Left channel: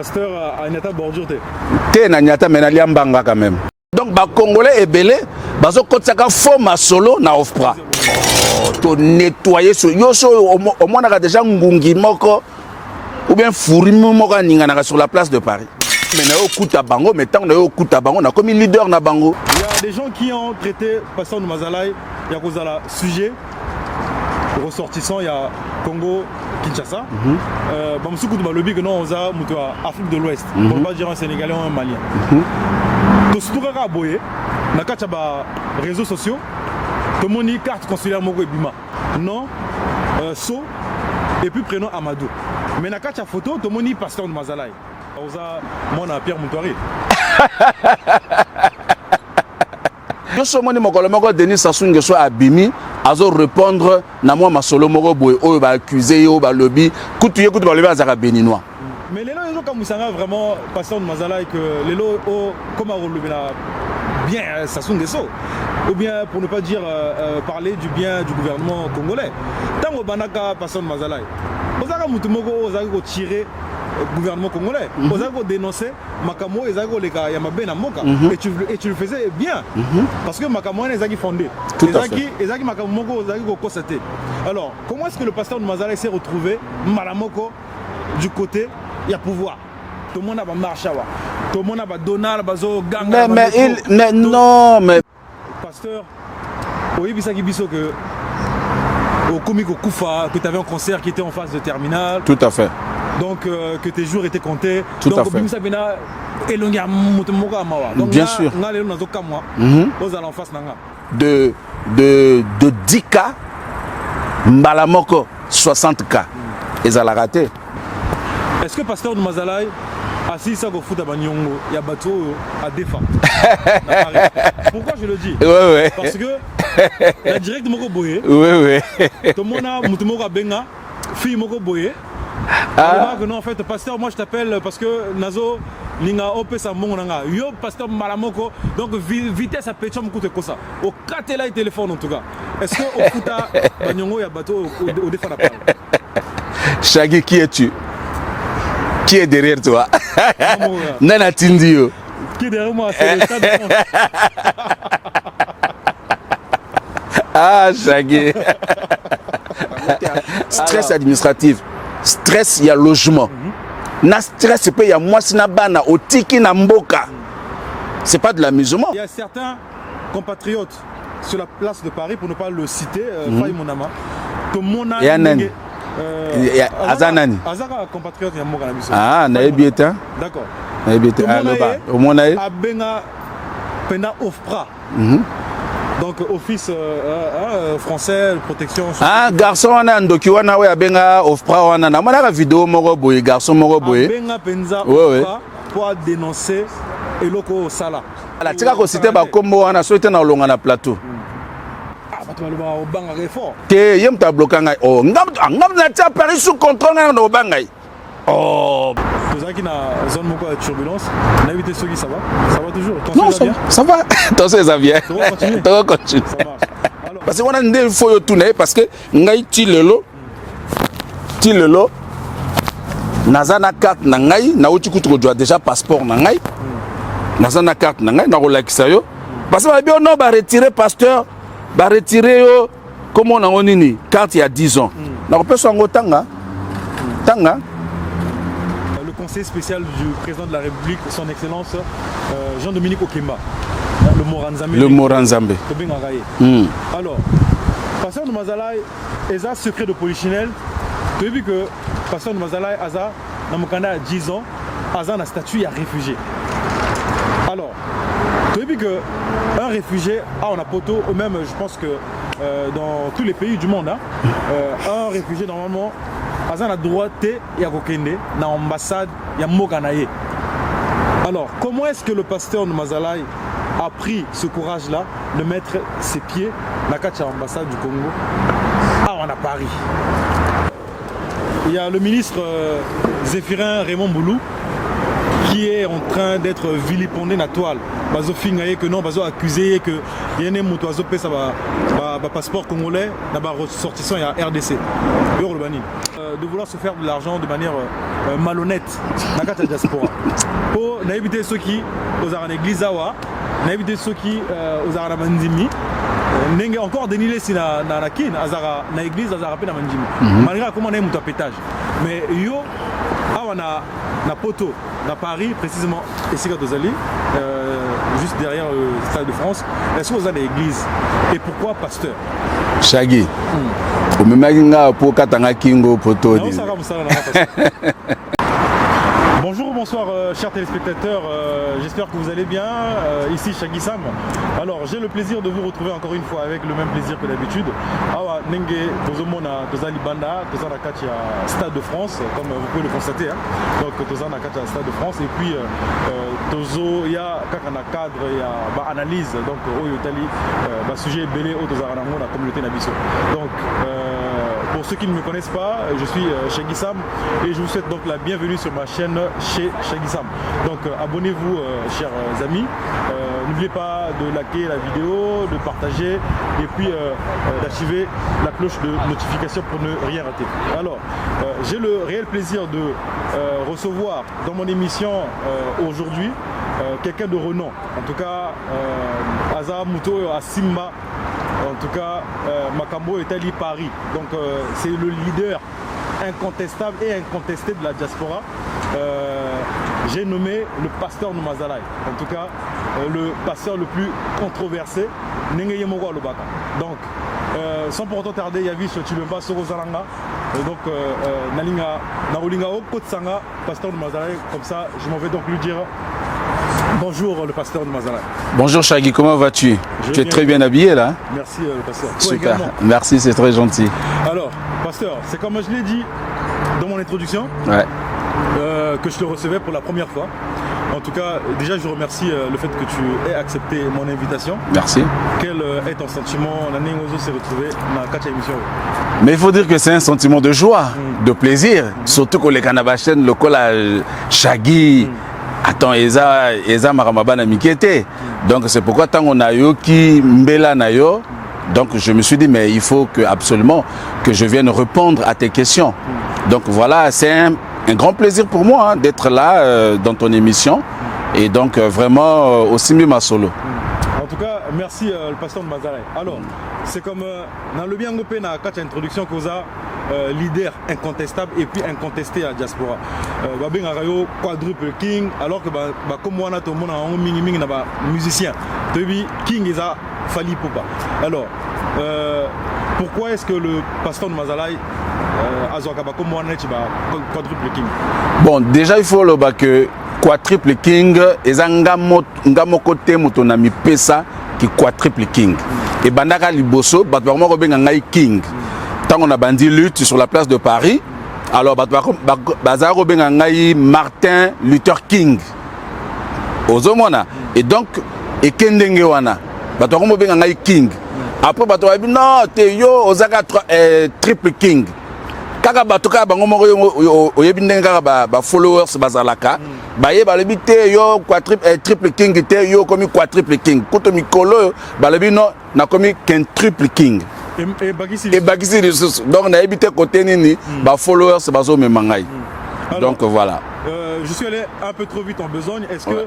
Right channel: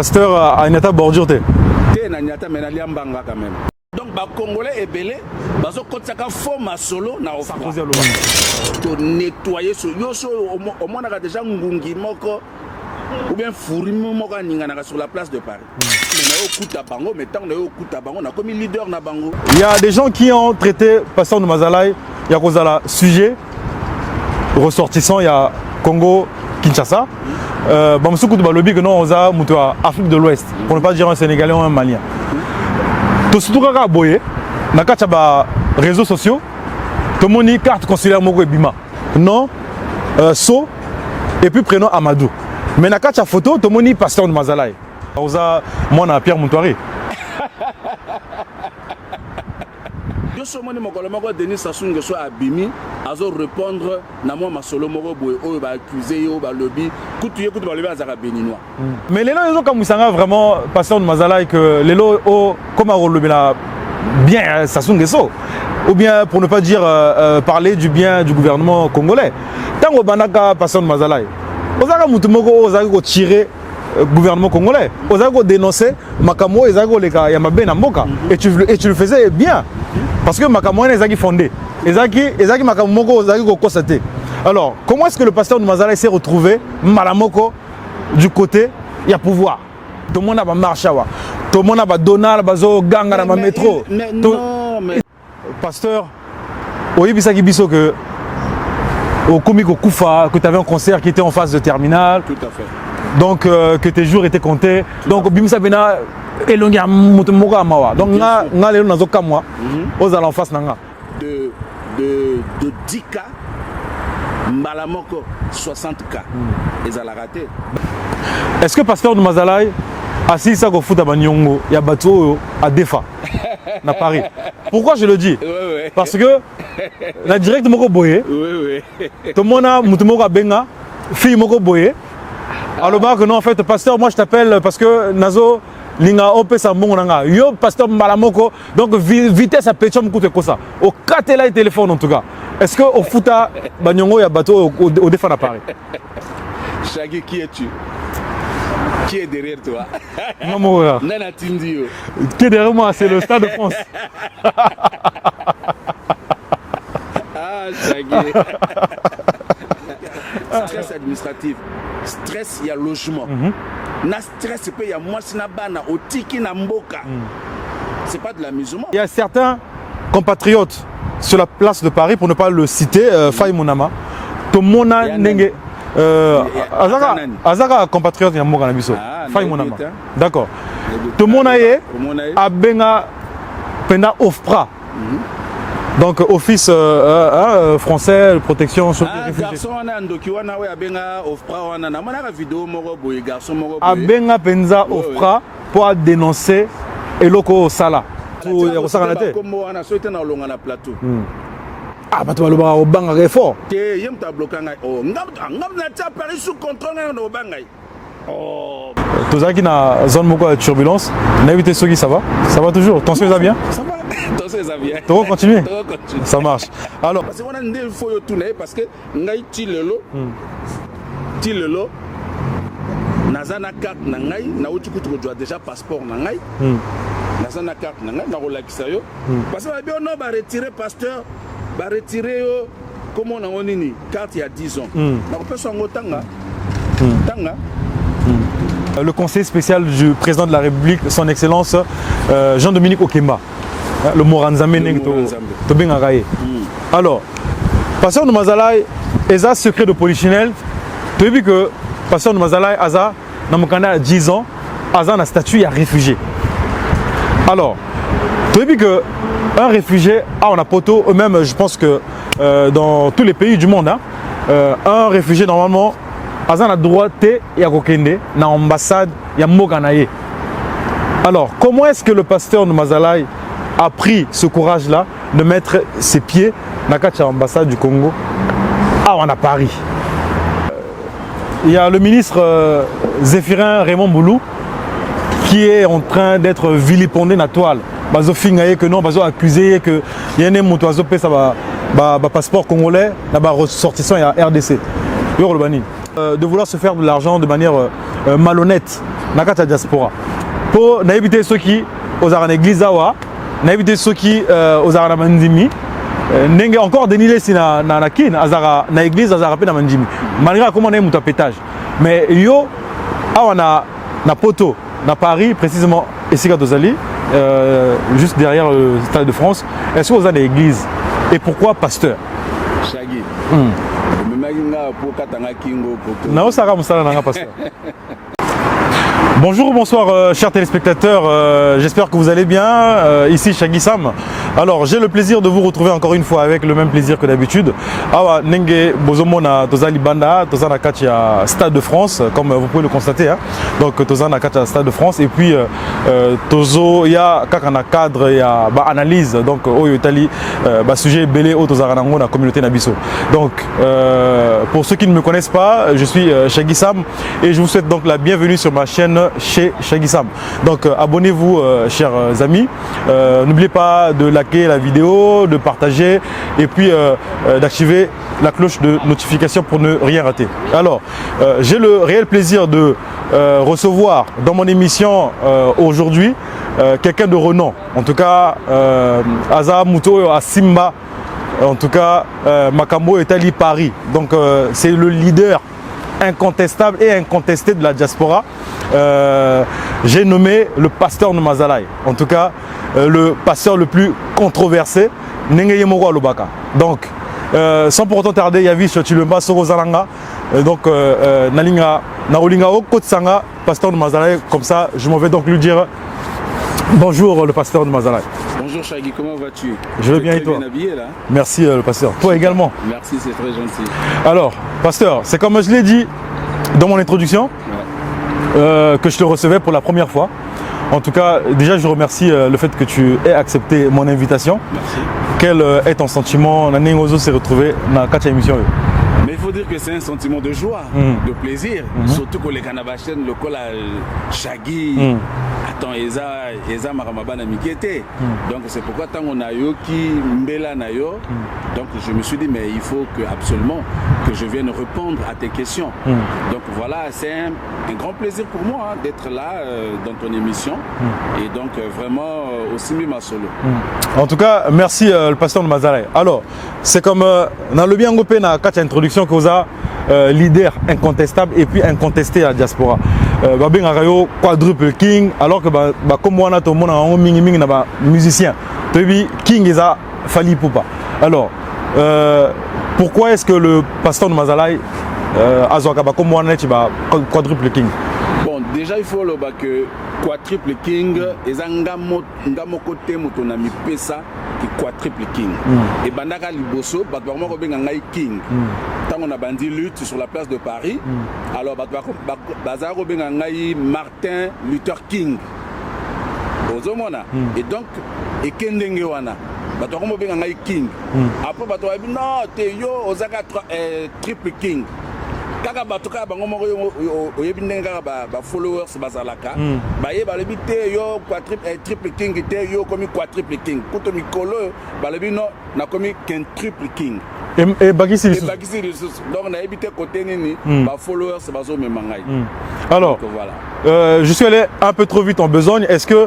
Pasteur a une étape bordure. Té na nyata menalia mbanga quand même. Donc ba congolais et belé bazo kotsaka forme solo na offre. To nettoyer so yo so au moins on a déjà ngungi moko ou bien fourri moko ningana sur la place de Paris. Mais na okuta bango mais tant na okuta bango na comme leader na bango. Il y a des gens qui ont traité Pasteur Mazalaï, il y a Kozala sujet ressortissant, il y a Congo Kinshasa. Bamsoukou de Balobi que non on a mutu Afrique de l'Ouest pour ne pas dire un Sénégalais ou un Malien. To surtout kaka boye na kacha ba réseaux sociaux to moni carte consulaire moko ebima. Non so et puis prénom Amadou. Mais na kacha photo to moni Pasteur Mazalaï. On a moi na Pierre Moutouari. Yo so moni mokolo moko Denis Sassou Nguesso abimi azo répondre na moi masolo moko boye o ba accuser yo ba lobby kutu ye kutu ba lobby azaka béninois. Mais les gens comme Moussanga vraiment Pasteur Mazalaï que les lots comme on lobby là bien Sassou Nguesso ou bien pour ne pas dire parler du bien du gouvernement congolais. Tant au banaka Pasteur Mazalaï. Ozaka mutu moko ozaka ko tirer gouvernement congolais. Ozaka dénoncer Makamo ezaka leka ya mabe na mboka et tu le faisais bien parce que Makamo ezaki fondé. Ezaki Makamo moko ozaki ko constater. Alors, comment est-ce que le Pasteur Mazalaï s'est retrouvé malamoko du côté il y a pouvoir. Tout le monde a marché tout le monde a Donald bazo ganga na métro. Non mais Pasteur oyebisaki biso que au Komiko Koufa que tu avais un concert qui était en phase de terminale. Tout à fait. Donc que tes jours étaient comptés. Donc Bimisa Bena elongia mutumoga mawa. Donc na lelo nazoka moi aux allants face nanga de 10K mbalamoko 60K et ça l'a raté. Est-ce que Pasteur Mazalaï assis ça go foot à Banyongo ya bateau à Défa à Paris. Pourquoi je le dis? Ouais. Parce que la directe moko boye. Oui. Tout le monde a mutumoga benga fille moko boye. Alors que non en fait Pasteur moi je t'appelle parce que Nazo linga ope sa monga yo Pasteur Malamoko donc vitesse à pétium coûte quoi ça au katela et téléphone en tout cas. Est-ce que au futa Banyongo ya bateau au Défa à Paris? Chagui, qui es-tu? Qui est derrière toi? Nana Tindio. Qui est derrière moi? C'est le Stade de France. Ah, Chagui. Stress administratif. Stress, il y a logement. Na stress, il y a moi, sinabana, au tiki na mboka. C'est pas de l'amusement. Il y a certains compatriotes sur la place de Paris, pour ne pas le citer, Faye Mounama, Tomona Nenge. Azaka compatriote ya mboka na biso. Ah, naibietin. D'accord. Tout le monde a benga pena OFPRA. Donc office français de protection sociale. Ah, garçon wana ndoki wana we abenga OFPRA wana na mona vidéo moko boye garçon moko boye. Abenga penza OFPRA pour dénoncer eloko sala. La tika ko cité ba kombo wana so était na longa na plateau. Ah, bato baloba au banga effort. Te yem ta bloqué ngai. Oh, ngam na tia Paris sous contrôle na banga. Oh. Tozaki na zone moko de turbulence. Na évité Sogi, ça va? Ça va toujours? Tension ça bien? Ça va. Tension ça bien. Tu vas continuer? Tu vas continuer. Ça marche. Alors parce qu'on a ndé faut yo tourner parce que ngai ti lelo. Ti lelo. Nazana carte na ngai na uti kutu ko déjà passeport na ngai. Nazana carte na ngai na rolakisa yo. Parce que bien on va retirer Pasteur. Va retirer comment on a nini carte il y a 10 ans. Donc peut s'en tanga. Tanga. Le conseil spécial du président de la République, son excellence Jean-Dominique Okemba, le Moranzambe. Le Moranzambe. Alors, Pasteur Mazalaï, Eza secret de polichinelle, tu as vu que Pasteur Mazalaï, Aza, dans mon canal à 10 ans, Aza a un statut à réfugié. Alors, tu as vu que un réfugié, on a poto, eux-mêmes, je pense que dans tous les pays du monde, un réfugié normalement, Azan a droit et à Kokende, dans l'ambassade, il y a Moganaye. Alors, comment est-ce que le Pasteur Mazalaï a pris ce courage-là de mettre ses pieds dans l'ambassade du Congo à Paris? Il y a le ministre Zéphirin Raymond Boulou qui est en train d'être vilipendé dans la toile. Bazo fingaye que non, bazo accusé que y a un motoiseau ça va passeport congolais, là-bas ressortissant il y a RDC. De vouloir se faire de l'argent de manière malhonnête na kati ya diaspora po na éviter ceux qui aux en église awa na éviter ceux qui aux en mandimi ndenge encore denilé si na kin azara na église azara pe na mandimi malgré comment na muta pétage mais yo awa na poto na Paris précisément ici à Dozali juste derrière le Stade de France est-ce que vous avez l'église et pourquoi pasteur Shaggy au même pour katanga kingo poto non ça va ça na pasteur. Bonjour, bonsoir chers téléspectateurs, j'espère que vous allez bien, ici Shaggy Sam. Alors j'ai le plaisir de vous retrouver encore une fois avec le même plaisir que d'habitude. Awa Nenge Bozomona Tozali Banda, Tozana Katia Stade de France, comme vous pouvez le constater. Hein. Donc Tozana Katia Stade de France et puis Tozo, il y a Kakana cadre, il y a analyse, donc Oyo Tali, sujet belé au Tozaranango, la communauté Nabiso. Donc pour ceux qui ne me connaissent pas, je suis Shaggy Sam et je vous souhaite donc la bienvenue sur ma chaîne chez Shaggy Sam. Donc abonnez-vous chers amis, n'oubliez pas de liker la vidéo, de partager et puis d'activer la cloche de notification pour ne rien rater. Alors j'ai le réel plaisir de recevoir dans mon émission aujourd'hui quelqu'un de renom, en tout cas Aza Muto à Simba, en tout cas Makambo Etali Paris, donc c'est le leader incontestable et incontesté de la diaspora. J'ai nommé le pasteur Numazalai, en tout cas le pasteur le plus controversé, Nengeye Mogwa Lubaka. Donc, sans pour autant tarder, Yavish Chilumba Soro Zalanga, donc Nalinga Naolinga Okotsanga, pasteur Numazalai, comme ça je m'en vais donc lui dire bonjour le pasteur Numazalai. Bonjour Shaggy, comment vas-tu? Tu es très bien habillé là. Merci le pasteur. Toi également. Merci, c'est très gentil. Alors, pasteur, c'est comme je l'ai dit dans mon introduction. Ouais. Que je te recevais pour la première fois. En tout cas, déjà, je remercie le fait que tu aies accepté mon invitation. Merci. Quel est ton sentiment? Nanengozo s'est retrouvé dans la émission. Mais il faut dire que c'est un sentiment de joie, de plaisir. Surtout que les Canabachen, le col à Shaggy. Attends, Eza Maramabana Mikete. Donc c'est pourquoi tant on a eu qui Mbela Nayo. Donc je me suis dit mais il faut absolument que je vienne répondre à tes questions. Donc voilà, c'est un grand plaisir pour moi d'être là dans ton émission et donc vraiment aussi mieux ma solo. En tout cas, merci le pasteur de Mazalai. Alors, c'est comme dans le bien gopé na quatre introduction que vous avez leader incontestable et puis incontesté à la diaspora. Babin Arayo quadruple king alors que comme moi on a tout le monde en mini mini na musicien. Tebi king isa Fali Poupa. Alors pourquoi est-ce que le pasteur de Mazalai comme moi on a quadruple king? Bon, déjà il faut le que quadruple king et ngamo côté motonami pesa qui quadruple king et bandaka liboso batwa ko benga ngai king tant on a bandi lutte sur la place de Paris alors batwa ko benga ngai Martin Luther King ozomona et donc et kendenge wana batwa ko benga ngai king après batwa non te yo ozaka triple king kaka batoka bango moko oyebi ndenge kaka ba followers bazalaka baye balobi te yo triple king te yo komi quadruple king koto mikolo balobi no na komi quintuple king et bagisi donc na ebité côté nini ba followers bazo memangai. Alors donc voilà, je suis allé un peu trop vite en besogne. Est-ce que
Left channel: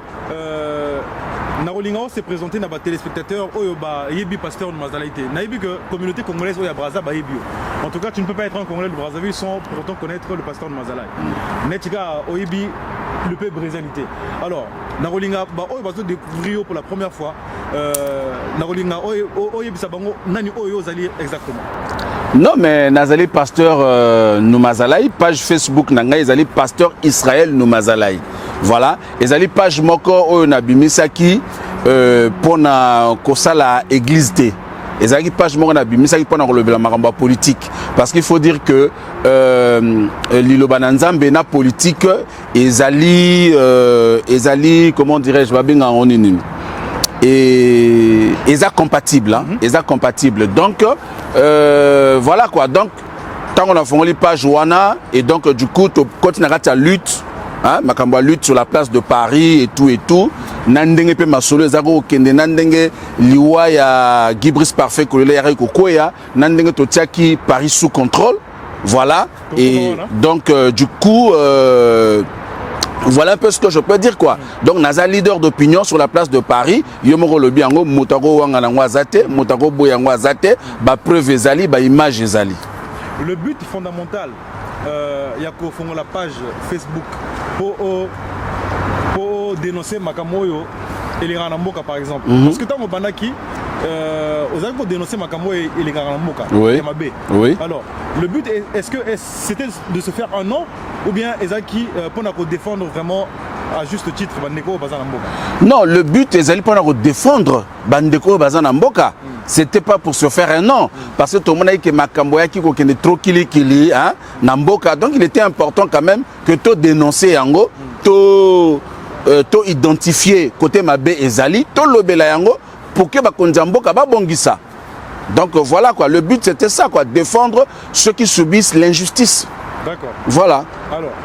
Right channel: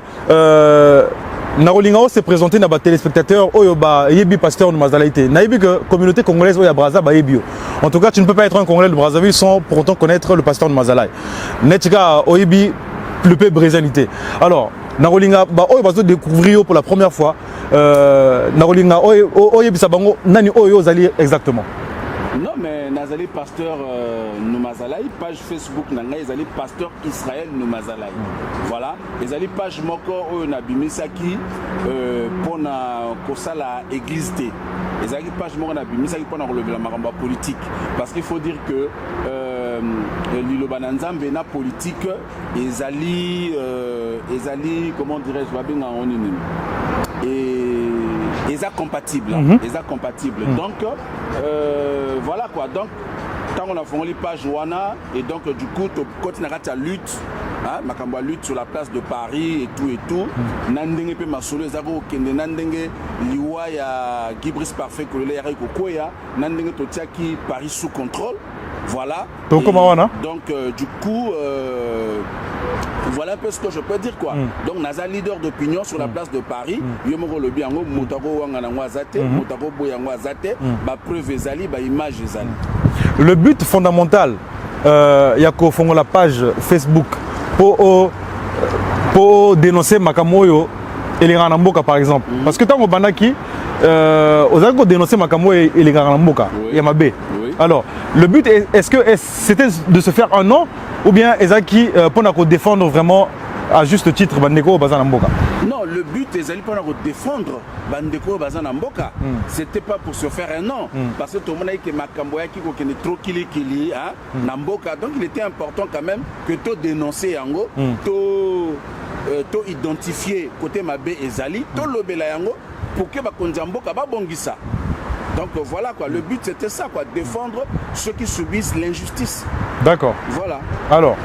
Narolingao s'est présenté dans les téléspectateurs Oyoba Yebi pasteur de Mazalaïté. Naïbi que communauté congolaise Oya Braza Bayebio. En tout cas, tu ne peux pas être un Congolais de Brazzaville sans pour autant connaître le pasteur de Mazalaï. Netika Oyebi le peu brésilité. Alors, Narolinga Oyo va découvrir pour la première fois. Narolinga Oyebi Sabango Nani Oyo Zali exactement. Non mais Nazali pasteur Numazalai, page Facebook nanga Nazali pasteur Israël Numazalai. Voilà, Nazali page moko oyo na bimisaki pour na kosala église té. Nazali page moko na bimisaki pour na kolobela makambo politique parce qu'il faut dire que liloba nzambe na politique ezali comment dirais-je babinga onini. Et ils sont compatibles, hein? Ils sont compatibles. Donc voilà quoi. Donc tant qu'on a fait les pages Wana et donc du coup tu continues à lutte, hein? Makamba lutte sur la place de Paris et tout. Nandenge pe masolo ezako kende nandenge liwa ya Gibris parfait ko le yare ko koya nandenge to tiaki Paris sous contrôle. Voilà. Donc, Et comment on a? donc du coup, voilà un peu ce que je peux dire quoi. Donc naza leader d'opinion sur la place de Paris. Yomoro lobi yango mutako wanga na ngwazate, mutako boyango azate, ba preuve ezali, ba image ezali. Le but fondamental, Yako Fongo la page Facebook pour dénoncer Makamoyo et les Ranamboka par exemple. Parce que tant qu'on banaki, aux Algo dénoncer Makamoyo et les Ranamboka, oui. Yamabe. Oui. Alors, le but, est-ce que c'était de se faire un nom ou bien Ezaki pour défendre vraiment à juste titre Bandeko Bazanamboka? Non, le but est pour défendre Bandeko Bazanamboka. C'était pas pour se faire un nom. Parce que tout le monde a dit que Makamboya qui est trop kili, hein, Namboka. Donc il était important quand même que tu dénonces Yango, tu identifier côté Mabé et Zali, tu l'obéla Yango pour que Bakonzamboka ba bongisa. Donc voilà quoi, le but c'était ça quoi, défendre ceux qui subissent l'injustice. D'accord. Voilà. Alors,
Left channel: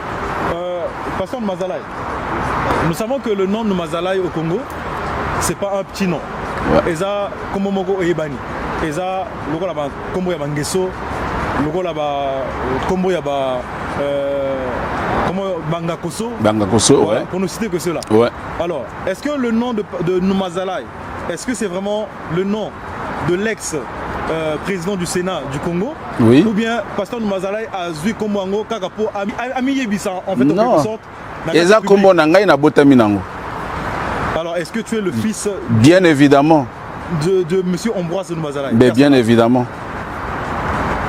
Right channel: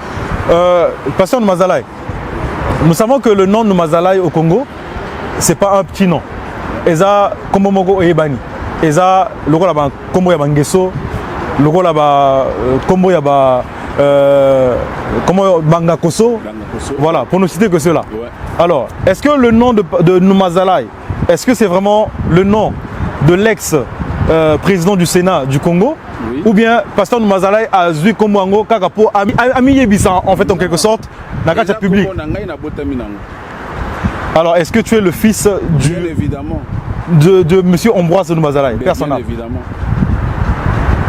Pasteur Mazalaï, nous savons que le nom de Mazalaï au Congo, c'est pas un petit nom. Eza Komomogo Ebani. Eza logo la ba Kombo ya Bangeso, logo la ba Kombo ya ba Bangakoso. Bangakoso. Voilà, ouais. pour ne citer que cela. Ouais. Alors, est-ce que le nom de Mazalaï, est-ce que c'est vraiment le nom de l'ex-président du Sénat du Congo? Oui. Ou bien Pasteur Mazalaï a vu Kombo Kakapo Ami Yebisa en fait en quelque sorte. Alors, est-ce que tu es le fils bien évidemment de monsieur Ambroise Mazalaï? Bien évidemment.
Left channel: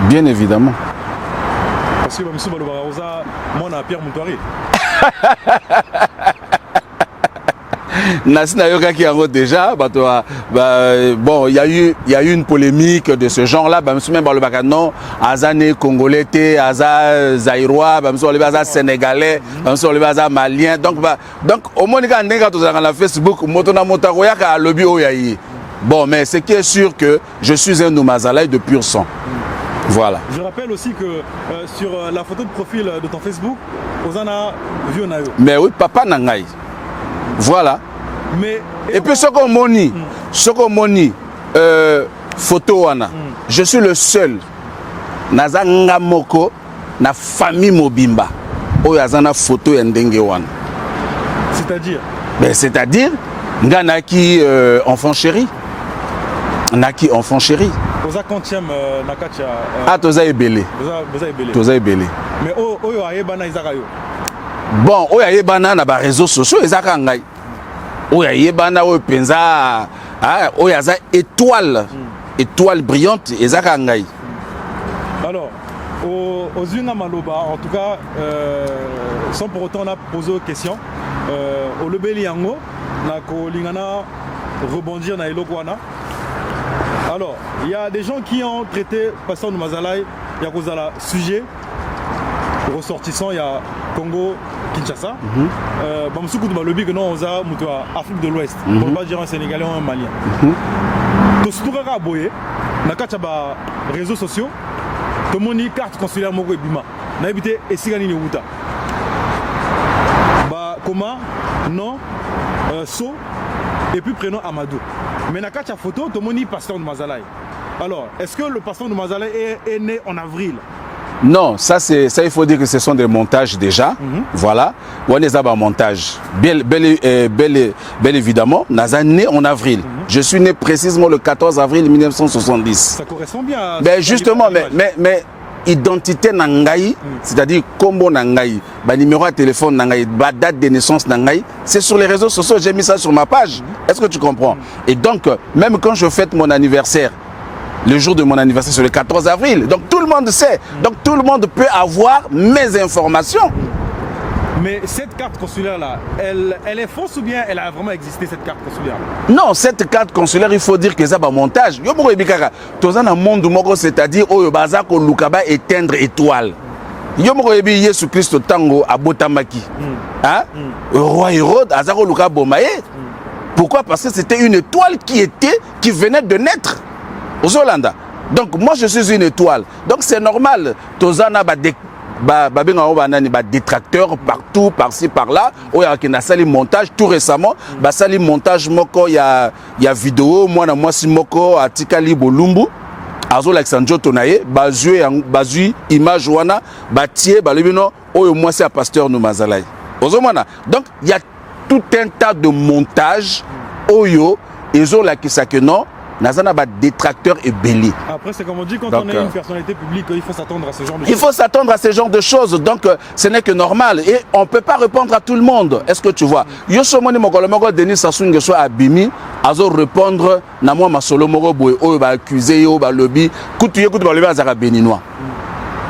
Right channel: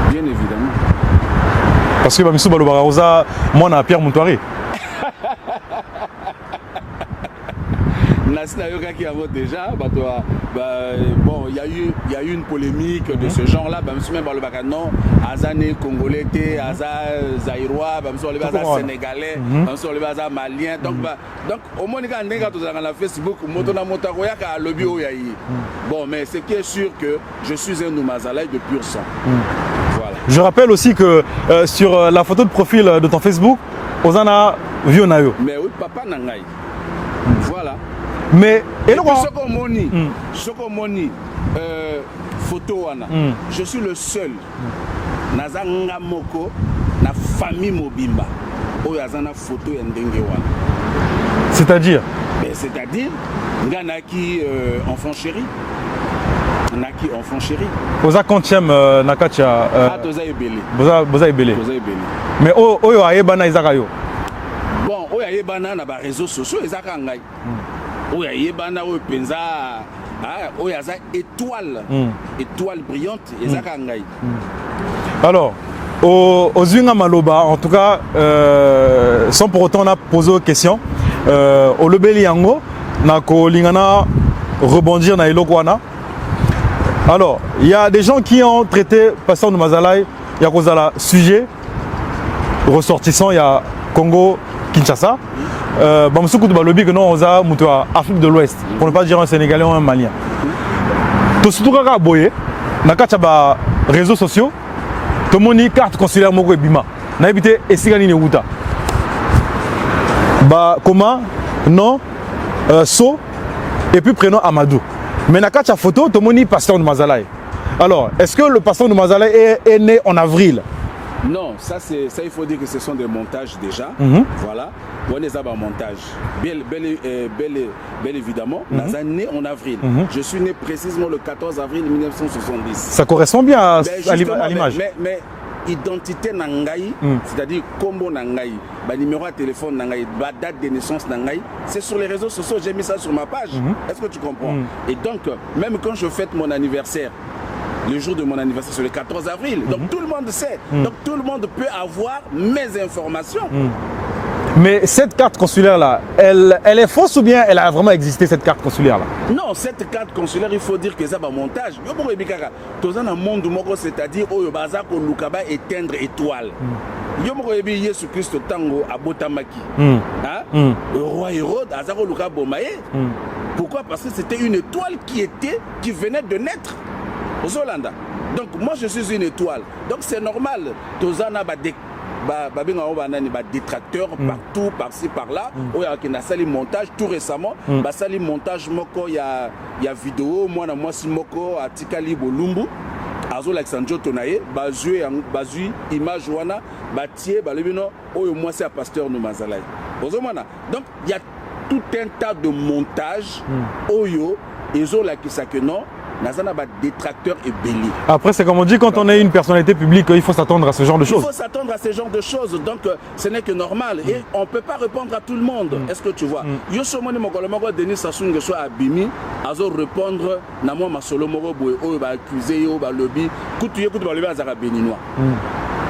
Bien évidemment. Parce que monsieur Balobaraoza, moi, je Pierre Moutouari. Déjà, bon, il y a eu une polémique de ce genre-là. Monsieur même le non, Azane Congolais, Aza Zaïrois, monsieur le Aza Sénégalais, monsieur le Aza Malien. Donc au moins quand on a la Facebook, Motona Motaroya a lobby oyayi. Bon, mais ce qui est sûr que je suis un Noumazalaï de pur sang. Voilà. Je rappelle aussi que sur la photo de profil de ton Facebook, Ozana Vionayo. Mais oui, papa Nangaï. Voilà. Mais, et puis ce qu'on moni, photo wana, je suis le seul naza ngamoko na famille Mobimba oyo azana photo ya ndenge wana. C'est-à-dire? Ben c'est-à-dire ngana qui enfant chéri. Naki enfant chéri. Oza quantième nakatia toza ebele. Boza ebele. Toza ebele. Mais oyo ayebana izakayo. Bon, oyo ayebana na ba réseaux sociaux ezaka ngai. Oyo ayebana oyo penza oyo aza étoile. Étoile brillante ezaka ngai. Alors, aux Zunga Maloba, en tout cas, sans pour autant on a posé aux questions, au Lebeli Yango, nako lingana rebondir na Elokwana. Alors, il y a des gens qui ont traité Pasteur Mazalaï, il y a Kozala sujet ressortissant, il y a Congo, Kinshasa. Bamsoukou de Balobi, que non, on a Afrique de l'Ouest, pour ne pas dire un Sénégalais ou un Malien. Tout ce qui est boyé, dans les réseaux sociaux, tout le monde a carte consulaire Mogo et Bima. On a habité Essigani Neuta. Comment? Non, So, et puis prénom Amadou. Mais dans la photo, tout le monde est Pasteur de Mazalaï. Alors, est-ce que le Pasteur de Mazalaï est né en avril? Non, ça il faut dire que ce sont des montages déjà. Voilà, on est à montage. Bel évidemment, Naza né en avril. Je suis né précisément le 14 avril 1970. Ça correspond bien à justement, mais identité nangaï, c'est-à-dire combo nangaï, numéro de téléphone nangaï, date de naissance nangaï, c'est sur les réseaux sociaux, j'ai mis ça sur ma page. Est-ce que tu comprends? Et donc, même quand je fête mon anniversaire, le jour de mon anniversaire, c'est le 14 avril. Donc tout le monde sait. Donc tout le monde peut avoir mes informations. Mais cette carte consulaire-là, elle est fausse ou bien elle a vraiment existé, cette carte consulaire-là? Non, cette carte consulaire, il faut dire que c'est un montage. C'est-à-dire que Lukaba éteindre étoile. Jésus Christ tango à Botamaki. Roi Hérode, Azaro Luka Bomaye. Pourquoi? Parce que c'était une étoile qui venait de naître aux Hollanda. Donc moi je suis une étoile. Donc c'est normal. Tozana détracteurs partout, par-ci, par-là. Il y a un sali montage tout récemment. Sali montage moko, il y a vidéo, moi si moko à Tikali Bolumbu. azo l'Alexandre Tonaye bazui image wana batie balibino oyo moi c'est un pasteur nous mazalai ozomana. Donc il y a tout un tas de montages oyo ezo la qui ça que non nazana ba détracteur et belé. Après c'est comme on dit quand on est une personnalité publique, il faut s'attendre à ce genre de choses. Il faut s'attendre à ce genre de choses. Donc ce n'est que normal et on peut pas répondre à tout le monde. Est-ce que tu vois? Yo somoni moko Denis Sassou Nguesso abimi azo répondre na moi masolo moko boy oyo ba accuser yo ba lobby kutu yo kutu ba lobby azaka béninois.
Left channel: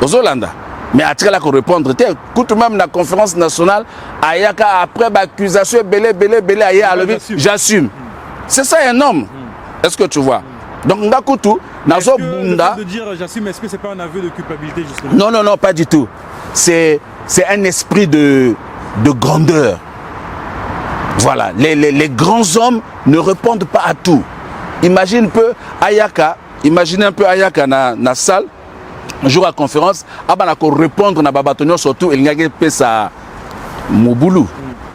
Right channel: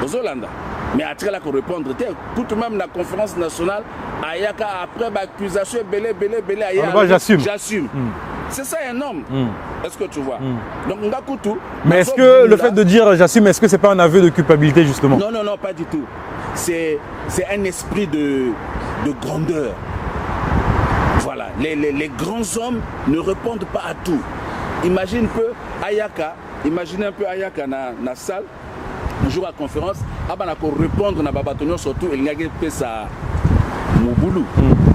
Ozolanda. Mais après là qu'on répondre, écoute même la conférence nationale, ayaka après l'accusation belé j'assume. C'est ça un homme. Est-ce que tu vois? Donc est-ce que le fait de dire j'assume, est-ce que c'est pas un aveu de culpabilité justement? Non, non, non, pas du tout. C'est un esprit de grandeur. Voilà, les grands hommes ne répondent pas à tout. Imagine un peu Ayaka na salle. Un jour à conférence, on répondre à Babatonio surtout, il n'y a pas ça Moboulou.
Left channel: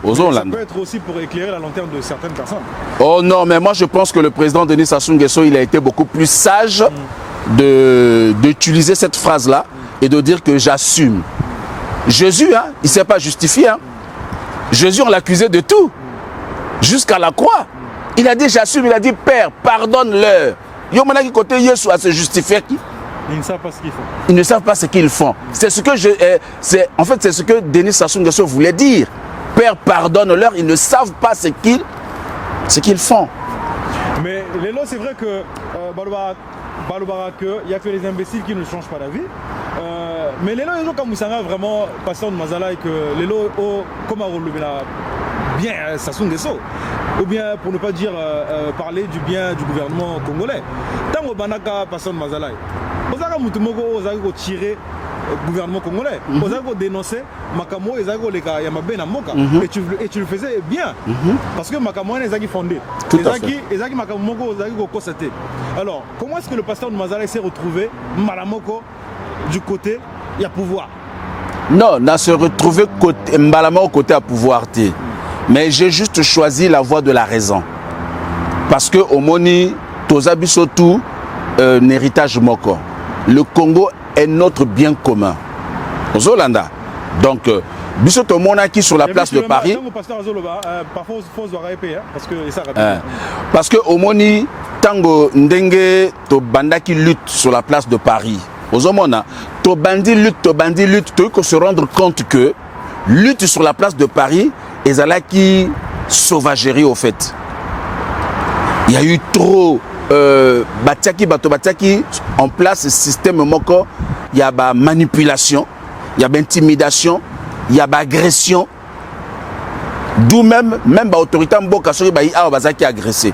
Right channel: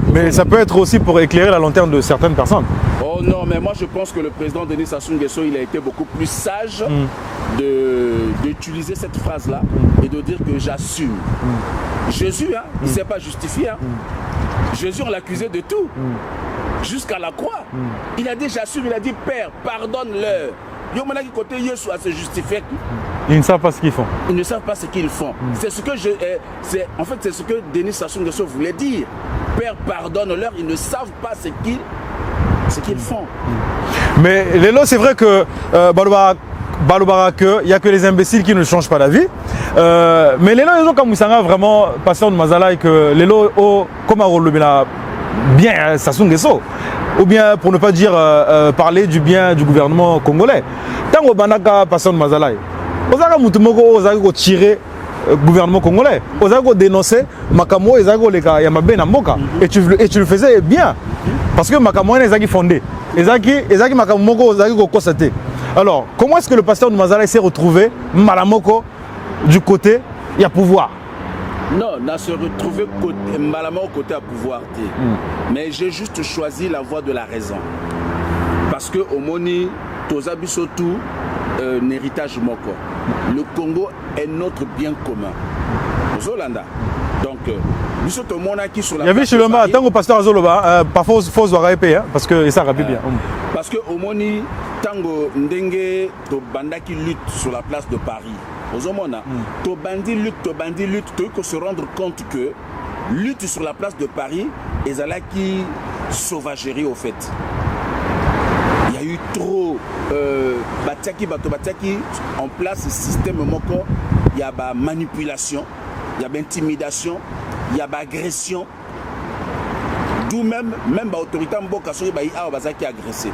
Mais ça peut être aussi pour éclairer la lanterne de certaines personnes. Oh non, mais moi je pense que le président Denis Sassou Nguesso, il a été beaucoup plus sage d'utiliser cette phrase-là et de dire que j'assume. Jésus, hein, il ne s'est pas justifié. Hein. Jésus, on l'accusait de tout, jusqu'à la croix. Il a dit j'assume, il a dit Père, pardonne-leur. Il y a qui côté Jésus à se justifier. Ils ne savent pas ce qu'ils font. Ils ne savent pas ce qu'ils font. C'est ce que en fait, c'est ce que Denis Sassou Nguesso voulait dire. Père, pardonne-leur, ils ne savent pas ce qu'ils font. Mais Lelo, c'est vrai que il n'y a que les imbéciles qui ne changent pas d'avis. Mais Lelo, ils ont comme Moussanga vraiment passé en Mazala et que Lelo, comme à Rolobina, bien Sassou Nguesso. Ou bien, pour ne pas dire parler du bien du gouvernement congolais. Tant que Banaka passe en Mazala, Ozaka Moutumoko, Ozaka tirer le gouvernement congolais. Ozaka dénoncer Makamo, Ozaka Leka Yamabe Namoka. Et tu le faisais bien. Parce que Makamo est Ezaki fondé. Ezaki Makamoko, Ozaki Kosate. Alors, comment est-ce que le pasteur de Mazala s'est retrouvé Malamoko du côté, il y a pouvoir? Non, on se retrouvé Malamoko côté à pouvoir. Mais j'ai juste choisi la voie de la raison. Parce que au Moni, Tozabisotu, un héritage moko. Le Congo est notre bien commun. Zolanda. Donc, Bissoto Monaki sur la place de Paris. Tant que pasteur Zoloba, parfois il faut se répéter, parce que ça rapide. Parce que au Moni, tango ndenge to bandaki lutte sur la place de Paris. Ozomona, to bandi lutte, tu faut se rendre compte que lutte sur la place de Paris, ezalaki sauvagerie au fait. Il y a eu trop Batiaki en place ce système moko, il y a ba manipulation, il y a ba intimidation, il y a ba agression. D'où même ba autorité mboka soki ba a bazaki agressé.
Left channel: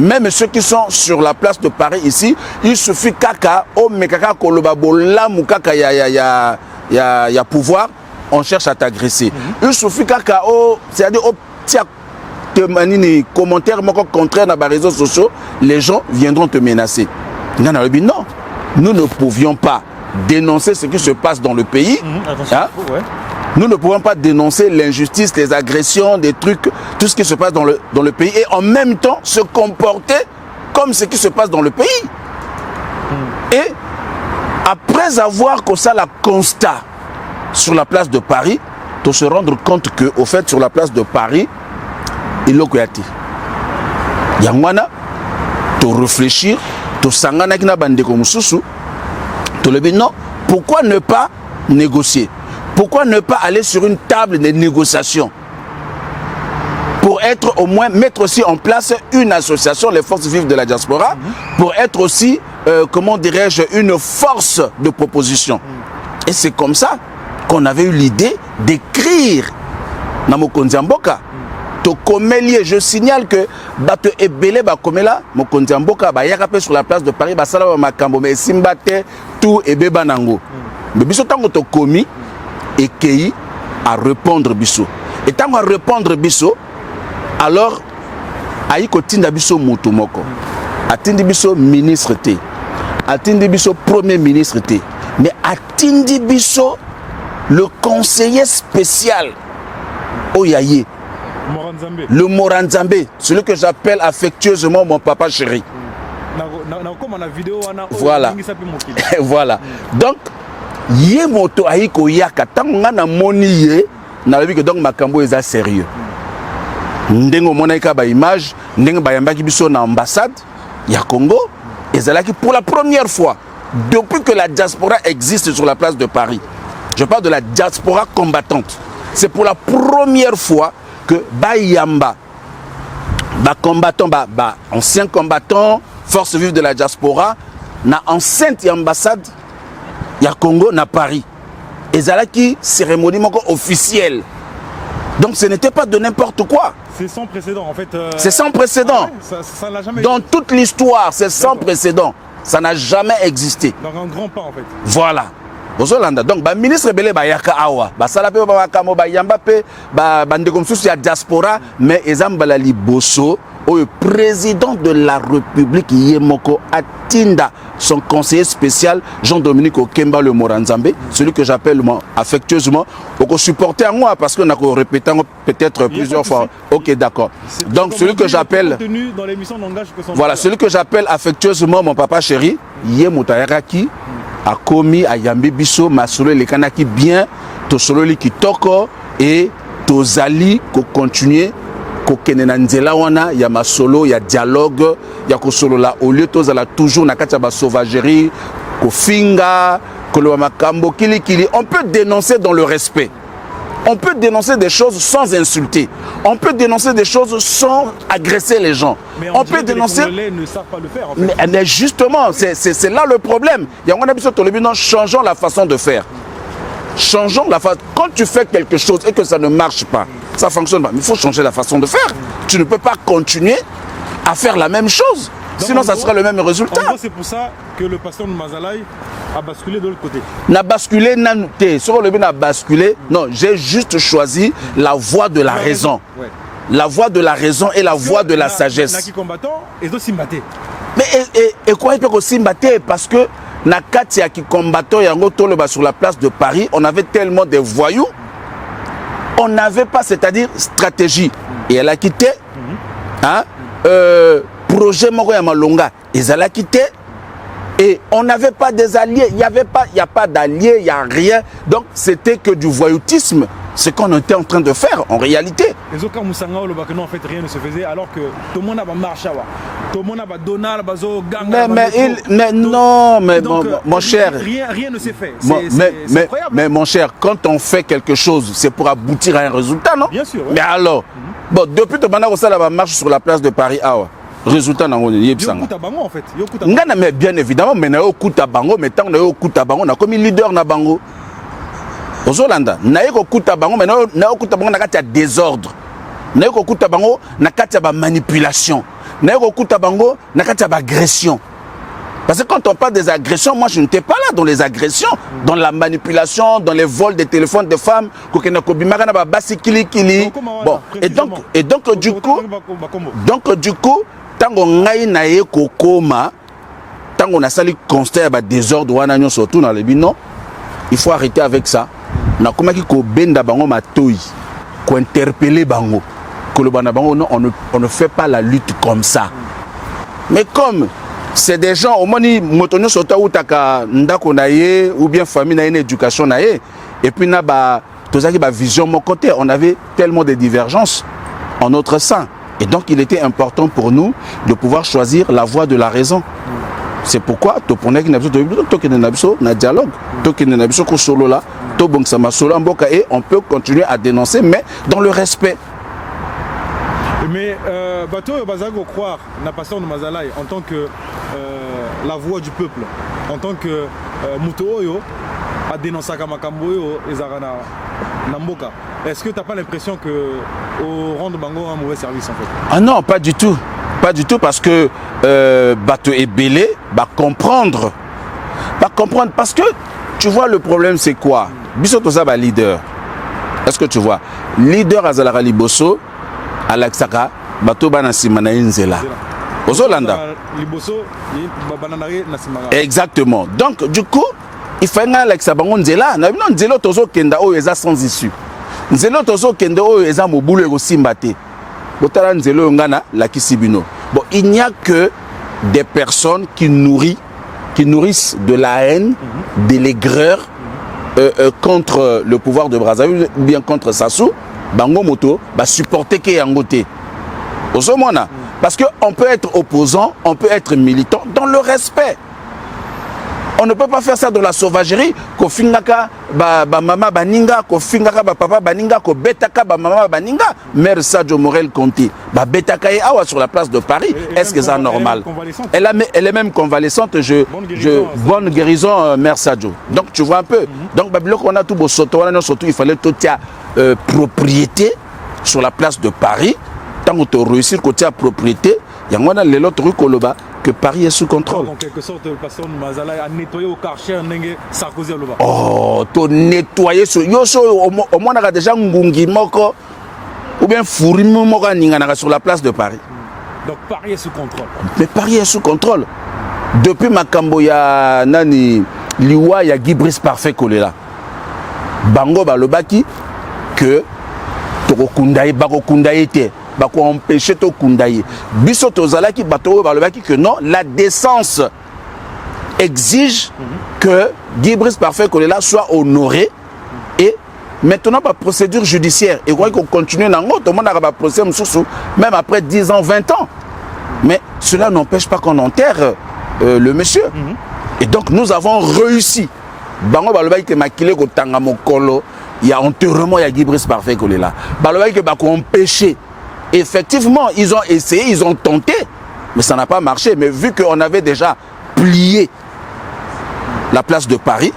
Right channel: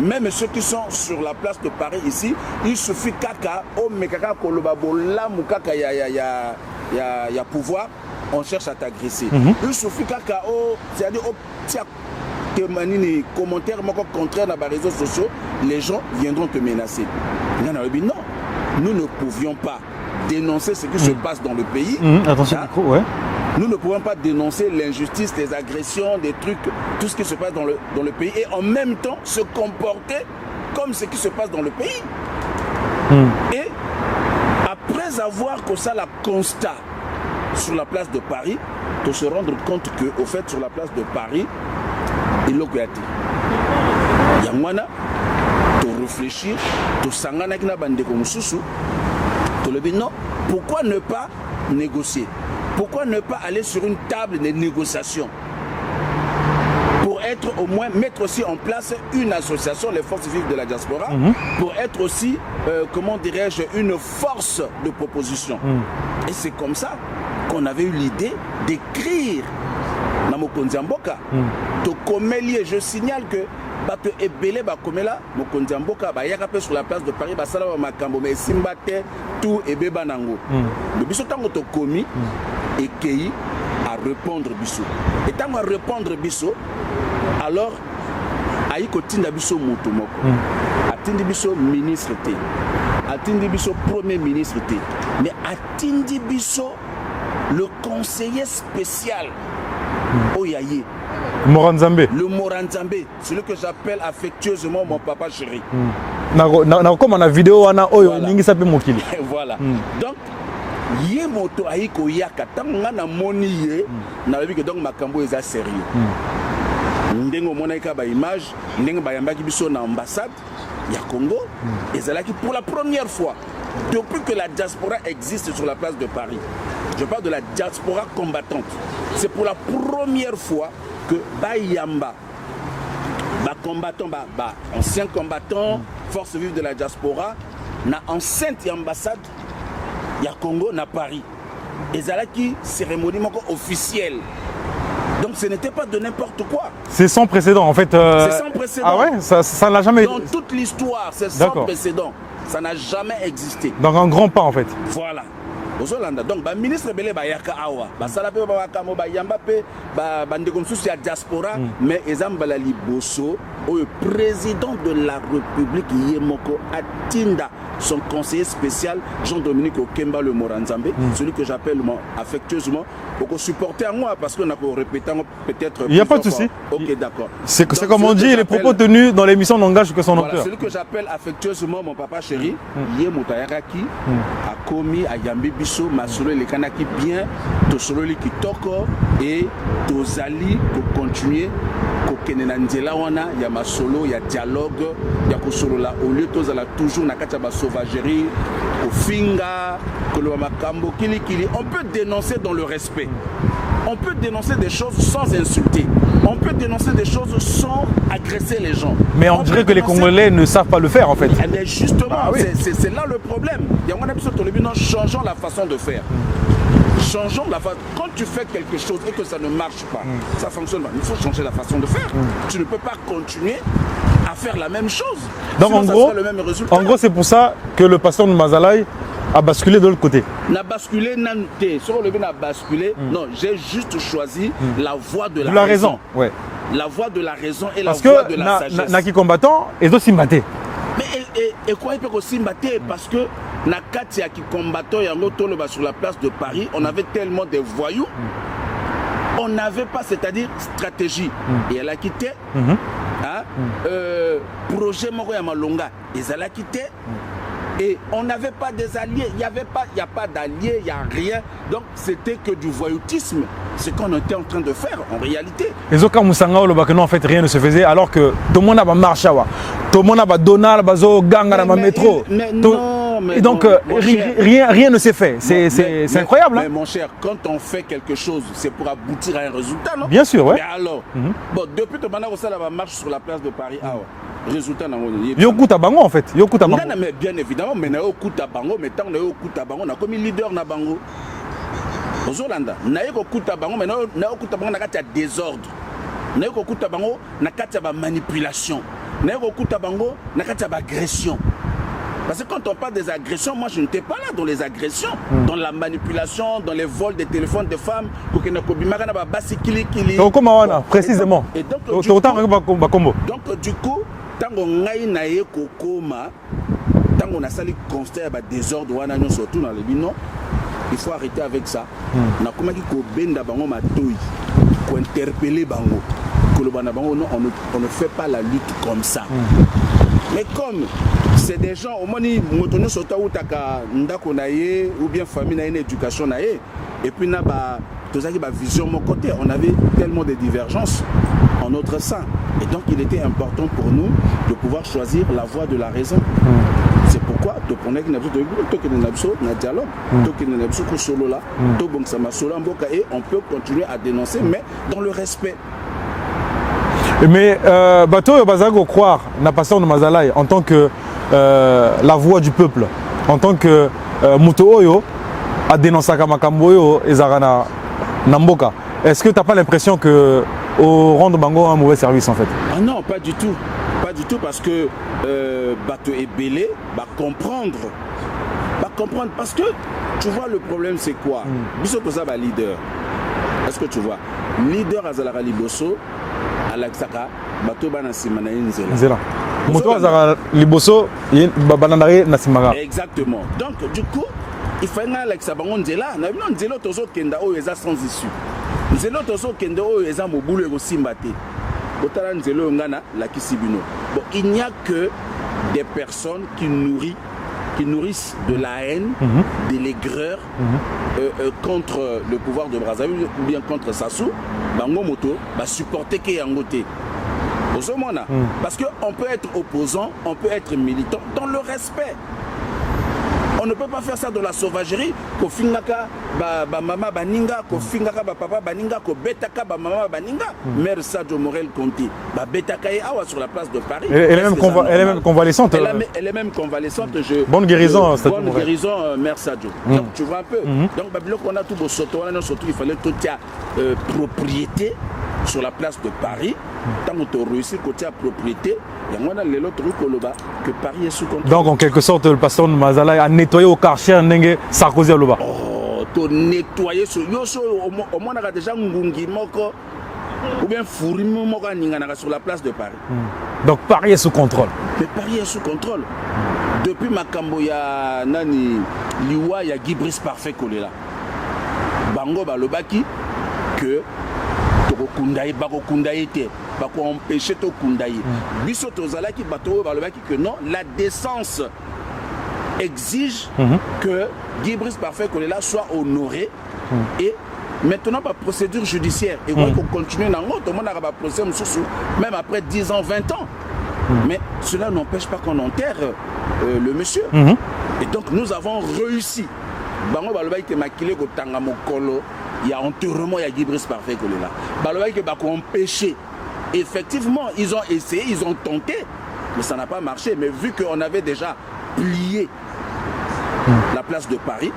Même ceux qui sont sur la place de Paris ici, il suffit kaka o mekaka koloba bola mu kaka ya pouvoir, on cherche à t'agresser. Il suffit kaka o c'est-à-dire au tia des commentaires contraires dans les réseaux sociaux, les gens viendront te menacer. Non, nous ne pouvions pas dénoncer ce qui se passe dans le pays. Attention, hein? Nous ne pouvons pas dénoncer l'injustice, les agressions, des trucs, tout ce qui se passe dans le pays et en même temps se comporter comme ce qui se passe dans le pays. Et après avoir comme ça la constat sur la place de Paris, de se rendre compte qu'au fait sur la place de Paris, il y a Yangwana, tu réfléchir, tu sangana kina bande comme Soussou, tu le dis non, pourquoi ne pas négocier? Pourquoi ne pas aller sur une table de négociation? Pour être au moins, mettre aussi en place une association, les forces vives de la diaspora, pour être aussi, comment dirais-je, une force de proposition. Et c'est comme ça qu'on avait eu l'idée d'écrire Namokonzi Mboka. Je signale que bato ebele ba komela Mokonzi Mboka ba yaka sur la place de Paris ba sala ba makambo mais simbate tout ebeba nango. Mais biso tango to komi et kei à répondre biso. Et tango à répondre biso alors aiko tinda biso moto moko. Atindi biso ministre té. Atindi biso premier ministre té. Mais atindi biso le conseiller spécial Oyaye. Moranzambe. Le Moranzambe, celui que j'appelle affectueusement mon papa chéri. comme on a vidéo wana voilà. ningi sape mokili. Voilà. Donc yé moto aiko yaka tanga na moni yé na lobi que donc makambo eza sérieux. Ndengo monaika ba image ndengo ba yamba ki biso na ambassade ya Congo ezalaki pour la première fois depuis que la diaspora existe sur la place de Paris. Je parle de la diaspora combattante. C'est pour la première fois que Bayamba, combattant, ancien combattant, force vive de la diaspora, na enceinte ambassade ya Congo na Paris. Et ça là qui cérémonie officielle. Donc ce n'était pas de n'importe quoi. C'est sans précédent en fait. C'est sans précédent. Ah ouais, ça n'a jamais. Dans toute l'histoire, c'est sans précédent. Ça n'a jamais existé. Donc un grand pas en fait. Voilà. Donc, le ministre Belé Bayaka Awa, Salape Babakamo Bayamba, Bandekomsus, il y a diaspora, mais Ezambala Liboso, le président de la République Yemoko Atinda, son conseiller spécial Jean-Dominique Okemba le Moranzambe, celui que j'appelle affectueusement, pour supporter à moi, parce qu'on a répété peut-être plusieurs fois. Ok, d'accord. Donc, celui que j'appelle. Tenu dans l'émission n'engage que son voilà, celui que j'appelle affectueusement mon papa chéri, Yemotayaraki, a commis à Yambi Bisso, Masolo, les Kanaki bien, Tosolo qui toko et Tozali, qui continue. Il y a ma solo, il y a dialogue, il y a solo là. Au lieu de toujours na sauvagerie, finga, on peut dénoncer dans le respect. On peut dénoncer des choses sans insulter. On peut dénoncer des choses sans agresser les gens. Mais on peut que dénoncer... les Congolais ne savent pas le faire en fait. Mais justement, c'est là le problème. Il y a un épisode changeons la façon de faire. Changeons la façon. Quand tu fais quelque chose et que ça ne marche pas, ça ne fonctionne pas. Il faut changer la façon de faire. Tu ne peux pas continuer à faire la même chose. Donc, sinon, ça sera le même résultat. En gros, c'est pour ça que le pasteur de Mazalaï a basculé de l'autre côté. N'a basculé, sur le bien a basculé. Non, j'ai juste choisi la voie de la raison. Ouais. La voie de la raison et la voie de la sagesse. Naki combattant et aussi maté. Mais et quoi il peut aussi maté parce que na kati qui combattant sur la place de Paris, on avait tellement de voyous, on n'avait pas, c'est-à-dire stratégie. Et elle a quitté. Projet Moro Yamalonga, ils ont quitté. Et on n'avait pas des alliés, il n'y a pas d'alliés, il n'y a rien. Donc c'était que du voyoutisme. Ce qu'on était en train de faire en réalité. Les autres en fait rien ne se faisait alors que tout le monde a marché, tout le monde a donné bazo gang mais non, mais donc mon cher, rien ne s'est fait. C'est incroyable. Mais mon cher, quand on fait quelque chose, c'est pour aboutir à un résultat, non? Bien sûr. Ouais. Mais alors, bon, depuis que on marche sur la place de Paris, résultat dans le Yokuta Bango en fait. Yokuta Bango. Mais bien évidemment, mais Yokuta Bango, mais tant que Yokuta Bango, on a comme leader na Bango. Aux Hollanda, naïko kuta bango, mais naïko kuta bango nakati ya désordre. Naïko kuta bango nakati ya manipulation. Naïko kuta bango nakati ya agression. Parce que quand on parle des agressions, moi je n'étais pas là dans les agressions, dans la manipulation, dans les vols des téléphones de femmes, précisément. Et donc du coup, tango ngai naye kokoma, tango na sali constat ya désordre wana nyo surtout dans le bino, il faut arrêter avec ça. Na koma ki ko benda bango matoi, ko interpeller bango. Kolobana bango non, on ne fait pas la lutte comme ça. Mais comme c'est des gens au moni motonyo sota utaka ndako na ye ou bien famille na ye éducation na ye et puis na ba tozaki ba vision mon côté, on avait tellement de divergences en notre sein et donc il était important pour nous de pouvoir choisir la voie de la raison. C'est pourquoi tu prenais qu'il na dialogue, solo là, et on peut continuer à dénoncer, mais dans le respect. Mais Bato Bazago croire na pasteur de Mazalaï en tant que la voix du peuple, en tant que Muto Oyo a dénoncé Kamakamboyo et Zarana Namboka. Est-ce que tu n'as pas l'impression que au rendre Bango un mauvais service en fait? Ah non, pas du tout. Pas du tout parce que Bato et Belé va comprendre. Parce que tu vois le problème c'est quoi? Bisotoza va leader. Est-ce que tu vois? Leader Azalara Liboso, Alexaka, Bato Banassimana Inzela. Exactement. Donc du coup, il faut que Alexa Bango Nzela. Non, Nzela Tozo Kenda O Eza sans issue. Nzela Tozo Kenda O Eza Moboulou Ego Simbate. Bon, il n'y a que des personnes qui nourrissent de la haine, de l'aigreur contre le pouvoir de Brazzaville ou bien contre Sassou, bango moto, va supporter que yangote. Parce qu'on peut être opposant, on peut être militant dans le respect. On ne peut pas faire ça dans la sauvagerie. Ko fingaka ba mama baninga, ko fingaka ba papa baninga, ko betaka ba mama baninga. Mère Sadio Morel Conté, ba betaka et awa sur la place de Paris. Est-ce que c'est normal? Elle est même convalescente. Bonne guérison. Bonne guérison, Mère Sadio. Donc tu vois un peu. Donc Babylone, on a tout beau soto, surtout il fallait tout propriété sur la place de Paris. Tant que tu réussis côté à propriété, il y a les autres trucs que Paris est sous contrôle. Donc en quelque sorte, le pasteur de Mazalaï a nettoyé au Karcher Sarkozy à Loba. Oh, tu as nettoyé sur au moins on a déjà Ngungi Moko ou bien Fourimi Moko sur la place de Paris. Donc Paris est sous contrôle. Mais Paris est sous contrôle. Depuis Makambo, il y a Nani Liwa, il y a Guy Brice Parfait collé là. Bango Balobaki que Tokokundaï, Bakokundaï était. Bako empêcher to kundaye. Biso tozala ki bato balobaki que non, la décence exige que Guy Brice Parfait Kolela soit honoré et maintenant par procédure judiciaire. Et qu'on continue dans tout le monde a un procès même après 10 ans, 20 ans. Mais cela n'empêche pas qu'on enterre le monsieur. Et donc nous avons réussi. Bango balobaki que makile ko tanga mokolo, il y a enterrement il y a Guy Brice Parfait Kolela. Balobaki que bako empêcher. Effectivement, ils ont essayé, ils ont tenté, mais ça n'a pas marché. Mais vu qu'on avait déjà plié la place de Paris,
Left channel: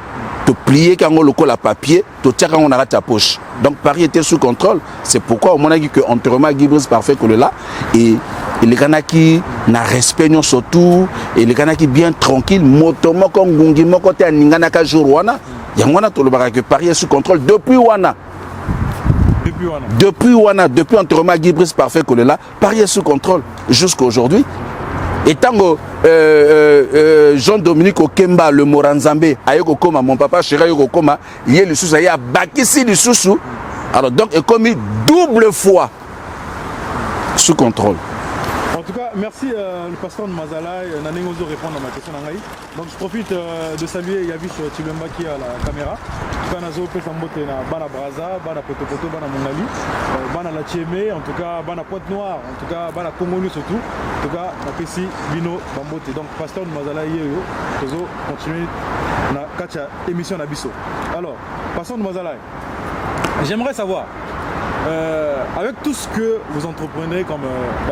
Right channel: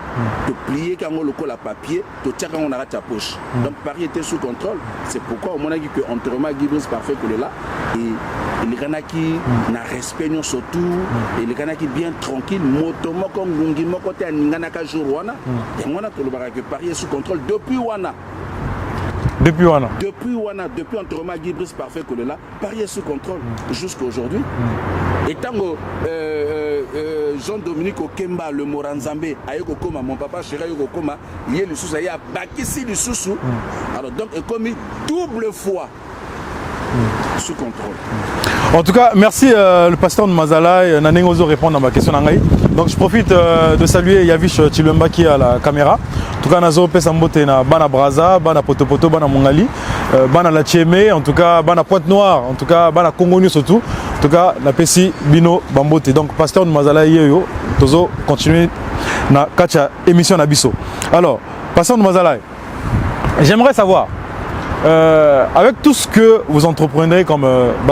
tu plié quand on le colle à papier, tu tiens quand on arrête ta poche. Donc Paris était sous contrôle. C'est pourquoi on a dit qu'on enterrement Guy Brice Parfait que là et les Kanaki n'a respect surtout et les Kanaki bien tranquille, motomo comme Gungi Mokote à Ninganaka Jourwana, Yangwana tout le que Paris est sous contrôle depuis Wana. Depuis enterrement Guy Brice Parfait Kolela, Paris est sous contrôle jusqu'à aujourd'hui. Et tant que Jean-Dominique Okemba, le Moranzambe, Ayoko Koma, mon papa chéri Ayoko Koma, il y a le sous, il y a Bakissi le sous. Alors donc, il est commis double fois sous contrôle. En tout cas, merci le pasteur de Mazalaï. Nanengozo répondre à ma question. Donc je profite de saluer Yavish Chilumba qui est à la caméra. En tout cas, Nazo Pesambote na Bana Braza, Bana Potopoto, Bana Mongali, Bana La Tchémé, en tout cas Bana Pointe-Noire, en tout cas Bana Congonu surtout. En tout cas, la Pessi Bino Bambote. Donc pasteur de Mazalaï Yeyo, Tozo continue na kacha émission Nabiso. Alors, pasteur de Mazalaï, j'aimerais savoir. Avec tout ce que vous entreprenez comme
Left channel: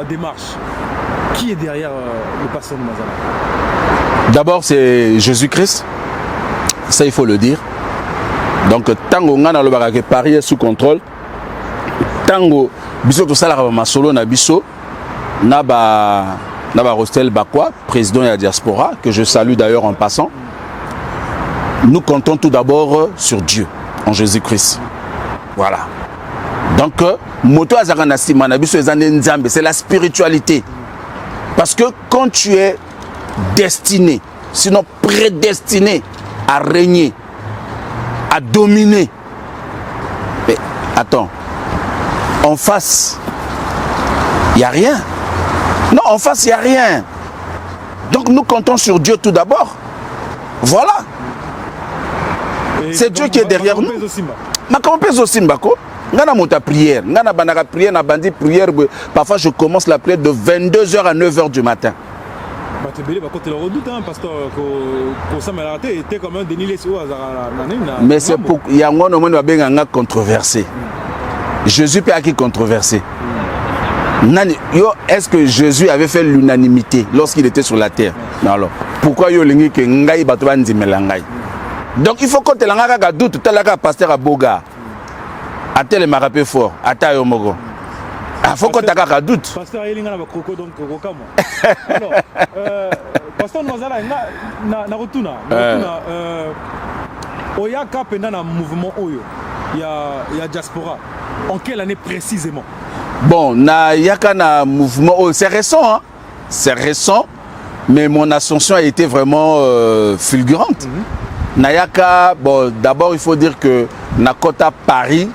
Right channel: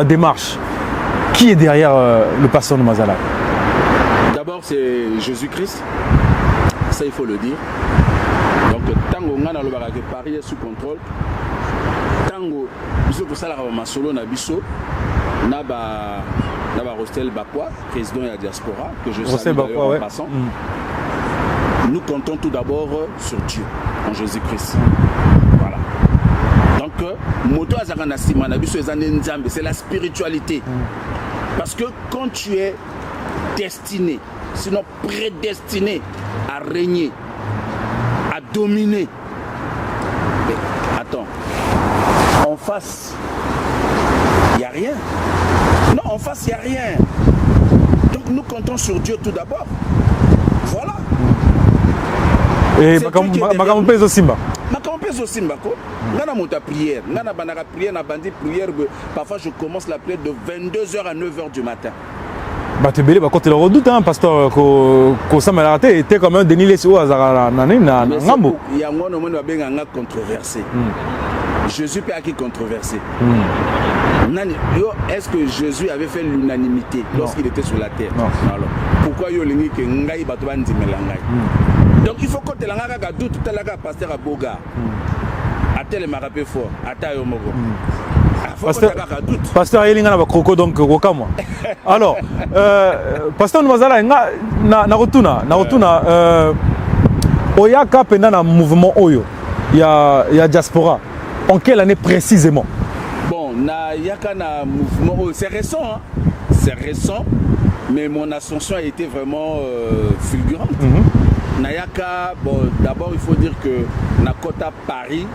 démarche, qui est derrière le pasteur de Mazalaï? D'abord, c'est Jésus-Christ. Ça, il faut le dire. Donc, tango ngana lo barake Paris est sous contrôle. Tango biso to sala ma solo na biso na ba Rostel Bakwa, président de la diaspora que je salue d'ailleurs en passant. Nous comptons tout d'abord sur Dieu, en Jésus-Christ. Voilà. Donc, c'est la spiritualité. Parce que quand tu es destiné, sinon prédestiné à régner, à dominer, mais attends, en face, il n'y a rien. Non, en face, il n'y a rien. Donc nous comptons sur Dieu tout d'abord. Voilà. C'est Dieu qui est derrière nous. Ngana monta prière, ngana banaka prière na bandi prière, parfois je commence la prière de 22h à 9h du matin. Bah tu belé bah quand tu le redoutes hein pasteur ko ça m'a raté était comme un Denis Lesio azara na. Mais c'est pour il y a un moment va benga controversé. Jésus peut qui controversé. Est-ce que Jésus avait fait l'unanimité lorsqu'il était sur la terre? Non. Alors, pourquoi yo lingi ke ngai bato bandimela ngai? Donc il faut que tu l'anga doute talaka pasteur à Boga. Atel m'a rappelé fort, Ata Yomogo. Il faut que tu aies un doute. Pasteur Yelinga na kroko donc Rokamo. Alors, pasteur Mazalaï na rotuna oyaka pendant un mouvement Oyo. Il y a diaspora. En quelle année précisément? Bon, na yaka na mouvement Oyo, c'est récent hein. C'est récent, mais mon ascension a été vraiment fulgurante. Nayaka, bon, d'abord il faut dire que Nakota Paris,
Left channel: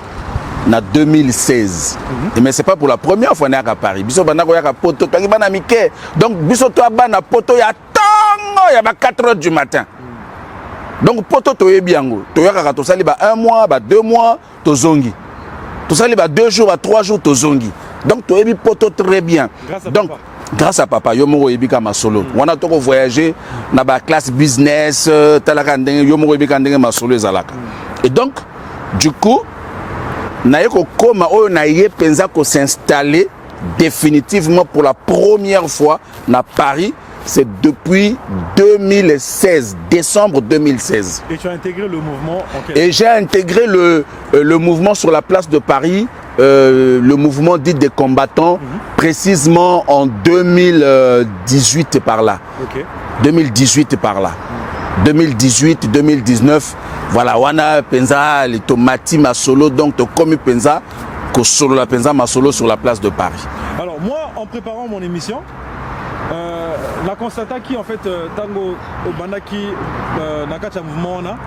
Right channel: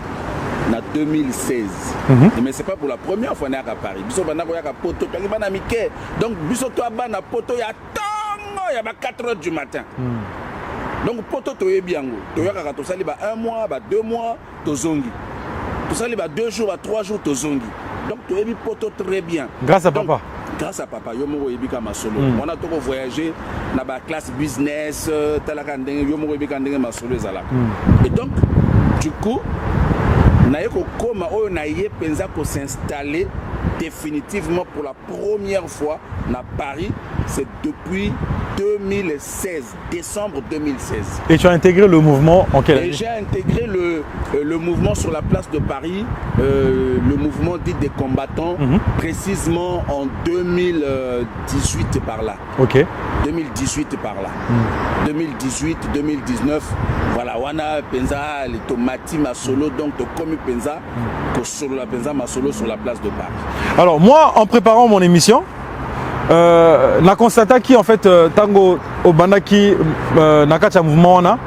en 2016. Mais ce n'est pas pour la première fois à Paris. Biso banako ya poto tangi bana mike. Donc biso to bana poto ya tango ya ba 4 h du matin. Donc poto to yebiango. To ya ka to sali ba 1 mois, ba 2 mois to zongi. To sali ba 2 jours, ba 3 jours to zongi. Donc to yebi poto très bien. Grâce à papa. Grâce à papa, yo moko yebi kama solo. On a to voyager na ba classe business, talaka ndenge yo moko yebi ka ndenge ma solo ezalaka. Et donc du coup Naïko Koma Oyo Naïe Penza ko s'installer définitivement pour la première fois à Paris, c'est depuis 2016, décembre 2016. Et tu as intégré le mouvement en quelle année? Et j'ai intégré le mouvement sur la place de Paris, le mouvement dit des combattants, précisément en 2018 par là. Ok. 2018 par là. 2018, 2019, voilà, wana penza les tomatis ma solo, donc to comme penza que solo la penza ma solo sur la place de Paris. Alors moi, en préparant mon émission, na constata qui en fait tango au bandaki nakacha mouvement na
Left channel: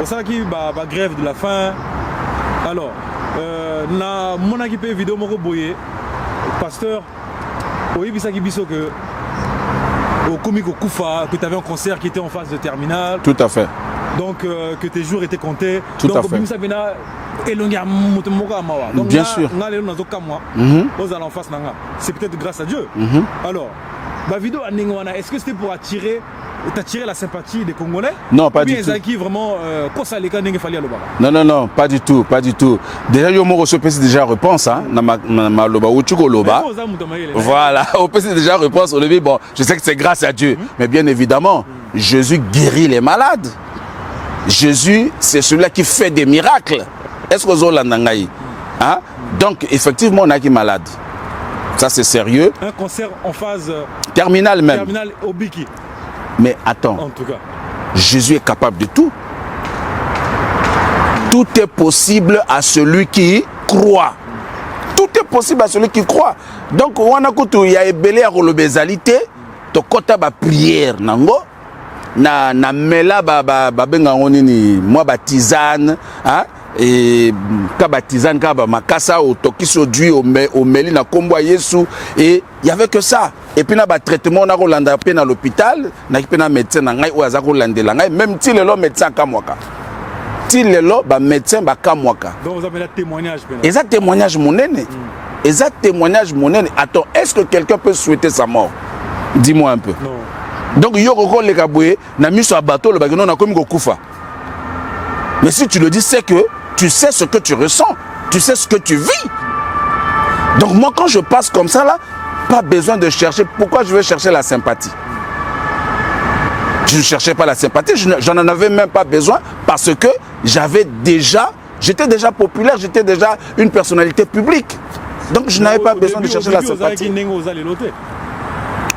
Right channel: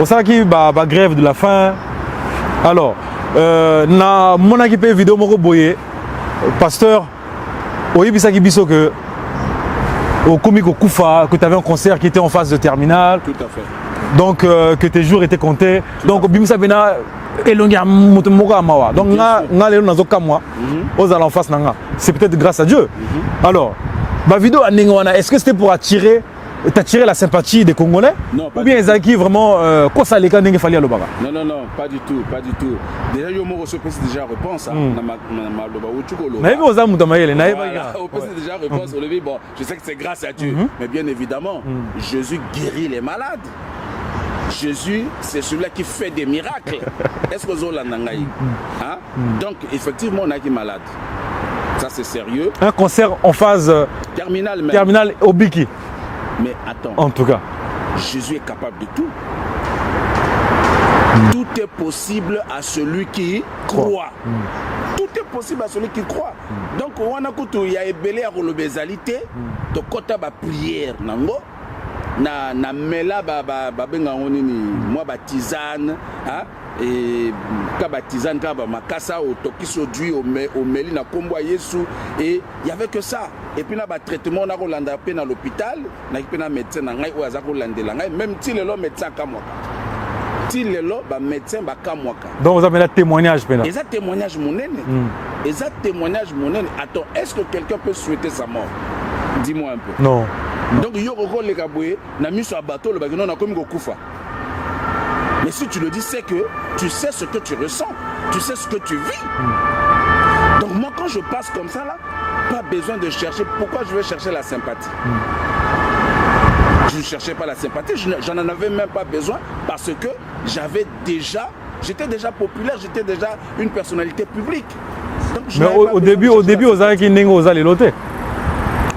au salaki ba grève de la faim. Alors na monaki pe vidéo moko boye pasteur oyebisaki biso que au comique au Koufa, que tu avais un concert qui était en phase de terminale. Tout à fait. Donc que tes jours étaient comptés. Tout donc à fait. Donc bien sûr. C'est peut-être grâce à Dieu. Alors, ma vidéo est-ce que c'était pour attirer la sympathie des Congolais? Non, pas du tout. Vraiment, non, non, non, pas du tout, pas du tout. Déjà, il y a déjà réponse. Voilà, au PC déjà réponse. Au début, bon, je sais que c'est grâce à Dieu, mais bien évidemment, Jésus guérit les malades. Jésus, c'est celui-là qui fait des miracles. Est-ce que vous avez hein? Donc, effectivement, on a qui est malade. Ça, c'est sérieux. Un concert en phase terminale même. Terminale au Biki. Mais attends, en tout cas, Jésus est capable de tout. Tout est possible à celui qui croit. Tout est possible à celui qui croit. Donc, on a il y a ébélé à relobésalité, de kota ba prière nango, na mela ba benga onini, moi ba tisane, hein, et ka ba tisane ka ba makasa au tokiso dui au meli na kombo Yesu, et il y avait que ça. Et puis na ba traitement na rolanda pe na l'hôpital, na ki pe na médecin na ngai o azako landela ngai, même si le médecin kamwaka. Si le ba médecin ba kamwaka. Donc vous avez un témoignage pena. Et ça témoignage monene. Et ça témoignage monene. Attends, est-ce que quelqu'un peut souhaiter sa mort? Dis-moi un peu. Non. Donc yo ko le kaboué na miso bateau le bagino na komi ko kufa. Mais si tu le dis, c'est que tu sais ce que tu ressens, tu sais ce que tu vis. Donc moi quand je passe comme ça là, pas besoin de chercher. Pourquoi je vais chercher la sympathie? Je ne cherchais pas la sympathie, j'en en avais même pas besoin parce que j'étais déjà populaire, j'étais déjà une personnalité publique. Donc je n'avais pas besoin de chercher la sympathie.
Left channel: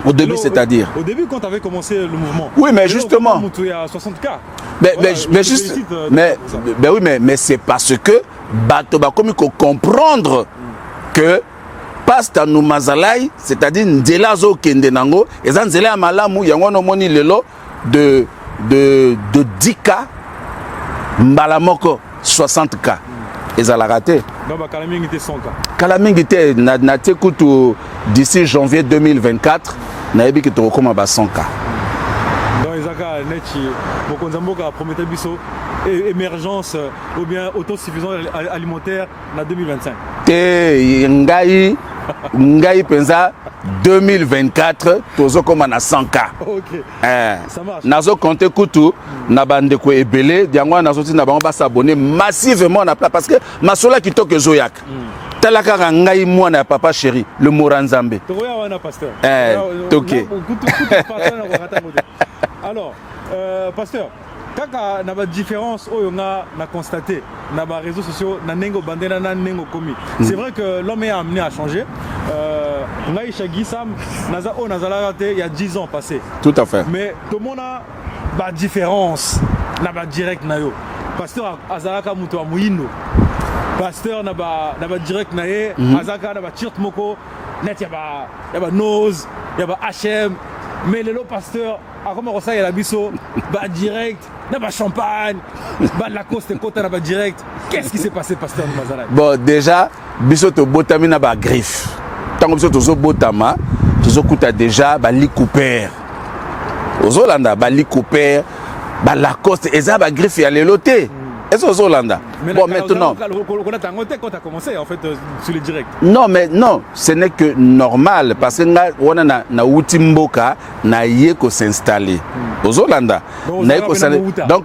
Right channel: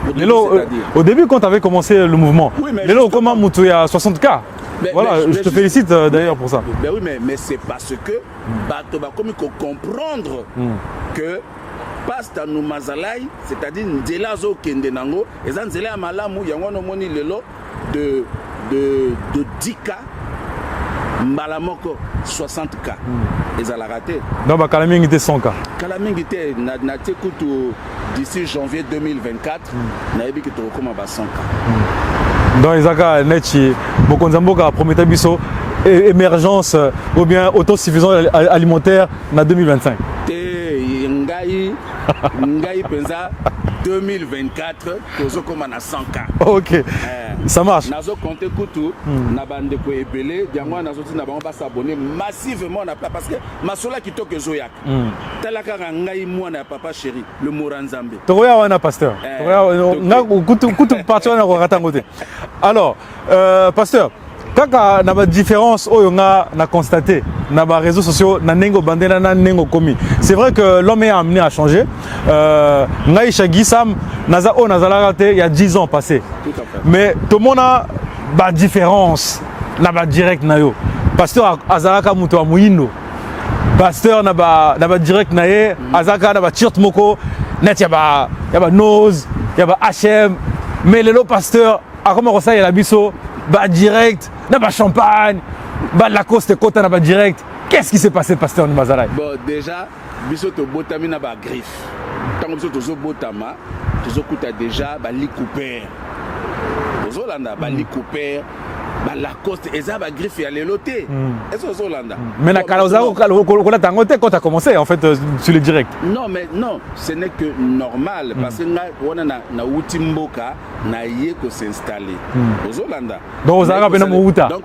Au début, c'est-à-dire? Au début, quand tu avais commencé le mouvement. Oui, mais justement. Il y a 60K. Mais, voilà, mais je te félicite d'ailleurs pour ça. Ben oui, mais c'est parce que Batoba comme il faut comprendre que Pasta nous mazalai, c'est-à-dire Ndela zo kendenango, et ça Ndela malamu, yangono moni lelo de 10K, Mbalamoko 60K. Et ça l'a raté. Donc, Kalaming était 100K. Kalaming était, d'ici janvier 2024, Naebi qui te recommande à 100K. Donc, Isaka, Nechi, Mokonzamboka, Prometa Bisso, émergence ou bien autosuffisance alimentaire en 2025. Ngai pensa 2024 tozo comme na 100K. OK. Ça marche. Nazo compter kutu na bande ko ebele diangwa nazo ti na bango ba s'abonner massivement na plat parce que masola ki toke zoyak. Talaka ngai mwana papa chéri le Moranzambe. Toya wana pasteur. Kutu partout na ko ratangote. Alors pasteur, kaka na ba différence oyo nga na constaté na ba réseaux sociaux na nengo bandela na nengo komi. C'est vrai que l'homme est amené à changer. Ngai Shagi Sam naza o nazala raté il y a 10 ans passés. Tout à fait. Mais tout le monde a ba différence na ba direct na yo. Pasteur azalaka muto muindo. Pasteur na ba direct na ye azaka na ba t-shirt moko net ya ba nose, ya ba HM. Mais le pasteur a comment ça il y a la biso ba direct na ba champagne ba Lacoste kota na ba direct Qu'est-ce qui s'est passé, pasteur Mazalaï? Bon, déjà, biso to botami na ba griffe. Tant que biso to zo botama, to zo kuta déjà ba li Cooper. Ozolanda ba li Cooper, ba Lacoste, et ça ba griffe ya leloté. Est-ce Ozolanda? Mais bon, maintenant, quand tu as commencé, en fait, sur le direct. non, mais non, ce n'est que normal parce que on a na Utimboka na yeko s'installer. Ozolanda. Donc, vous avez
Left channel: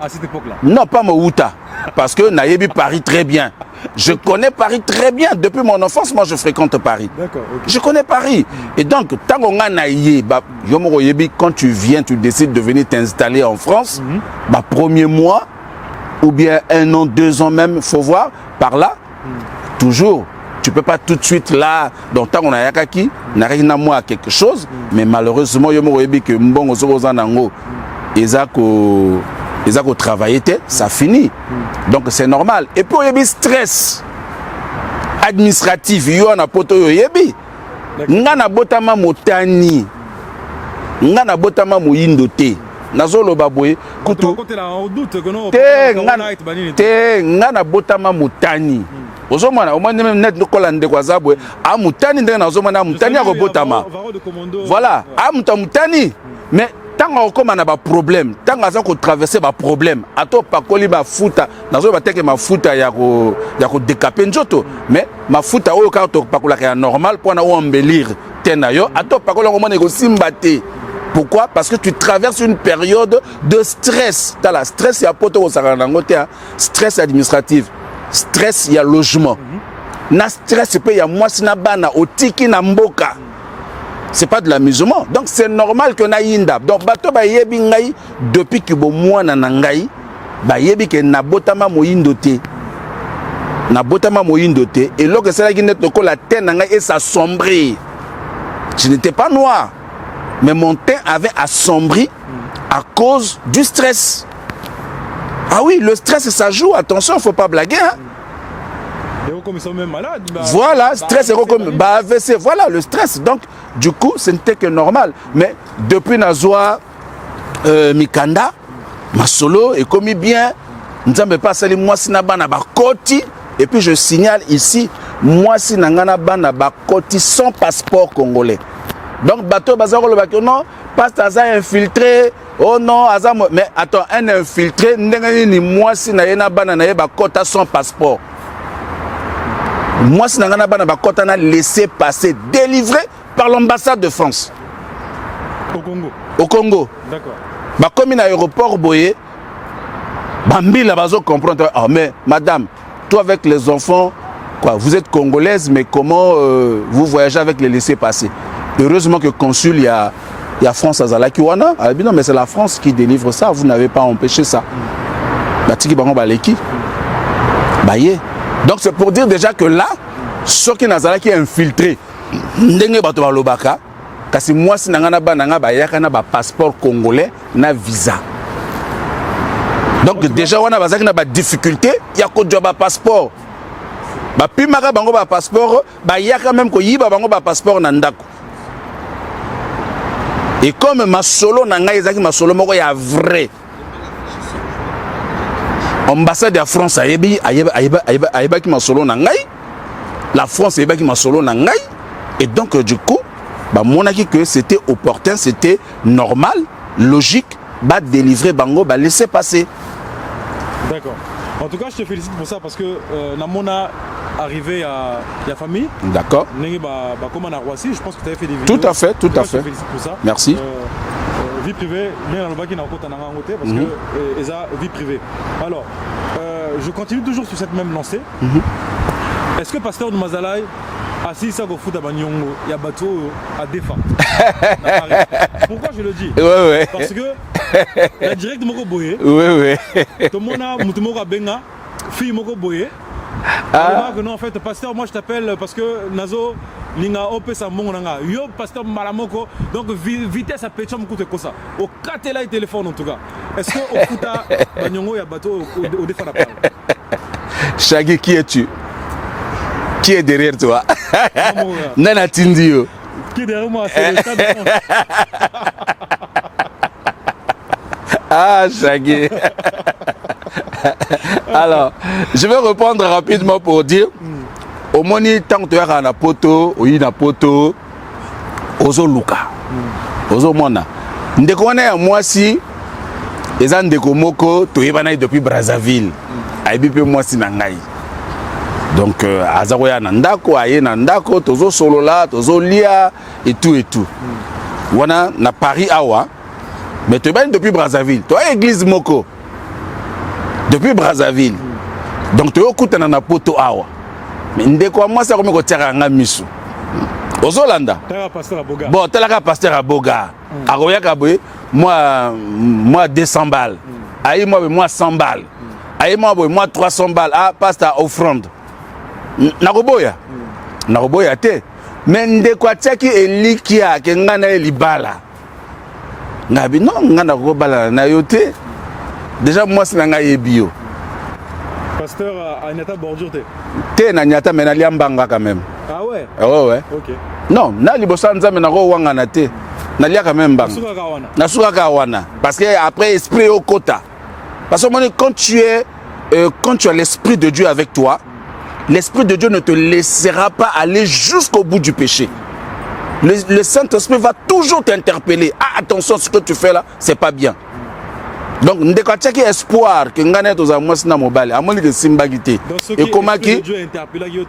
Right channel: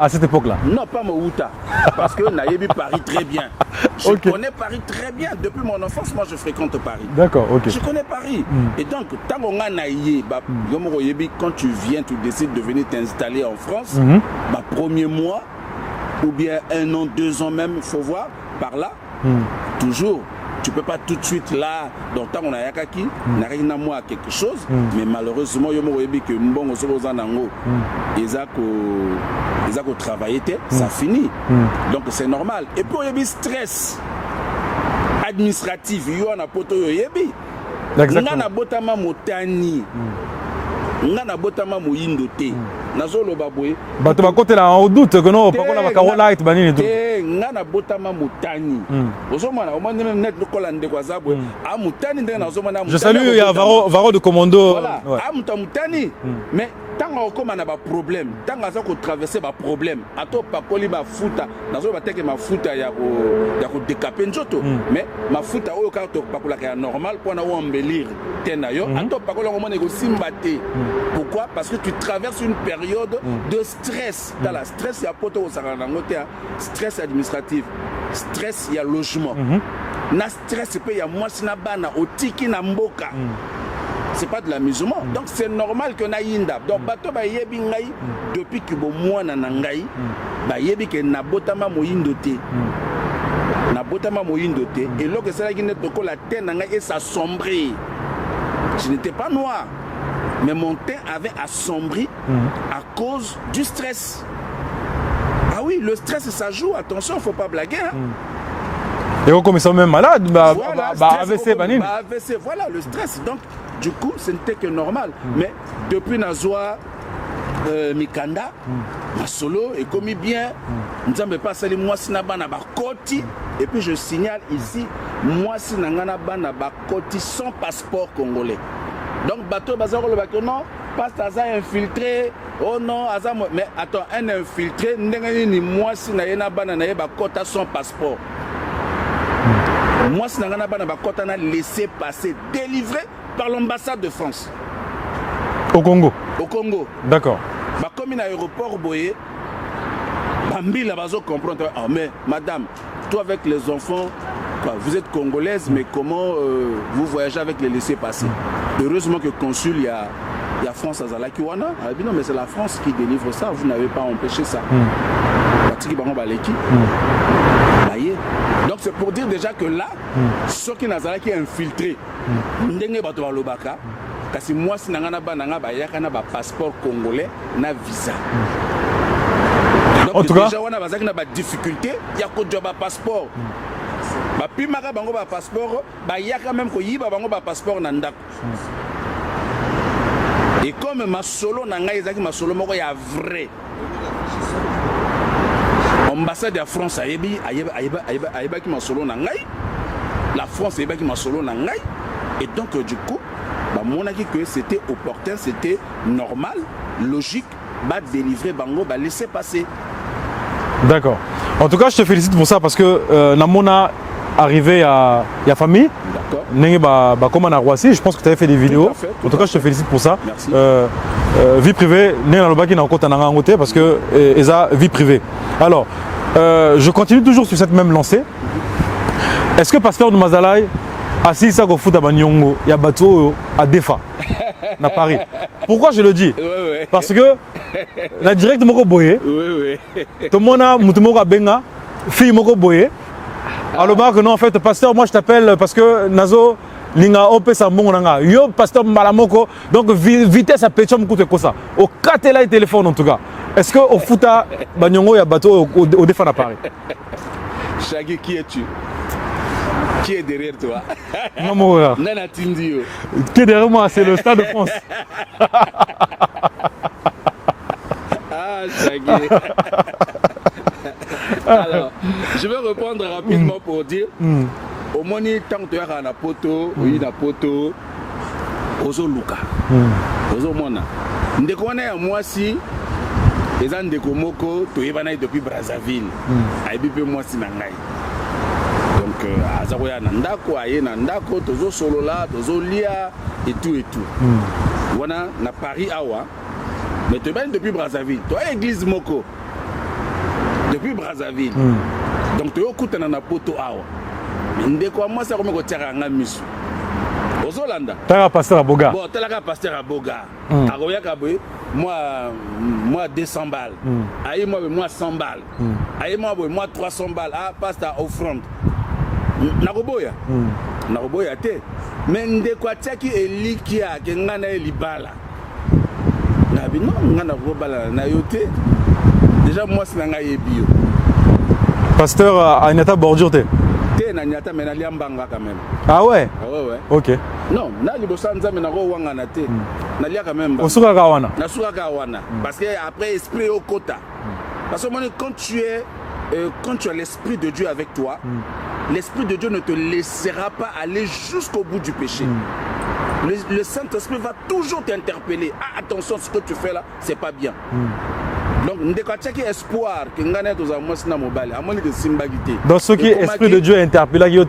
à cette époque-là? Non, pas Mouta. Parce que Naïbi Paris très bien. Je connais Paris très bien. Depuis mon enfance, moi, je fréquente Paris. D'accord, ok. Je connais Paris. Et donc, tant qu'on a Naïe, quand tu viens, tu décides de venir t'installer en France, premier mois, ou bien 1 an, 2 ans même, il faut voir, par là, toujours. Tu ne peux pas tout de suite là, dans le temps on a yakaki, n'a rien à moi quelque chose, mais malheureusement, il y a que mbongo zozanango, ils ont travaillé, ça finit. Donc c'est normal. Et puis il y a stress administratif, il y a un poto yebi. Ngana botama motani, ngana botama moyindote. Nazolo baboye. Bato côté là en doute que non. Te ngana botama motani. Ozomana au moins même net no kolande kwa zabwe. A motani ndenge nazomana motani ko botama. Varo de commando. Voilà, a motani. Mais tant qu'on a un problème, tant qu'on traverse un problème, à toi pas coller ma fouta, dans un bateau que ma fouta y a décapé njoto, mais ma fouta au cas où pas coller normal pour embellir tenayo, à toi pas coller au moins négocier mbaté. Pourquoi? Parce que tu traverses une période de stress. Dans la stress, il y a poto stress administratif, stress, il y a logement. Na stress, il y a moi sinabana au tiki namboka. C'est pas de l'amusement. Donc c'est normal que na yinda. Donc bato ba yebi ngai depuis que bo moi na ngai ba yebi que na botama moyindoté. Na botama moyindoté et lorsque c'est là qui net ko la tête na ngai et ça sombrit. Je n'étais pas noir. Mais mon teint avait assombri à cause du stress. Ah oui, le stress ça joue, attention, il ne faut pas blaguer. Hein. Et comme ils sont même malades. Voilà, stress et AVC, voilà le stress. Donc, du coup, ce n'était que normal. Mais depuis Nazoa, Mikanda, ma solo est commis bien. Nous n'avons pas sali moi si nabana bakoti. Et puis je signale ici, moi si nangana bana bakoti sans passeport congolais. Donc bateau bazar le bateau non, passe à infiltré. Oh non, mais attends, un infiltré, ni moi si na bana na bakota sans passeport. Moi, si nous avons laissé passer, délivré par l'ambassade de France. Au Congo. Au Congo. D'accord. Comme il y a l'aéroport Boye, Bambi la bazo comprendre. Ah, mais madame, toi avec les enfants, quoi, vous êtes congolaise, mais comment vous voyagez avec les laissés-passer? Heureusement que consul, il y a France à Zalakiwana. Ah, non, mais c'est la France qui délivre ça. Vous n'avez pas empêché ça. Batiki Bango Baleki. Baye. Donc c'est pour dire déjà que là, ceux qui n'ont qui infiltré, kasi moi si nangana bananga ba yakana ba passeport congolais na visa. Donc déjà on a bazaki na ba difficulté, ya ko joba passeport. Ba pimaka bango ba passeport, ba yaka même ko yiba bango ba passeport na ndako. Et comme ma solo nanga ezaki ma solo moko ya vrai. Ambassade de France a qui m'a solo nangai, la France a qui m'a solo nangai, et donc du coup, bah mon avis que c'était opportun, c'était normal, logique, bah délivrer bango, bah laisser passer. D'accord. En tout cas, je te félicite pour ça parce que Namona arrivé à la famille. D'accord. Comme on a Roissy, je pense que tu avais fait des vidéos. Tout à fait, tout à fait. Je te félicite pour ça. Merci. Vie privée, parce que Eza vie privée. Alors, je continue toujours sur cette même lancée. Est-ce que pasteur de Mazalaï assis ça au foot à Banyongo, il y a bateau à Défa, à Paris. Pourquoi je le dis? Parce que la directe Moko Boye, tout le monde a Moutoumoko Benga, fille Moko Boye. Alors que non, en fait, pasteur, moi je t'appelle parce que Nazo. Linga opé sa monga yo pasteur Malamoko donc vitesse à péchom coûte quoi ça au catela téléphone en tout cas est-ce que au futa Banyongo ya bateau au défend à Paris? Chagui, qui es-tu? Qui est derrière toi? Nana Tindio. Qui est derrière moi? C'est le Stade de France. Ah, Chagui. Alors, je vais reprendre rapidement pour dire, au moins, tant que tu as un poto, ou une poto, ozo luka, ozo mona. Ndeko wana moi si, les ans ndeko moko, tu es depuis Brazzaville, aibi pe moi si nangai. Donc, azaroya nandako, aye nandako, tozo solola, tozo lia, et tout et tout. Wana na Paris awa, mais tu es depuis Brazzaville, tu as église moko. Depuis Brazzaville. Donc tu écoutes na poto awa. Mais ndeko moi ça comme ko tiara nga misu. Ozolanda. T'as un pasteur à Boga. Bon, t'as un pasteur à Boga. Aroya kaboye moi 200 balles. Aïe moi 100 balles. Aïe moi 300 balles. Ah pasteur offrande. Naroboya. Naroboya te. Mais ndeko tiaki elikia ke ngana libala. Ngabi non ngana ko bala na yote. Déjà, moi, c'est un bio. Pasteur à Nyata bordure, t'es Nyata, mais il Mbanga quand même. Ah ouais? Ah ouais. Ok. Non, na libosanza, mais na wangana te. Na lia quand même. Nasuka kawana. Nasuka kawana. Parce que après, esprit au quota. Parce que quand tu as l'esprit de Dieu avec toi, l'esprit de Dieu ne te laissera pas aller jusqu'au bout du péché. Le Saint-Esprit va toujours t'interpeller. Ah, attention, ce que tu fais là, c'est pas bien. Donc, nous avons espoir que nous avons dans ce qui est l'esprit de Dieu interpellé,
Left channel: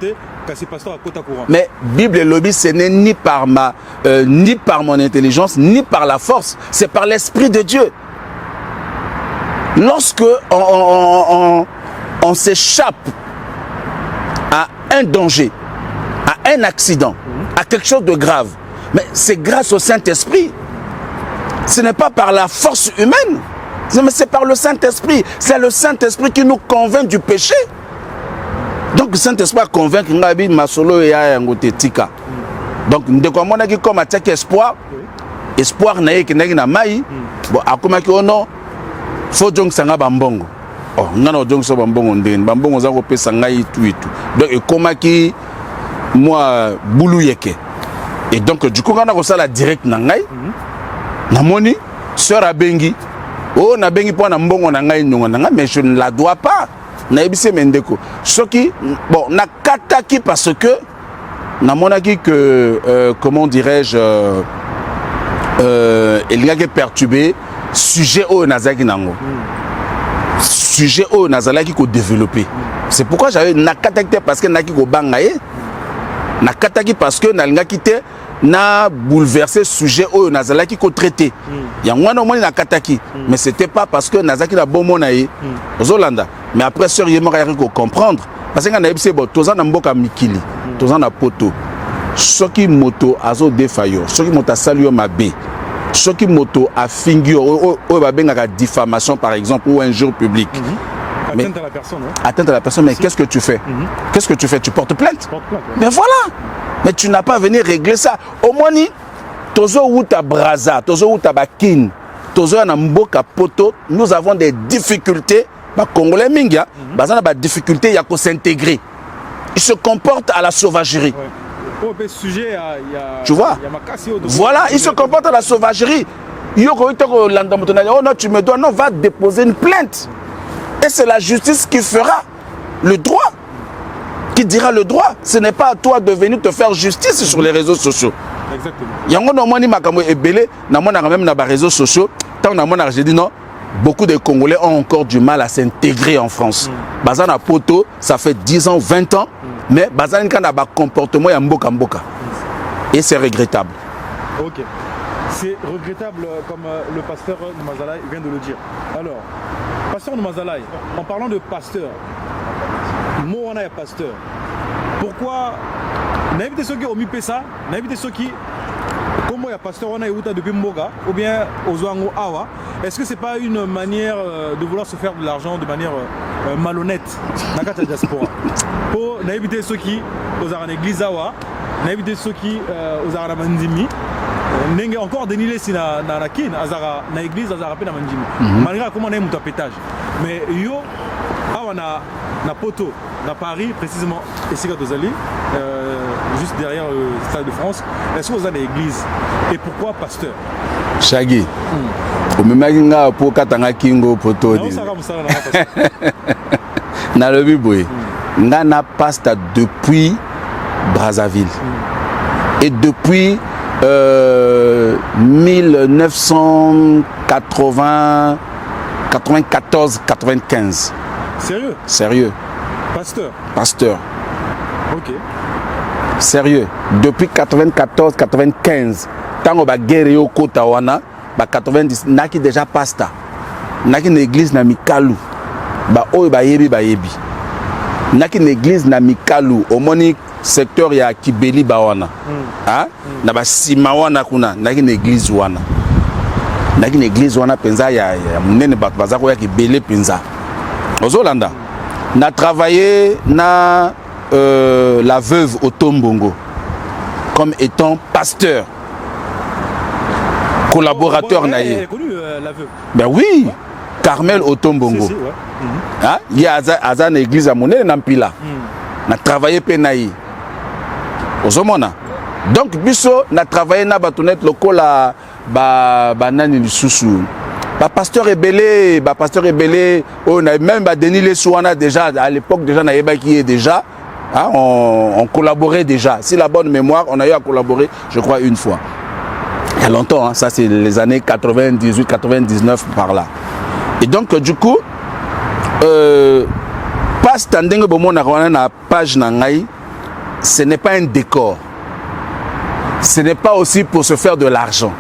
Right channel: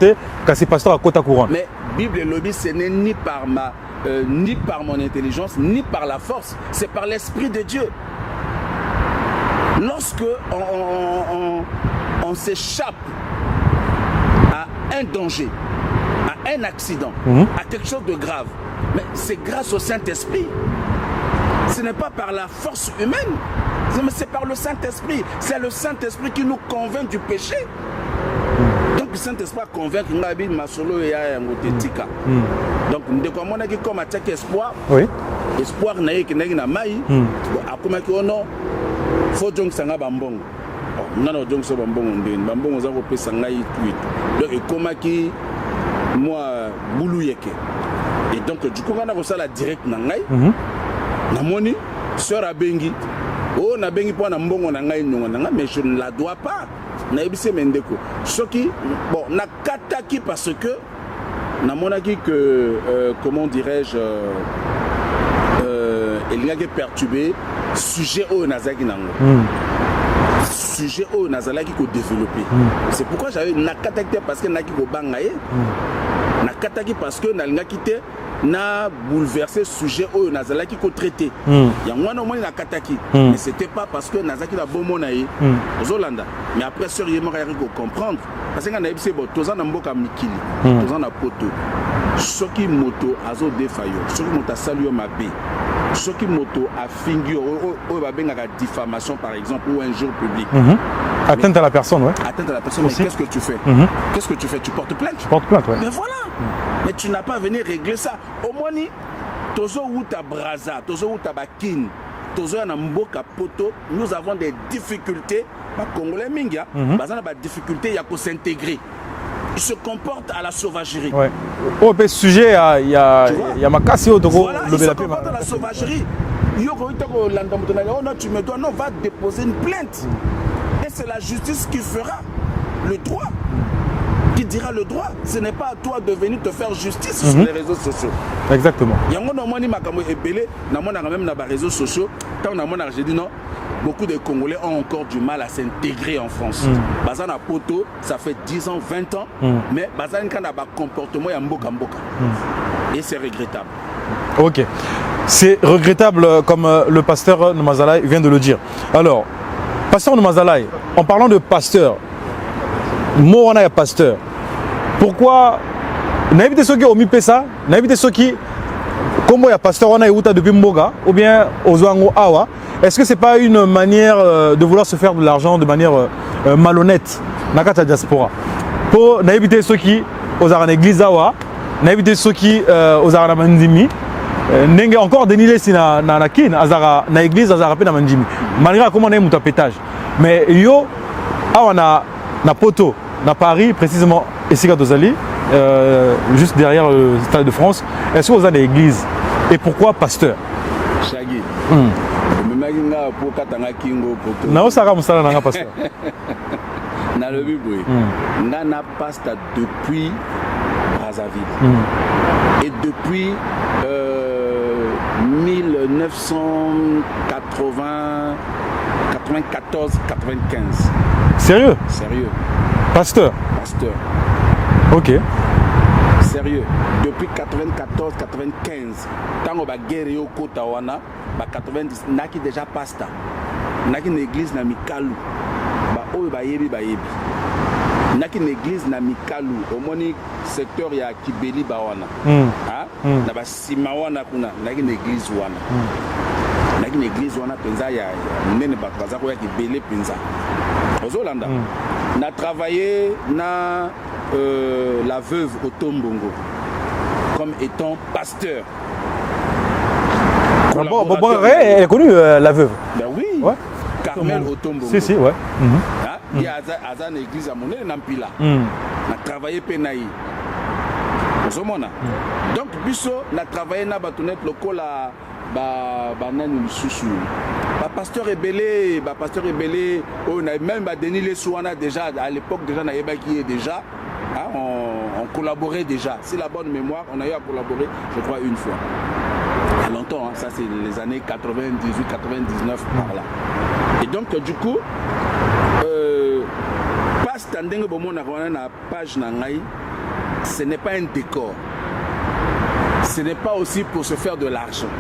c'est pasteur à côté courant. Mais Bible et lobby, ce n'est ni par mon intelligence, ni par la force, c'est par l'esprit de Dieu. Lorsque on s'échappe à un danger, à un accident, à quelque chose de grave, mais c'est grâce au Saint-Esprit. Ce n'est pas par la force humaine. Mais c'est par le Saint-Esprit. C'est le Saint-Esprit qui nous convainc du péché. Donc le Saint-Esprit a convaincu Ngabi Masolo et Tika. Donc nous devons comme attaquer espoir. Oui. Espoir naïe qui n'a maï. Bon, à comment que non, faut donc sanga bambongo. Oh, non donc so bambongo ndine. Bambongo za kopé sangai tout et tout. Donc et comment qui moi boulou yeke. Et donc du coup on a ça la direct nangai. Namoni sœur Abengi. Oh, na bengi po na mbongo na ngai nyonga na mais je ne la dois pas. Na ebise mendeko. Soki bon na kataki parce que na monaki que comment dirais-je il y a perturbé sujet au nazaki nango. Sujet au nazalaki ko développer. C'est pourquoi j'avais na kataki parce que naki ko bangaye. Na kataki parce que na linga kité na bouleversé sujet au nazalaki ko traité. Yangwana au moins na kataki, mais c'était pas parce que nazaki na bon monaye ozolanda. Mais après sœur yema ko comprendre parce que na ebise bo toza na mboka mikili, toza na poto. Soki moto azo defayo, soki moto salio mabe. Soki moto a fingi o ba benga diffamation par exemple ou injure publique. Atteinte à la personne, ouais. Atteinte à la personne, mais qu'est-ce que tu fais? Qu'est-ce que tu fais? Tu portes plainte? Je porte plainte, ouais. Mais voilà. Mais tu n'as pas venu régler ça. Au moins, ni tozo uta braza, tozo uta bakin, tozo na mboka poto, nous avons des difficultés. Ba Congolais mingia, bazana ba difficulté ya ko s'intégrer. Ils se comportent à la sauvagerie. Ouais. Au sujet, il y a Makassi. Voilà, ils se comportent à la sauvagerie. Oh non, tu me dois, non, va déposer une plainte. Et c'est la justice qui fera le droit. Qui dira le droit. Ce n'est pas à toi de venir te faire justice sur les réseaux sociaux. Exactement. Il y a même dans les réseaux sociaux. J'ai dit non. Beaucoup de Congolais ont encore du mal à s'intégrer en France. Bazana Poto, ça fait 10 ans, 20 ans. Mais Bazana a un comportement mboka mboka. Et c'est regrettable. Ok. C'est regrettable comme le pasteur Nomazalai vient de le dire. Alors, pasteur Nomazalai, en parlant de pasteur, moi on a un pasteur. Pourquoi n'invite ceux qui ont mis ça, n'invite ceux qui, comme il y a pasteur on a eu depuis Mboga ou bien Ozoango Awa, est-ce que c'est pas une manière de vouloir se faire de l'argent de manière malhonnête dans la diaspora? Pour n'inviter ceux qui aux en église Awa, n'inviter ceux qui aux en Mandimi. N'engue encore dénilé si na kin azara na église azara pe na mandimi malgré comment on a un tapétage mais yo awa na poto na Paris précisément ici à Dozali juste derrière le Stade de France. Est-ce que vous avez l'église et pourquoi pasteur Shaggy au même pour katanga kingo poto non ça va pasteur na lobi boye nga na pasta depuis Brazzaville et depuis 1994-95. Sérieux? Sérieux. Pasteur? Pasteur. Ok. Sérieux. Depuis 94-95. Tango ba guerre au kota wana, ba 90 naki déjà pasta. Naki une église na Mikalu. Ba oyo ba yebi ba yebi. Naki une église na Mikalu, au moni secteur ya Kibeli ba wana. Hein? Na ba sima wana kuna, naki une église wana. Naki une église wana penza ya munene ba bazako ya Kibeli penza. Ozolanda. Na travaillé na la veuve Otombongo comme étant pasteur. Collaborateur. Elle est connue, la veuve. Ben oui, ouais. Carmel Otombongo. Si, ouais. Hein? Il y a une église à Moné, Nampila. On a travaillé Penaï. Donc, biso, on a travaillé na batonet local à Banani Lususu. Pasteur Ebélé, on a même Denis Lesouana déjà, à l'époque déjà, on a qui est déjà. Hein, on collaborait déjà. Si la bonne mémoire, on a eu à collaborer, je crois, une fois. Il y a longtemps, hein, ça c'est les années 98-99 par là. Et donc, du coup, pas standing au moment na page nangai, ce n'est pas un décor. Ce n'est pas aussi pour se faire de l'argent.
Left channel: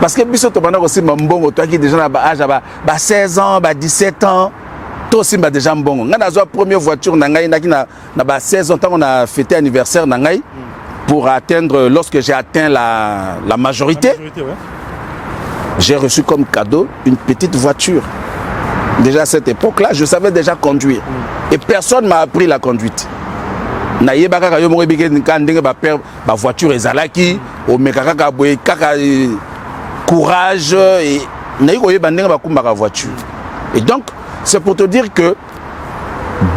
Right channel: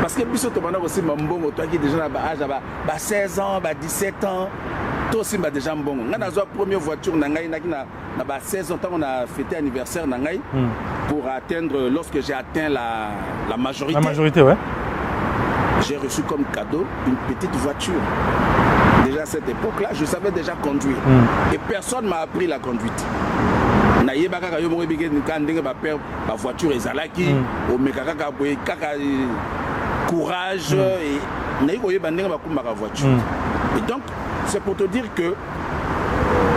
Parce que biso to bana aussi mbongo toi qui déjà na âge à 16 ans, 17 ans, toi aussi déjà mbongo. Nga na zo première voiture nangai na 16 ans tant on a fêté anniversaire nangai pour atteindre lorsque j'ai atteint la majorité. La majorité, ouais. J'ai reçu comme cadeau une petite voiture. Déjà à cette époque-là, je savais déjà conduire. Et personne m'a appris la conduite. Na yeba ka yo mo bike ndenge ba père ba voiture ezalaki o mekaka ka boye kaka courage et na yiko yeba ndenge ba kumba ka voiture. Et donc c'est pour te dire que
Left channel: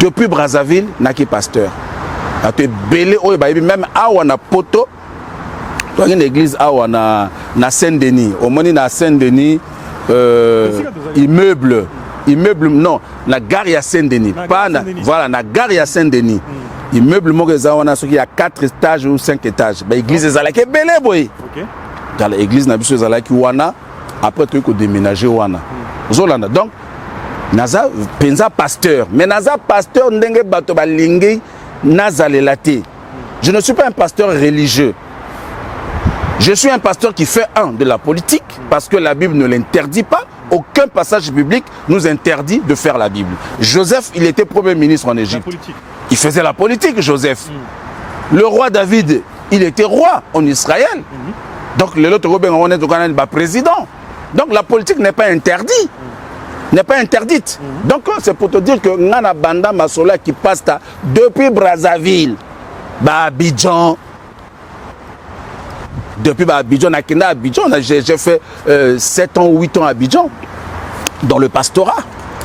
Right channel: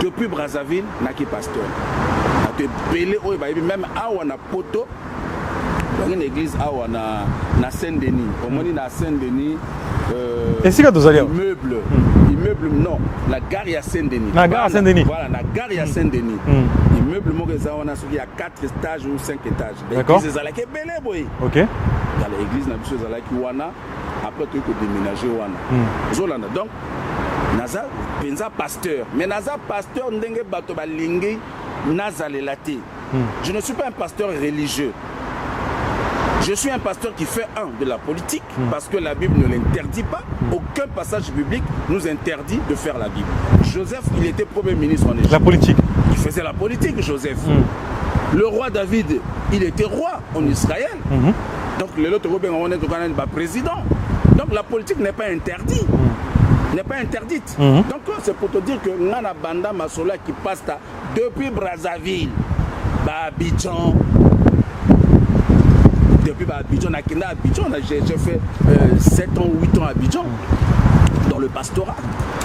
depuis Brazzaville naki pasteur. A te belé o ba même awa na poto dans une église awa na Saint-Denis, au moni na Saint-Denis immeuble non la gare à Saint-Denis pas voilà la gare à Saint-Denis immeuble mogezawana ce qui a 4 étages ou 5 étages ba église ezalaki belé boy OK dans l'église na biso ezalaki wana après tu ko déménager wana zolanda donc naza penza pasteur mais naza pasteur ndenge bato balingi nazalelate je ne suis pas un pasteur religieux. Je suis un pasteur qui fait de la politique parce que la Bible ne l'interdit pas. Aucun passage biblique nous interdit de faire la Bible. Joseph, il était premier ministre en Égypte. La politique. Il faisait la politique, Joseph. Le roi David, il était roi en Israël. Donc, le autre on est président. Donc, la politique n'est pas interdite. N'est pas interdite. Donc, c'est pour te dire que Nana Banda Masola qui passe depuis Brazzaville, Abidjan. Depuis Abidjan, j'ai fait 7 ans ou 8 ans à Abidjan, dans le pastorat.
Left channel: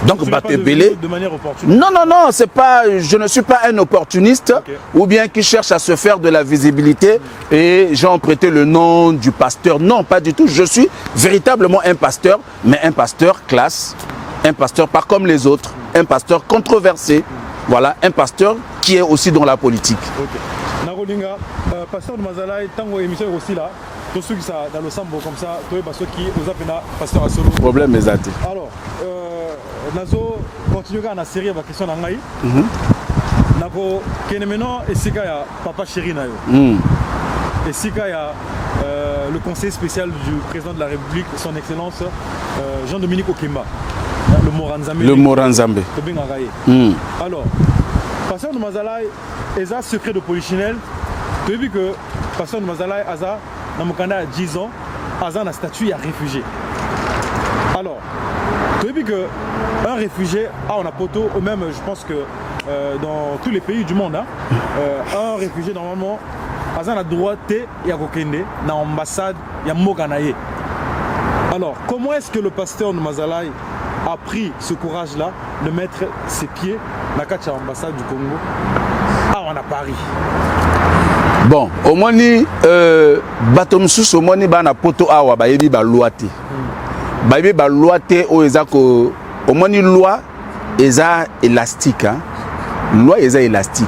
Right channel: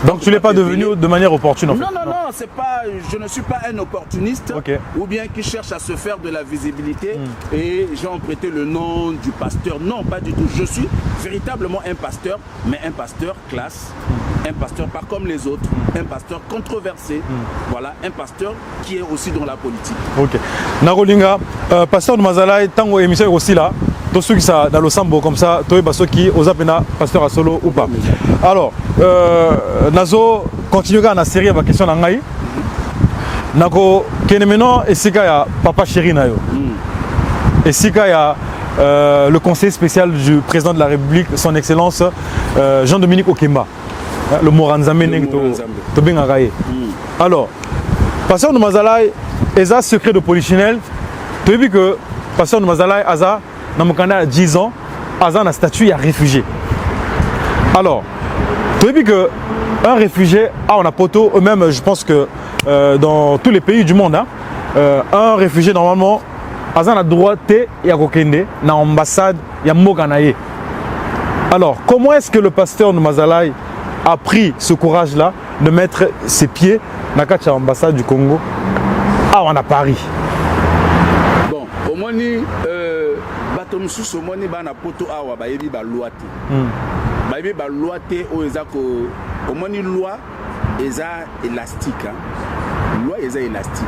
Donc tu n'es pas devenu de manière opportune? Non, je ne suis pas un opportuniste ou bien qui cherche à se faire de la visibilité et j'ai emprunté le nom du pasteur. Non, pas du tout. Je suis véritablement un pasteur, mais un pasteur classe, un pasteur pas comme les autres, un pasteur controversé. Voilà, un pasteur qui est aussi dans la politique. Ok. Nagolinga, pasteur de Mazala, tango émission aussi là, tous ceux qui sont dans le sambo comme ça, tous les qui osent appeler pasteur à solo. Problème exact. Alors, Nazo continue à la série avec question d'Angaï. Nako, Kenemeno, et Sika ya papa chéri nayo. Et Sika ya le conseiller spécial du président de la République, son Excellence Jean-Dominique Okemba. Le Moranzambe. Le Moranzambe. Alors, pasteur de Mazala, il a secret de polichinelle. Tu as vu que pasteur de Mazala, il a 10 ans, il a un statut de réfugié. Alors, tu as vu qu'un réfugié, on a poteau, même je pense que dans tous les pays du monde, un réfugié normalement, il a droit de Kokende, dans l'ambassade, il y a Moganaye. Alors, comment est-ce que le pasteur de Mazala a pris ce courage-là de mettre ses pieds dans l'ambassade du Congo à Paris? Bon, au moins, au moins, na poto awa bayebi ba loi te. Bayebi ba loi te o ezako au moins loi eza élastique hein. loi est élastique.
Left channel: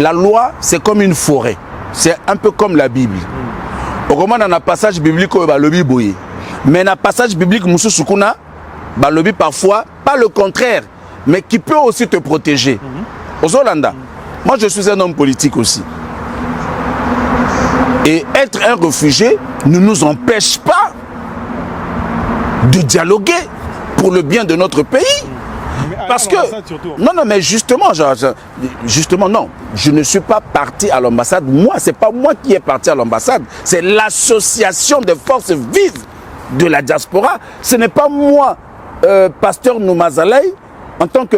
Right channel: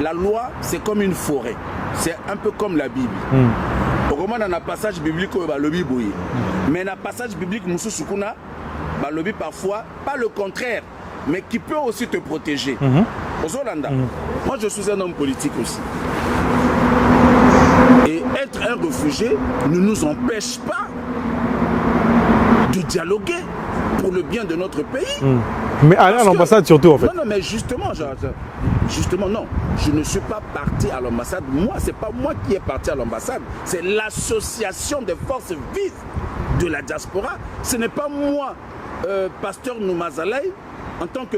La loi, c'est comme une forêt. C'est un peu comme la Bible. Au moment dans un passage biblique, mais dans un passage biblique, balobi parfois, pas le contraire, mais qui peut aussi te protéger. Aux Hollandais, moi je suis un homme politique aussi. Et être un réfugié ne nous empêche pas de dialoguer pour le bien de notre pays. Mais à l'ambassade surtout. En fait. Non, non, mais justement, justement, non. Je ne suis pas parti à l'ambassade. Moi, ce n'est pas moi qui est parti à l'ambassade. C'est l'association des forces vives de la diaspora. Ce n'est pas moi, pasteur Noumazalay, en tant que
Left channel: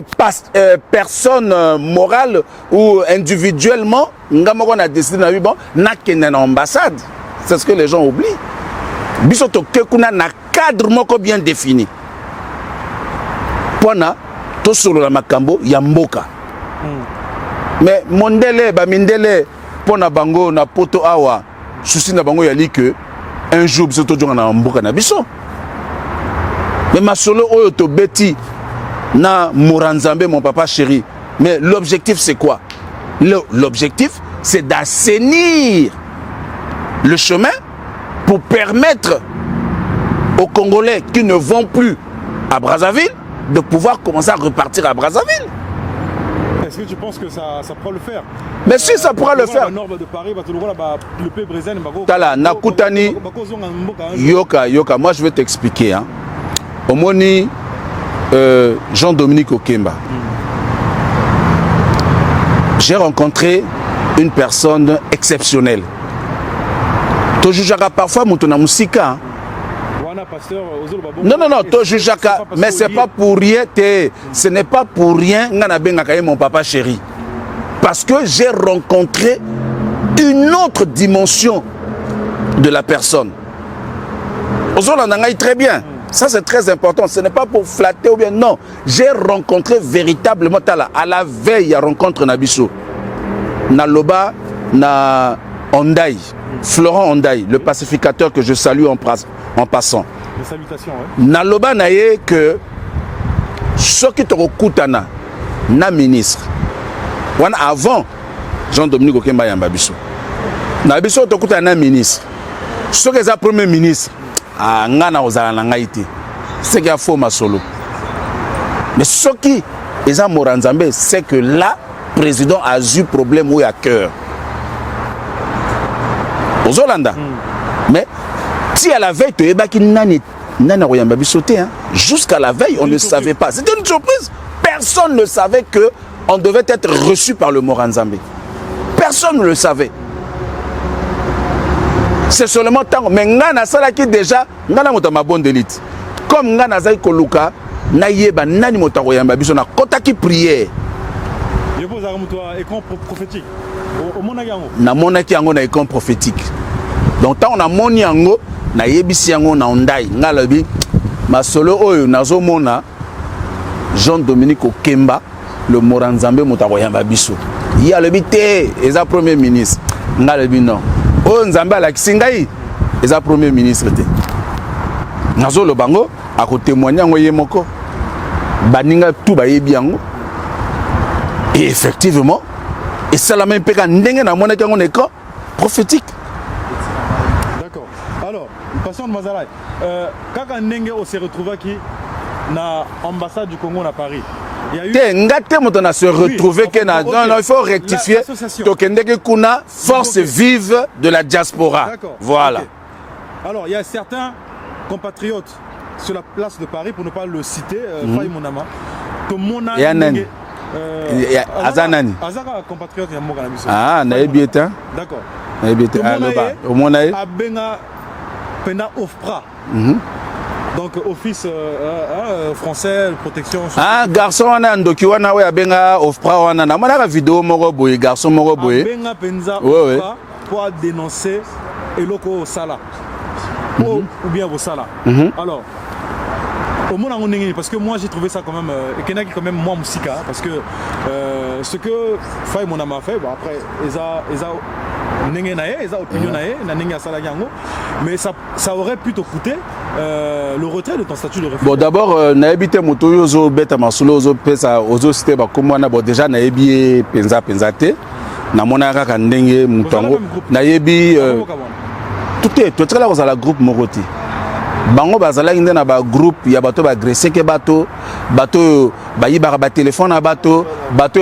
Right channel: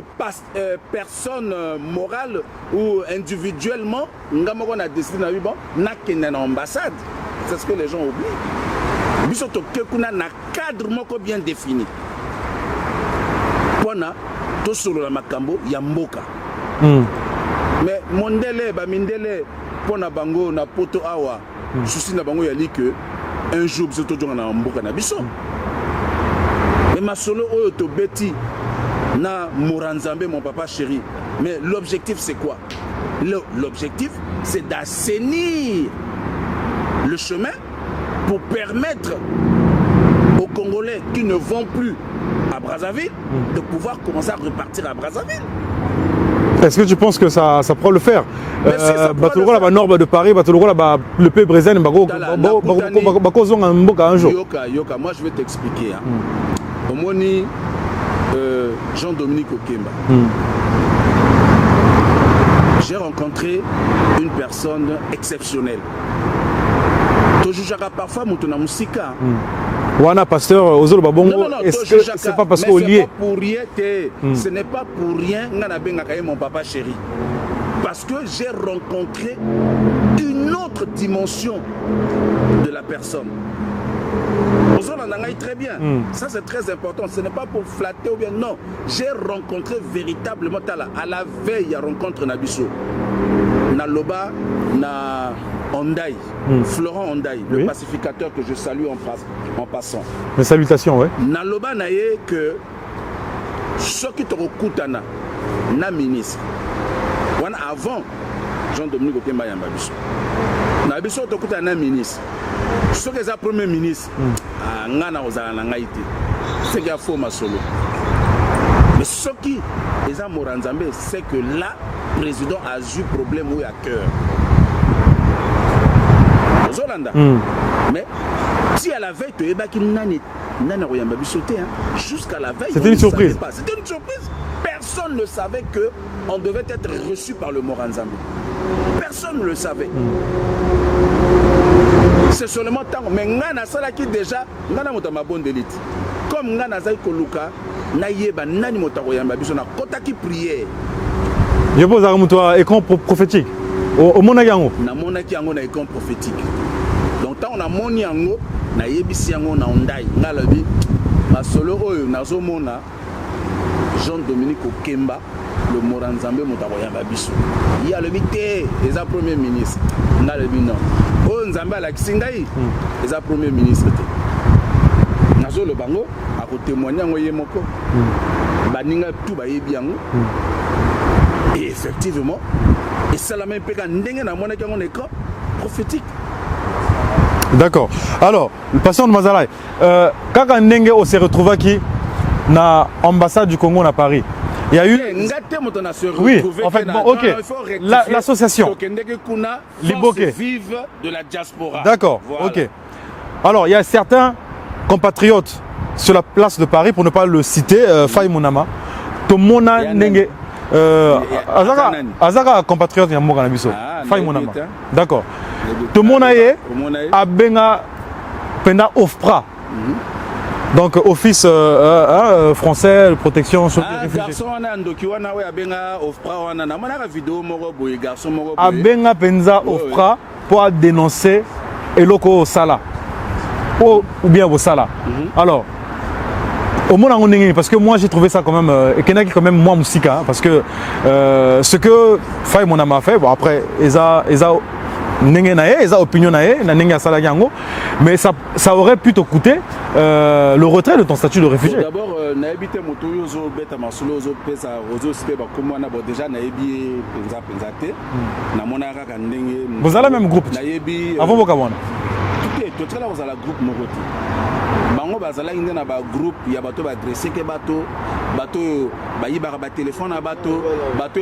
personne morale ou individuellement, on a décidé de l'ambassade. C'est ce que les gens oublient. Bisoto Kekuna n'a cadre bien défini. Pona, to solo la makambo ya mboka. Mais mondele ba mindele pona bango na poto awa souci na bango yali que un jour biso to jonga na mboka na biso. Mais ma solo oyo to beti na Moranzambe mon papa chéri. Mais l'objectif c'est quoi? L'objectif c'est d'assainir le chemin pour permettre aux Congolais qui ne vont plus à Brazzaville de pouvoir commencer à repartir à Brazzaville. Est-ce que tu penses que ça pourra le faire? Mais si ça pourra le faire. La norme de Paris, le pays brésilien, Yoka, moi je vais t'expliquer. Hein. Au moni Jean-Dominique Okemba. J'ai rencontré une personne exceptionnelle. Tu jugeras parfois mon musika. Wana pasteur non, mais c'est pas pour rien. Ce n'est pas pour rien que mon papa chéri. Parce que j'ai rencontré une autre dimension de la personne. Très bien. Ça c'est très important. Ce n'est pas pour flatter ou bien non. J'ai rencontré véritablement à la veille à rencontre Nabiso. Naloba na Ondaï, Florent Ondaï, le pacificateur que je salue en passant. Mes salutations, oui. Naloba naye que ce qui te recoutana, na ministre. Avant Jean-Dominique Okemba Yambabiso. Nabiso te recoutana ministre. Ce qui est le premier ministre, ngana ozala na ngaïté. C'est qu'il y a faux ma solo. Mais ce qui est Moranzambe, c'est que là, le président a eu problème où il y a cœur. Aux Hollandais. Mais si à la veille, tu es jusqu'à la veille, on ne savait pas. C'était une surprise. Personne ne savait qu'on devait être reçu par le Moranzambe. Personne ne le savait. C'est seulement tant. Mais Ngana Salaki déjà, Ngana Motama bonne d'élite. Comme Ngana Zay Koluka, Nayeba Nani Motaroyamba Bisona, Kotaki prière. Je pose à un écran prophétique. Au Monagango. Na Monagango na écran prophétique. Donc tant on a Moniango, na Yebisiango na Ondai, Ngalabi, ma solo oyo nazo mona Jean-Dominique Okemba, le Moranzambe Motaroyamba Biso. Il y a le bité, et sa premier ministre. Ngalabi non. Oh Nzambe ala kisingai, et sa premier ministre. Nazo le bango, à côté témoigner en Yemoko, Baninga tout bayebiango. Et effectivement, et ça la même péka n'engue na monnaie qu'on est prophétique. D'accord. Alors, pasteur de Mazalay, quand on s'est retrouvé qui na ambassade du Congo à Paris, il y a eu on se retrouvé il faut rectifier l'association. Force vive de la diaspora. D'accord. Voilà. Okay. Alors, il y a certains compatriotes sur la place de Paris, pour ne pas le citer, Faye Mounama, Tomona Nenge. Azaka compatriote ya mboka na biso. Ah, naibeta. D'accord. Tout le monde a benga pena OFPRA. Donc office français de protection. Ah, garçon wana ndoki wana we abenga OFPRA wana na mona vidéo moko boye garçon moko boye. Abenga penza OFPRA pour dénoncer eloko sala. Ou bien au sala. Alors au monde en parce que moi j'ai trouvé ça quand même et qu'il y en a qui quand même moi musica parce que ce que Faye Monama a fait bon après Eza opinion mais ça aurait pu te coûter le retrait de ton statut de réfugié. Bon, d'abord, naébité motoyozo beta masulozo pesa ozo cité bakomwana bon déjà naébi penza te na monaka kandenge vous avez le même groupe naébi tout est tout là vous avez la groupe Moroti bango bazala inde na ba groupe ya bato ba agresser ke bato ba ba téléphone na bato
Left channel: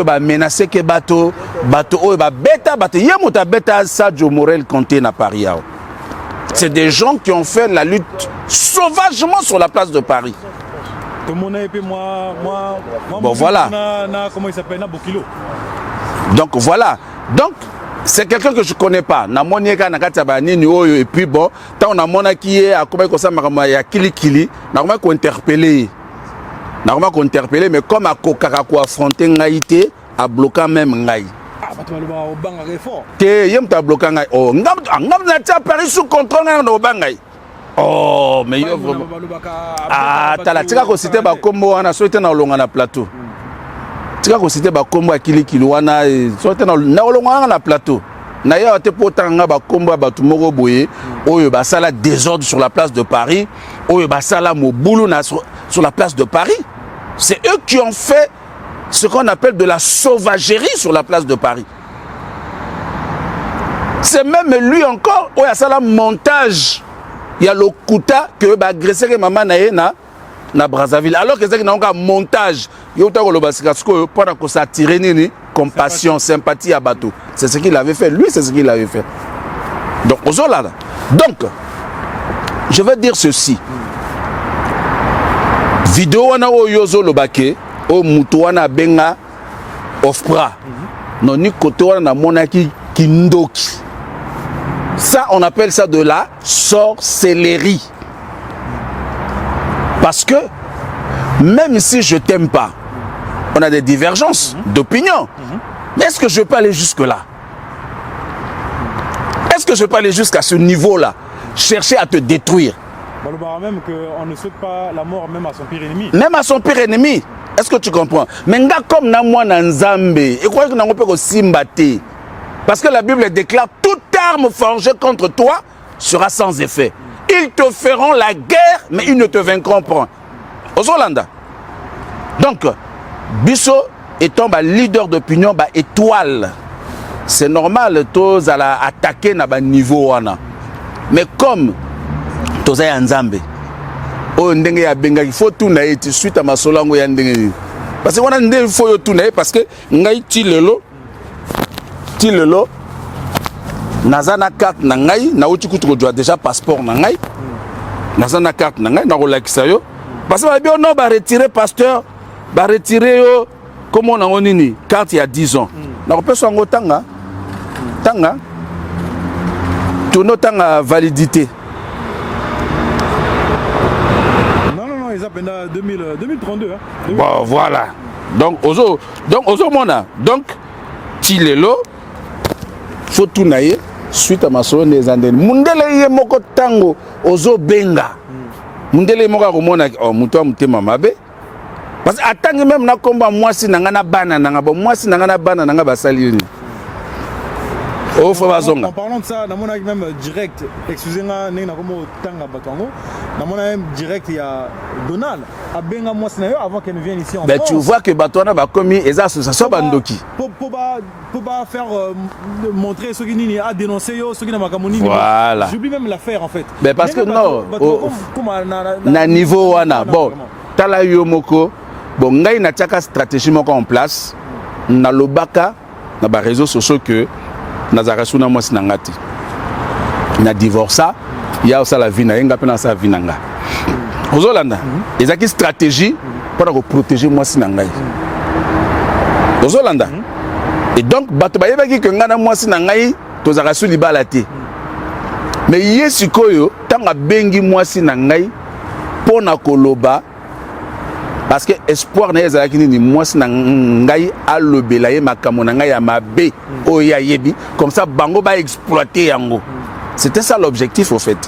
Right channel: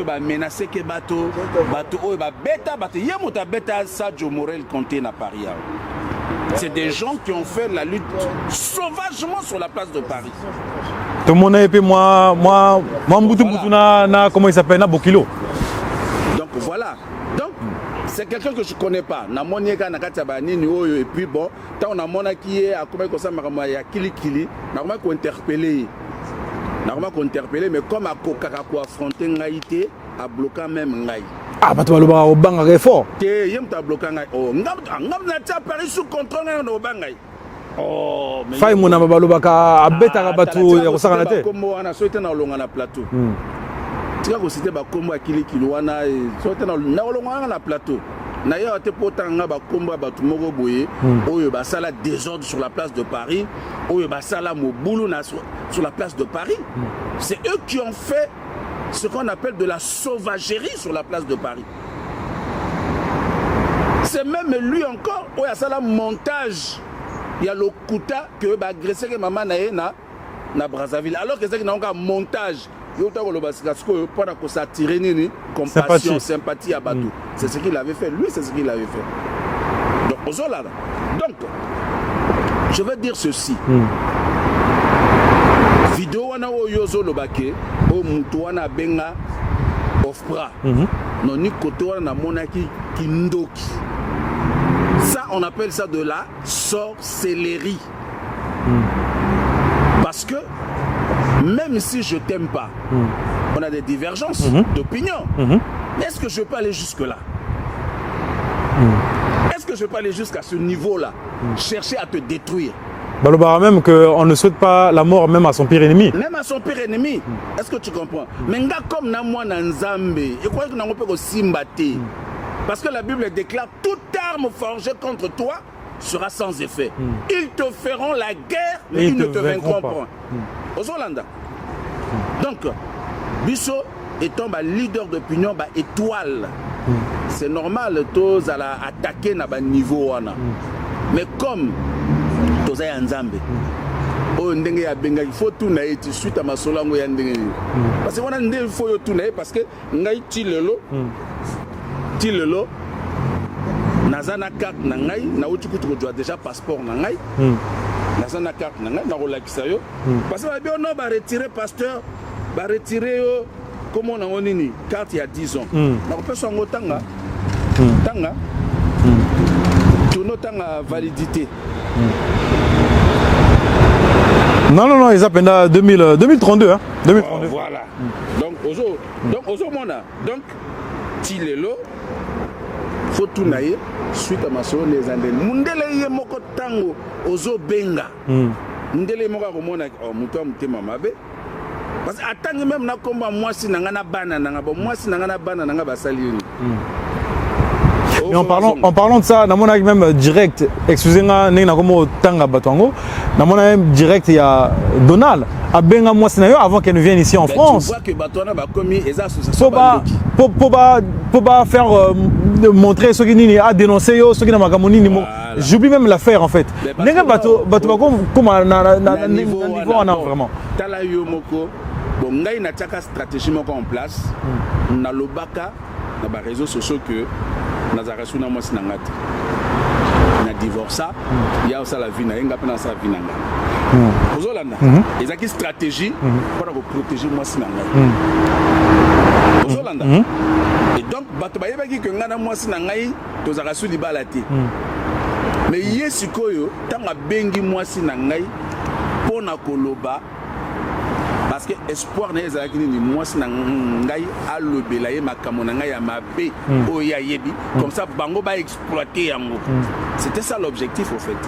ba menacer ke bato o ba beta bato yemuta beta Sadio Morel Conté na Paris. C'est des gens qui ont fait la lutte sauvagement sur la place de Paris. Tout le monde et moi bon, voilà. Comment il s'appelle na Bokilo. Donc voilà. Donc c'est quelqu'un que je connais pas. Na monieka na kataba nini oyo et puis bon, tant on a mona qui est à comment ça m'a ya kili na comment ko interpeller. Na comment ko interpeller mais comme à kokaka ko affronter ngaité à bloquer même ngai. Ah bah tu vas le voir au bang fort. Te yem ta bloquer ngai. Oh ngam na ta Paris sous contrôle na bangai. Oh mais yo mona balobaka abeta ba tu ko cité ba kombo wana souhaité na longa na plateau. Tika ko cité ba kombo akili wana souhaité na longa na plateau. Na ya te potanga ba kombo ba tumoko boye oyo ba sala désordre sur la place de Paris, oyo ba sala mobulu na sur la place de Paris. C'est eux qui ont fait ce qu'on appelle de la sauvagerie sur la place de Paris. C'est même lui encore où il y a ça là montage. Il y a le Kouta que va agresser que maman na Brazzaville. Alors que c'est un montage. Il y a pour s'attirer ni compassion, sympathie à bateau. C'est ce qu'il avait fait. Lui, c'est ce qu'il avait fait. Donc, donc, je vais dire ceci. Vidéo wana o yozo lobake o mutu wana benga ofpra non ni kote wana na monaki kindoki. Ça on appelle ça de la sorcellerie. Parce que même si je t'aime pas, on a des divergences d'opinion. Mais est-ce que je peux aller jusque là? Est-ce que je peux aller jusqu'à ce niveau-là? Chercher à te détruire. Même qu'on ne souhaite pas la mort même à son pire ennemi. Même à son pire ennemi. Est-ce que tu comprends? Mais comme na moi na Nzambe, et quoi que n'a pas simbaté. Parce que la Bible déclare toute arme forgée contre toi sera sans effet. Ils te feront la guerre, mais ils ne te vaincront pas. Aux Hollanda. Donc, Bisso étant leader d'opinion, étoile. C'est normal, tous à attaquer na niveau. Mais comme tous à Nzambe, il faut tout naïr suite à ma solango ya ndenge. Parce qu'on a il faut tout naïr parce que ngai tilelo nazana carte na ngai na uti kutu ko déjà passeport na ngai nazana carte na ngai na rolakisa yo parce que bien non ba retirer pasteur ba retirer yo comme on a nini carte il y a 10 ans na peso ngo tanga tout notre validité. Non, ils appellent 2032. Hein. 2032. Bon, voilà. Donc, donc, Tilelo, faut tout naïe, suite à ma soeur des Andes. Mundele yé moko tango, ozo benga. Mundele moka komona, oh, muto mutema mabe. Parce que attends même na komba moi si nangana bana nanga bon moi si nangana bana nanga basali. En parlant de ça, dans mon avis même direct, excusez-moi, nous avons tanga batongo. Dans mon avis direct, il y a Donald. À Benga moi avant qu'elle ne vienne ici en France. Tu vois que Batouana va commis les associations bandoki. Pour pas faire montrer ceux qui a dénoncé ceux qui n'ont pas commis. J'oublie même l'affaire en fait. Mais parce que comme na niveau wana bon. Tala yomoko bon ngai na tchaka stratégie moko en place. Na lobaka na ba réseaux sociaux que Nazarasuna moi sinangati. Na divorce, il y a aussi la vie na yenga pena sa vie nanga. Aux Hollanda, ils ont une stratégie pour protéger moi sinangai. Aux Hollanda. Et donc bato ba yebaki que ngana moi sinangai to zarasu libalate. Mais yesikoyo tanga bengi moi sinangai pona koloba parce que espoir na ezalaki ni mwasi na ngai alobela ye makambo na ngai ya mabe oya yebi comme ça bango ba exploiter yango. C'était ça l'objectif au fait.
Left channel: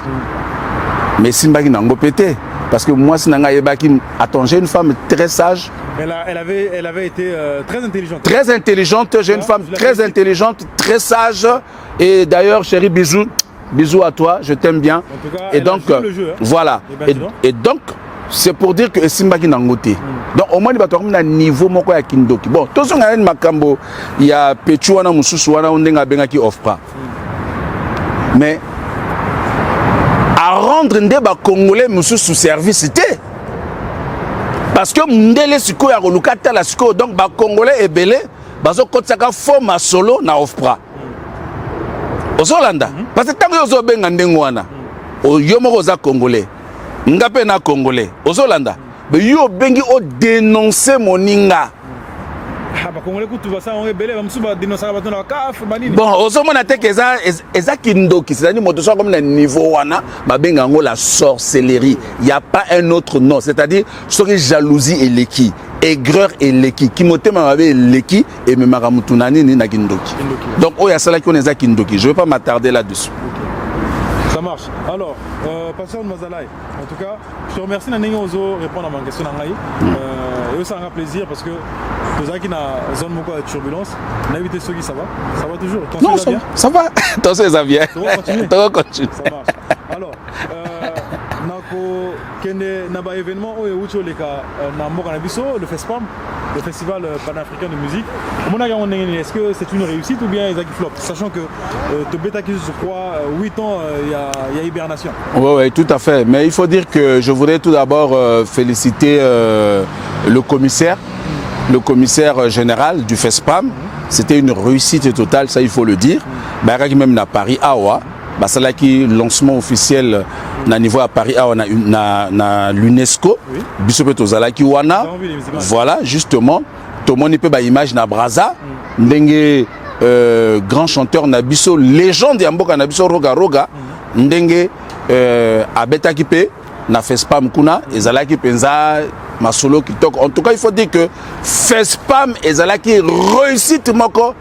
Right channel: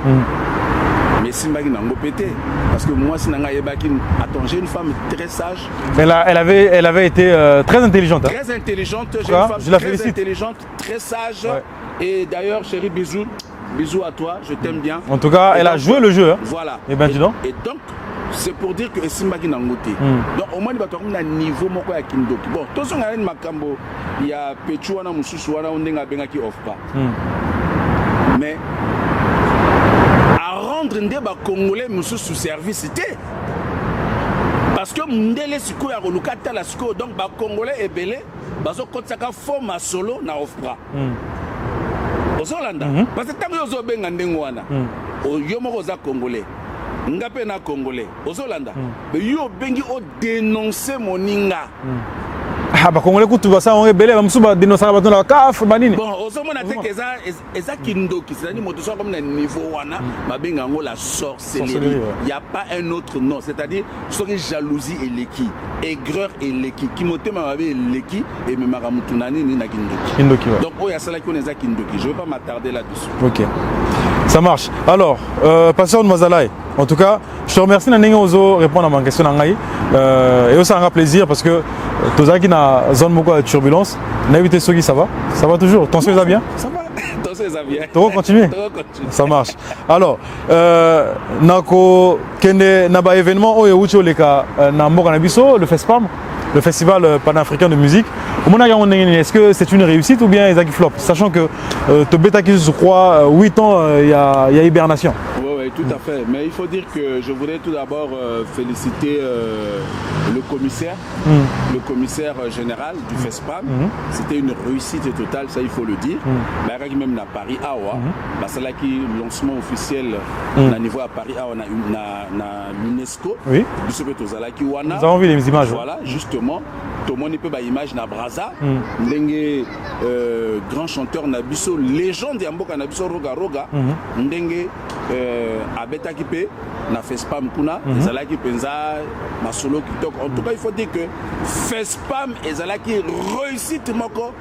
Mais simbaki nango pété parce que mwasi na ngai yebaki attends j'ai une femme très sage. Elle avait été très intelligente. Très intelligente, j'ai une femme très intelligente, très sage. Et d'ailleurs, chérie, bisous. Bisous à toi, je t'aime bien. En tout cas, et elle donc, a joué le jeu. Hein. Voilà. Et donc, c'est pour dire que Simba qui n'a ngoté. Donc, au moins, il va avoir un niveau moko ya kindoki. Bon, tout ce qu'on a un makambo, il y a Pechuana, Moussousouana, on a benga qui offre pas. Mais, à rendre des Congolais sous service, c'était. Parce que Mndele Siko ya Rolukata la Siko, donc ba Congolais est belé, bazo kotsaka forme solo na offre. Ozolanda parce que tant que ozo benga ndengwana yo moko za congolais ngape na congolais ozolanda be yo bengi o dénoncer moninga ah ba congolais kutu ba sa on rebelle ba musuba dénoncer ba tona kaf ba nini bon ozomona te que eza kindoki c'est-à-dire moto so comme na niveau wana ba benga ngo la sorcellerie il y a pas un autre nom c'est-à-dire ce que jalousie et l'équi aigreur et l'équi qui motema mabe l'équi et me maramutunani ni na kindoki donc oh ya sala qui on eza kindoki je vais pas m'attarder là-dessus. OK. Ça marche. Alors, Pasteur Mazalaï, en tout cas, je te remercie de répondre à ma question. Et aussi, ça un plaisir parce que tous ceux qui ont zone de turbulence, n'invitez ceux qui ça va. Ça va toujours. Ton ça bien. Ça va. Ton ça vient. Tu vas continuer. Ça marche. Alors, nako kende naba événement oyo ucho leka na mboka na biso le FESPAM, le festival panafricain de musique. Est-ce que c'est une réussite ou bien ils flop? Sachant que Tobeta qui je crois 8 ans il y a hibernation. Oui, tout à fait. Mais il faut dire que je voudrais tout d'abord féliciter le commissaire général du FESPAM. C'était une réussite totale, ça il faut le dire. Même à Paris, Awa, c'est là qui lancement officiel na niveau à Paris, Awa, na l'UNESCO. Voilà, justement. Tout le monde peut ba image na Braza, ndenge grand chanteur Nabiso, légende Yamboka Nabiso Roga Roga, ndenge abeta kipe na FESPAM kuna, ezalaki penza masolo kitok. En tout cas, il faut dire que FESPAM ezalaki réussite moko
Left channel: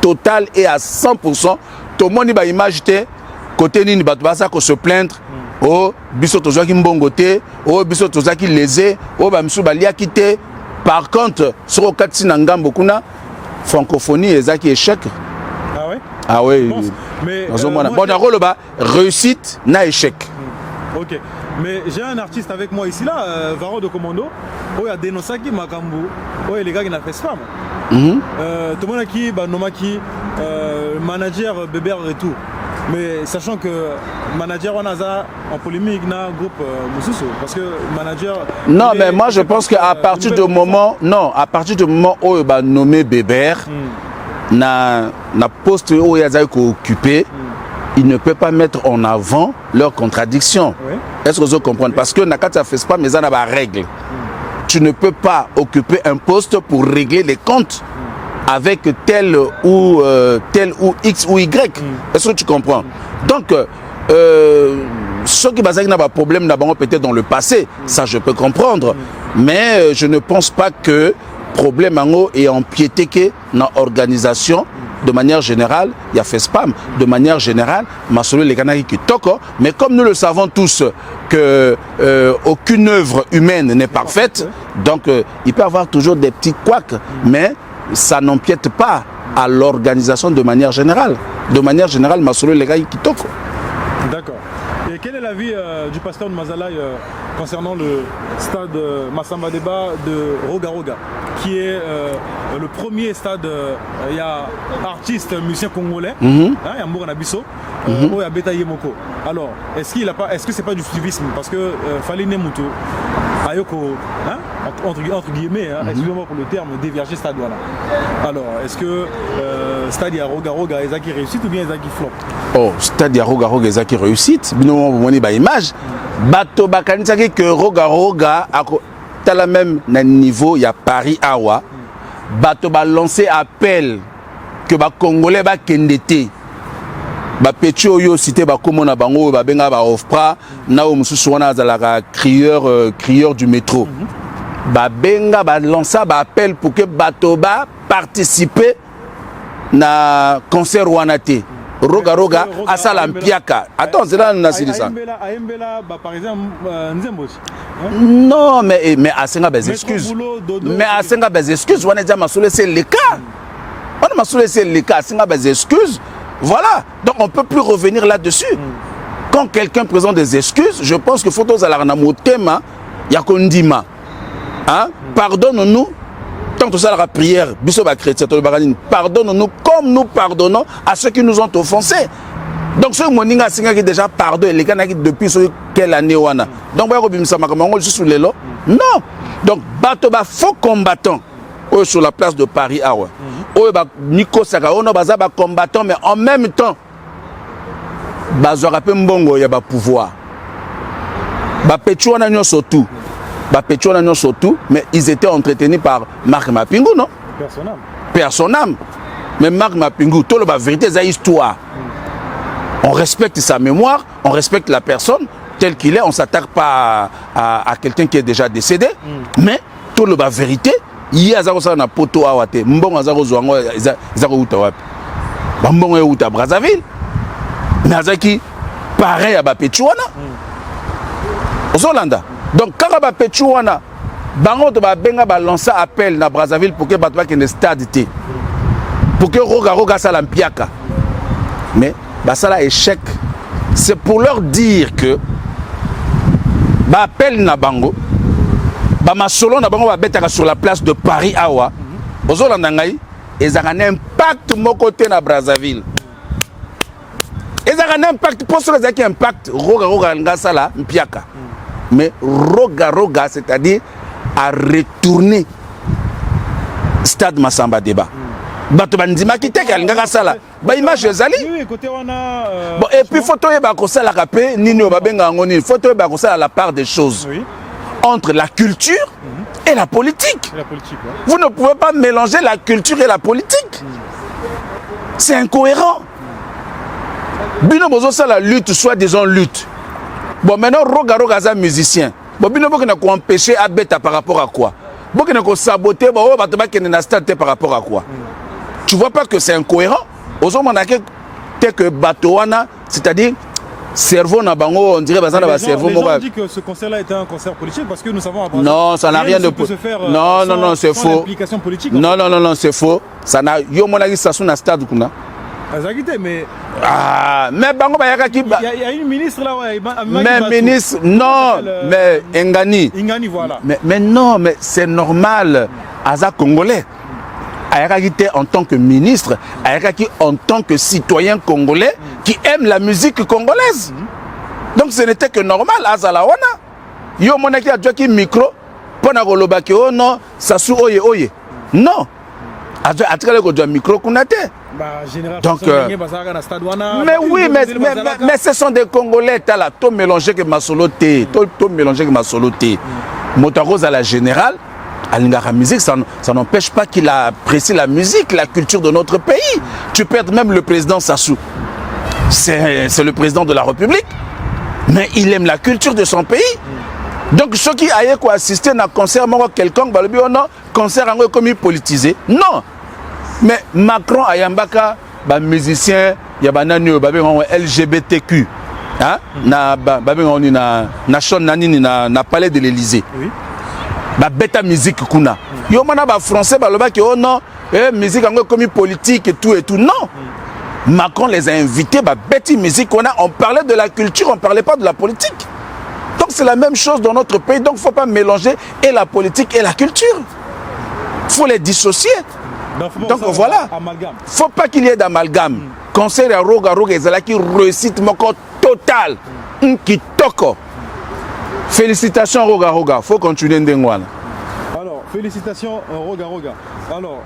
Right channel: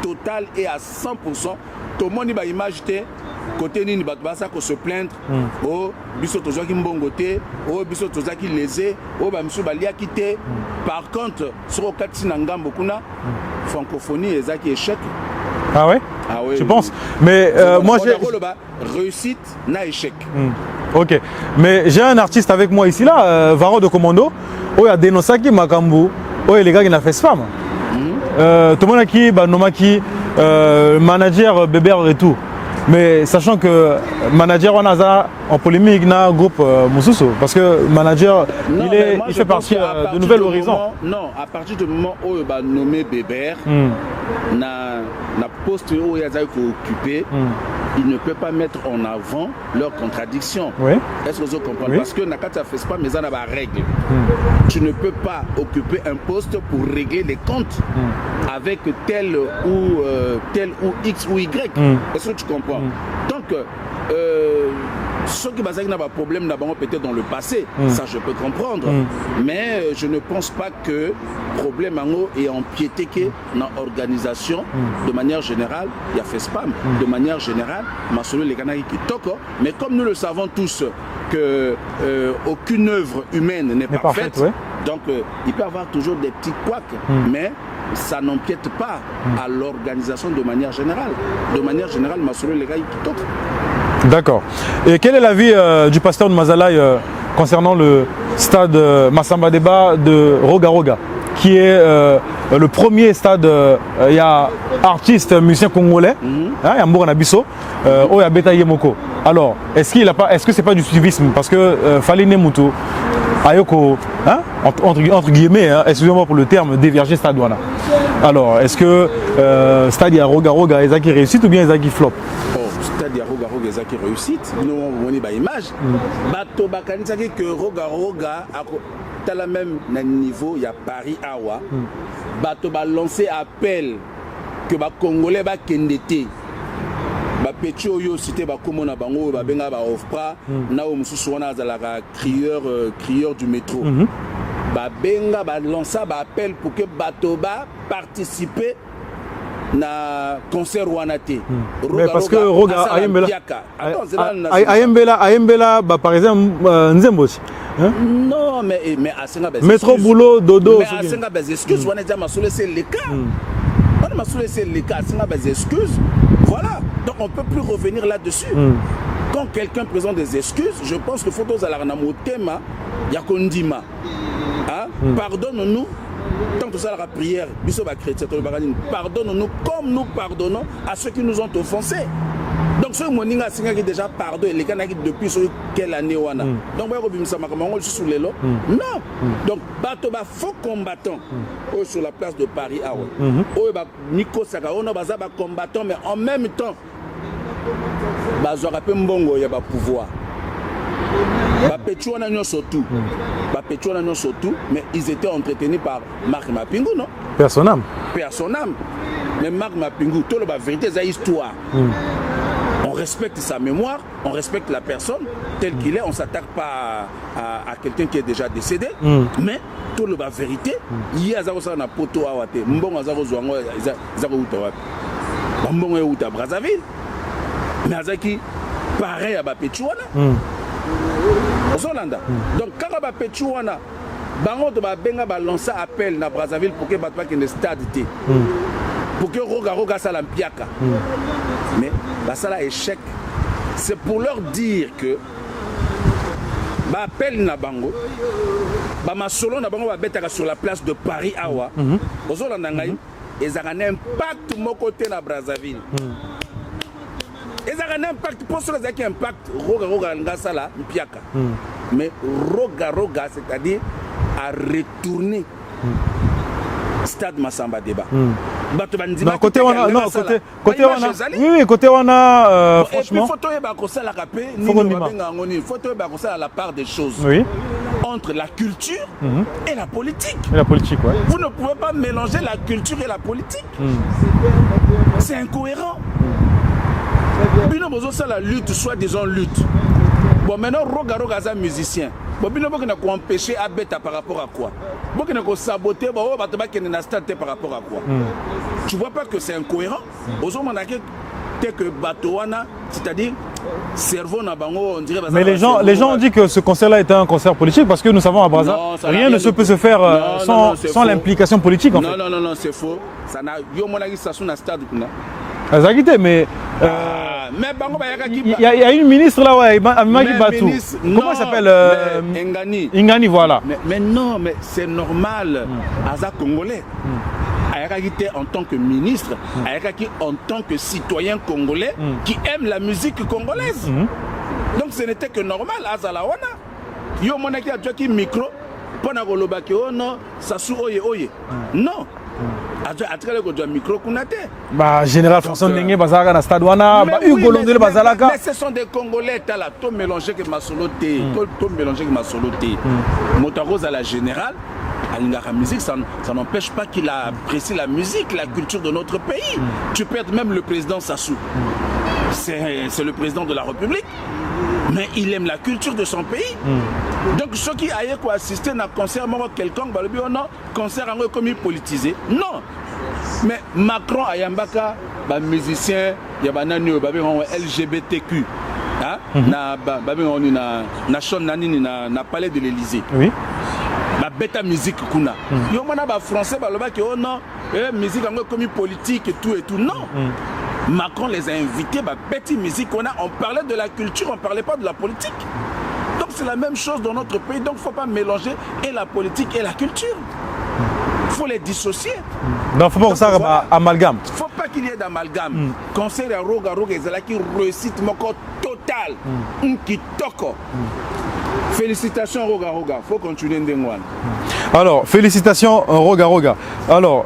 totale et à 100%. Tout le monde ba image te côté nini bato basa ko se plaindre oh biso tozaki mbongote oh biso tozaki lésé oh ba misu ba liaki te. Par contre, sur le cas de Ngambokuna, francophonie est échec. Ah ouais? Ah ouais. Je pense. Mais moi, réussite, n'a échec. Ok. Mais j'ai un artiste avec moi ici là, Varo de Commando, où il y a Denosaki Makambu, où les gars qui ont fait spam. Tout le monde qui, Nomaki, manager Bébert et tout. Mais sachant que manager Wanaza en polémique dans le groupe Moussoussou, parce que manager. Non, mais moi je pense qu'à partir du moment, à partir du moment où il va nommer Bébert, na poste où il a occupé, il ne peut pas mettre en avant leurs contradictions. Oui. Est-ce que vous comprenez? Parce que Nakata fait pas, mais ça n'a pas de règle. Tu ne peux pas occuper un poste pour régler les comptes. Avec tel ou X ou Y. Est-ce que tu comprends? Donc, ceux qui n'ont pas de problème peut-être dans le passé, ça je peux comprendre. Mais je ne pense pas que le problème est empiété que dans l'organisation, de manière générale, il y a fait spam. De manière générale, les Kanaki qui toquent. Mais comme nous le savons tous, que aucune œuvre humaine n'est parfaite, donc il peut y avoir toujours des petits couacs. Mais ça n'empiète pas à l'organisation de manière générale. De manière générale, Masolo les gars qui toquent. D'accord. Et quel est l'avis du pasteur de Mazalaï concernant le stade Massamba Deba de Roga Roga, qui est le premier stade, il y a artistes, musiciens congolais, il y a Mbourana Bisso, il y a Beta Yemoko. Alors, est-ce que c'est pas du suivisme? Parce que Fallait Nemuto, Ayoko, hein, entre guillemets, hein, excusez-moi pour le terme, déverger stade voilà. Alors, est-ce que stade ya Roga Roga ezaki réussite ou bien ezaki flop? Oh, stade ya Roga Roga ezaki réussite. Nous on voit ba image. Bato bakanisaki que Roga Roga à la même niveau, il y a Paris Awa. Bato ba lancé appel que ba Congolais ba kendete. Ba Petio yo cité ba komona bango ba benga ba ofra na o mususu wana zalaka crieur du métro. Ba benga ba lança ba appel pour que bato ba participer na concert wanate. Roga Roga asala mpiaka. Attends, c'est là na Ayembela ba par exemple Nzembochi. Non, mais Asenga bez excuse. Boulot, dodo. Mais Asenga bez excuse, on a dit Massoulé c'est le cas. On a Massoulé c'est le cas, Asenga bez excuse. Voilà. Donc on ne peut plus revenir là-dessus. Quand quelqu'un présente des excuses, je pense que faut tous aller dans le thème, il y a Kondima. Hein? Pardonne-nous. Tant que ça la prière, pardonne-nous comme nous pardonnons à ceux qui nous ont offensés. Donc ce moninga singa qui déjà pardonné les gars depuis quelle année wana. Donc ba robimisa makamangol sous les lots. Non. Donc bato ba faux combattant sur la place de Paris awa. Ba Nico Saka ono baza ba combattant mais en même temps bazora pe mbongo ya ba pouvoir. Ba pechuana nyoso tout. Ba pechuana nyoso tout mais ils étaient entretenus par Marc Mapingu non? Personnam. Mais Marc Mapingu tout le ba vérité za histoire. On respecte sa mémoire, on respecte la personne telle qu'il est, on ne s'attaque pas à quelqu'un qui est déjà décédé, mais tout le bas vérité, il y a un poteau à Wate, Mbong Azaro Zouango, Zaro Outawap, Mbong Outa Brazzaville, Nazaki, pareil à Bapetchouana, aux Hollanda. Donc, quand Bapetchouana, Bango de Benga va lancer appel à Brazzaville pour que Batouak ait une stade, pour que Roga Salampiaka. Mais, bah ça là échec. C'est pour leur dire que bah appel na bango bah ma solo na bango va betaka sur la place de Paris awa ozolanda ngai ezaka un impact mon côté na Brazzaville ezaka un impact pour ceux qui impact roga ngasa la mpiaka mais roga c'est-à-dire à retourner stade Massamba Débat. Bato bandima qui te kanga sala ba image ezali oui côté wana et puis photo e ba ko sala kapé nini ba benga ngoni photo e ba ko sala la part des choses oui entre la culture et la politique. Et la politique ouais. Vous ne pouvez pas mélanger la culture et la politique. C'est incohérent. Bino bozo sala lutte soit disons lutte. Bon maintenant roga za musicien. Bon bino boko na ko empêcher abeta par rapport à quoi? Boko na ko saboter ba o bato ba kene na stade par rapport à quoi? Tu vois pas que c'est incohérent? Que Batouana, c'est-à-dire cerveau na bango, on dirait les gens ont dit que ce concert-là était un concert politique parce que nous savons à Brazzaville. Non, ça n'a rien de peut se faire sans l'implication politique. Non, c'est faux. Ça n'a yo monagi sasu na stade kuna. Mais mais bango ba yaka il y a une ministre là ouais, mais ministre non, mais Ingani voilà. Mais non, mais c'est normal. Aza congolais. Ayakaki en tant que ministre, Ayakaki en tant que citoyen congolais qui aime la musique congolaise. Donc ce n'était que normal, Azalawana. Yo monaki a qui micro, pona golobaki oh non, sasu oye. Non. Atrale ko do micro kunate. Bah général François Ndenge bazaka na stade wana. Mais oui, mais ce sont des Congolais là, tout mélangé que ma soloté, tout mélangé que ma soloté. Motaroz à la générale. La musique, ça n'empêche pas qu'il apprécie la musique, la culture de notre pays. Tu perds même le président Sassou. C'est le président de la République. Mais il aime la culture de son pays. Donc ceux qui aillent assister à un concert, quelconque, non, concert comme politisé. Non. Mais Macron, Ayambaka, musicien, il y a un LGBTQ. Na palais de l'Élysée. Oui. Ba bêta musique kuna yo mana ba français ba loba ki oh non musique encore comme politique et tout non Macron les a invités ba bêta musique on parlait de la culture, on parlait pas de la politique. Donc c'est la même chose dans notre pays, donc faut pas mélanger et la politique et la culture, faut les dissocier. Donc voilà, amalgame, faut pas qu'il y ait d'amalgame. Concert à roga ezalaki réussite moko total qui toko. Félicitations Roga, faut continuer Ndengwana. Alors, félicitations Roga. Alors,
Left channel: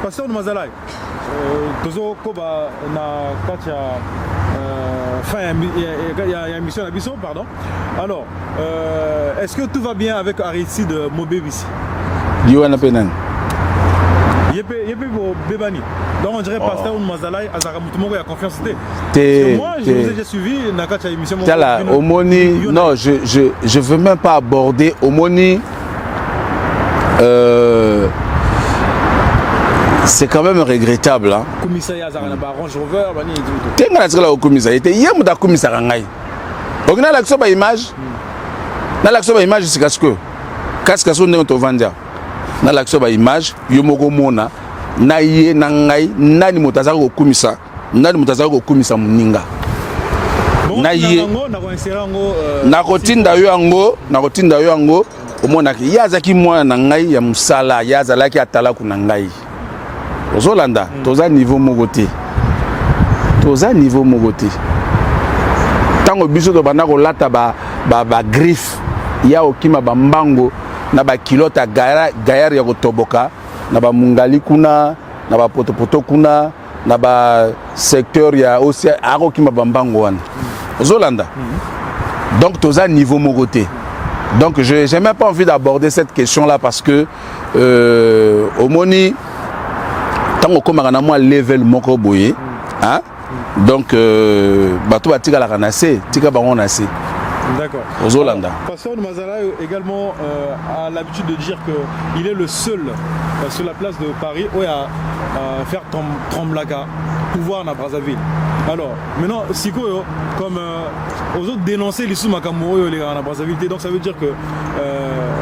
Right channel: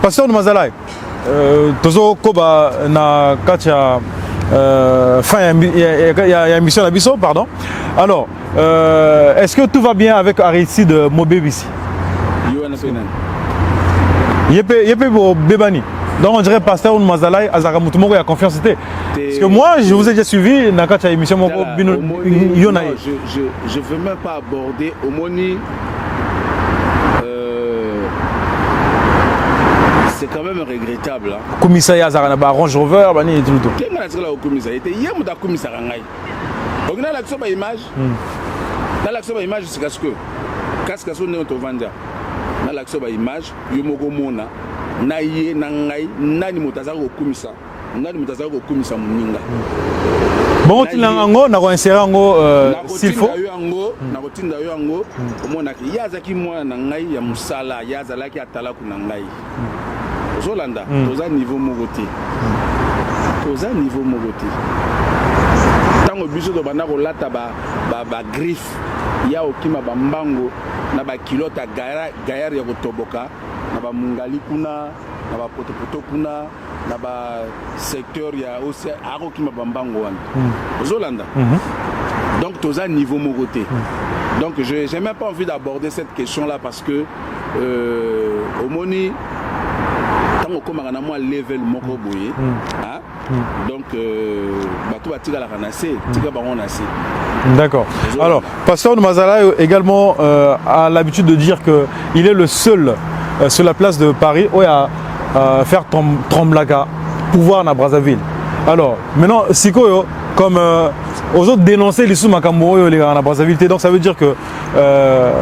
Pasteur de Mazalai, Tozo Koba na Katia, il y a une mission à Bisso, pardon. Alors, est-ce que tout va bien avec Aristide Mobébissi? Yoana Penan. Yepé Bébani. Donc on dirait Pasteur de Mazalai, Azaramutumoko, il y a confiance. Parce que moi, je vous ai déjà suivi dans cette émission. Non, je ne veux même pas aborder Omoni. C'est quand même regrettable. Commissariat Azarana, Range Rover, Bani et tout. Qu'est-ce que tu as au commissariat? Il y a un commissariat. On a l'action de l'image. Dans l'action de l'image, c'est ce que. Qu'est-ce que tu as vendu? Dans l'action de l'image, il y a un na ye na ngai nani motazaka ko kumisa ngani mutazaka kokumisa muninga bon nango na ko insérer ngo na kotinda yo yango omonaki yazaki mwana na ngai ya musala yazalaki atala kuna ngai ozolanda toza niveau mogote tango biso to bana ko lata ba griffe ya okima ba mbango na ba kilota gayar ya kotoboka na ba mungali kuna na ba potopoto kuna na ba secteur ya aussi akokima ba mbango wana ozolanda donc toza niveau mogote donc je n'ai même pas envie d'aborder cette question là parce que au moni tango komaka na moi level moko boye hein donc bato batika la kanase tika bango na se. D'accord. Alors, Pasteur Mazalaï également a l'habitude de dire qu'il est le seul sur la place de Paris où il y a faire Tromblaka, pouvoir na Brazzaville. Alors, maintenant, Siko, comme aux autres dénoncer les sous-Makambo, les gars na Brazzaville, donc ça veut dire que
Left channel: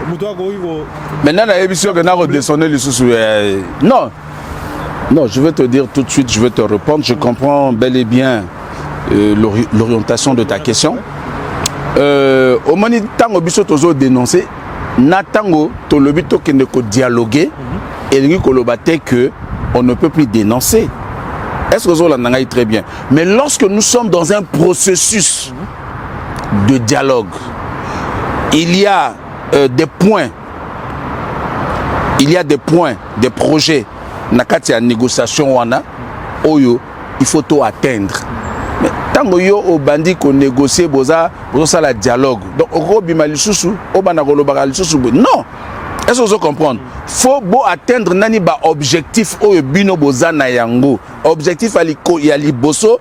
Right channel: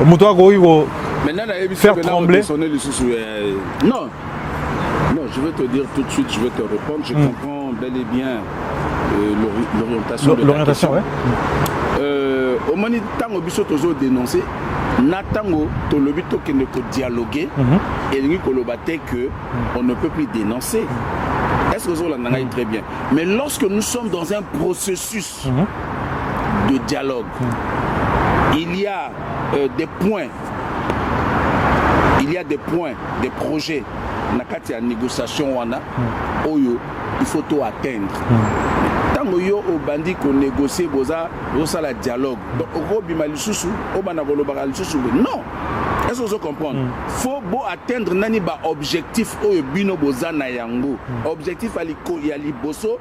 Moutoua Goïgo. Maintenant, il y a une émission que nous redescendons les sous. Non, je vais te dire tout de suite, je vais te répondre. Je comprends bel et bien l'orientation de ta question. Ouais. Au moment où tango biso tozo dénoncer, na tango to lobi to kende ko dialoguer et lui ko lobate que on ne peut plus dénoncer. Est-ce que vous l'entendez très bien? Mais lorsque nous sommes dans un processus de dialogue, il y a des points, des projets nakati ya négociation wana oyo il faut tout atteindre. Mais tant que yo au bandi qu'on négocie boza ça la dialogue donc au bima lisusu au bana kolobaka lisusu non. Est-ce que vous comprenez? Faut beau atteindre nani ba objectif oyo bino boza na yango objectif aliko ya liboso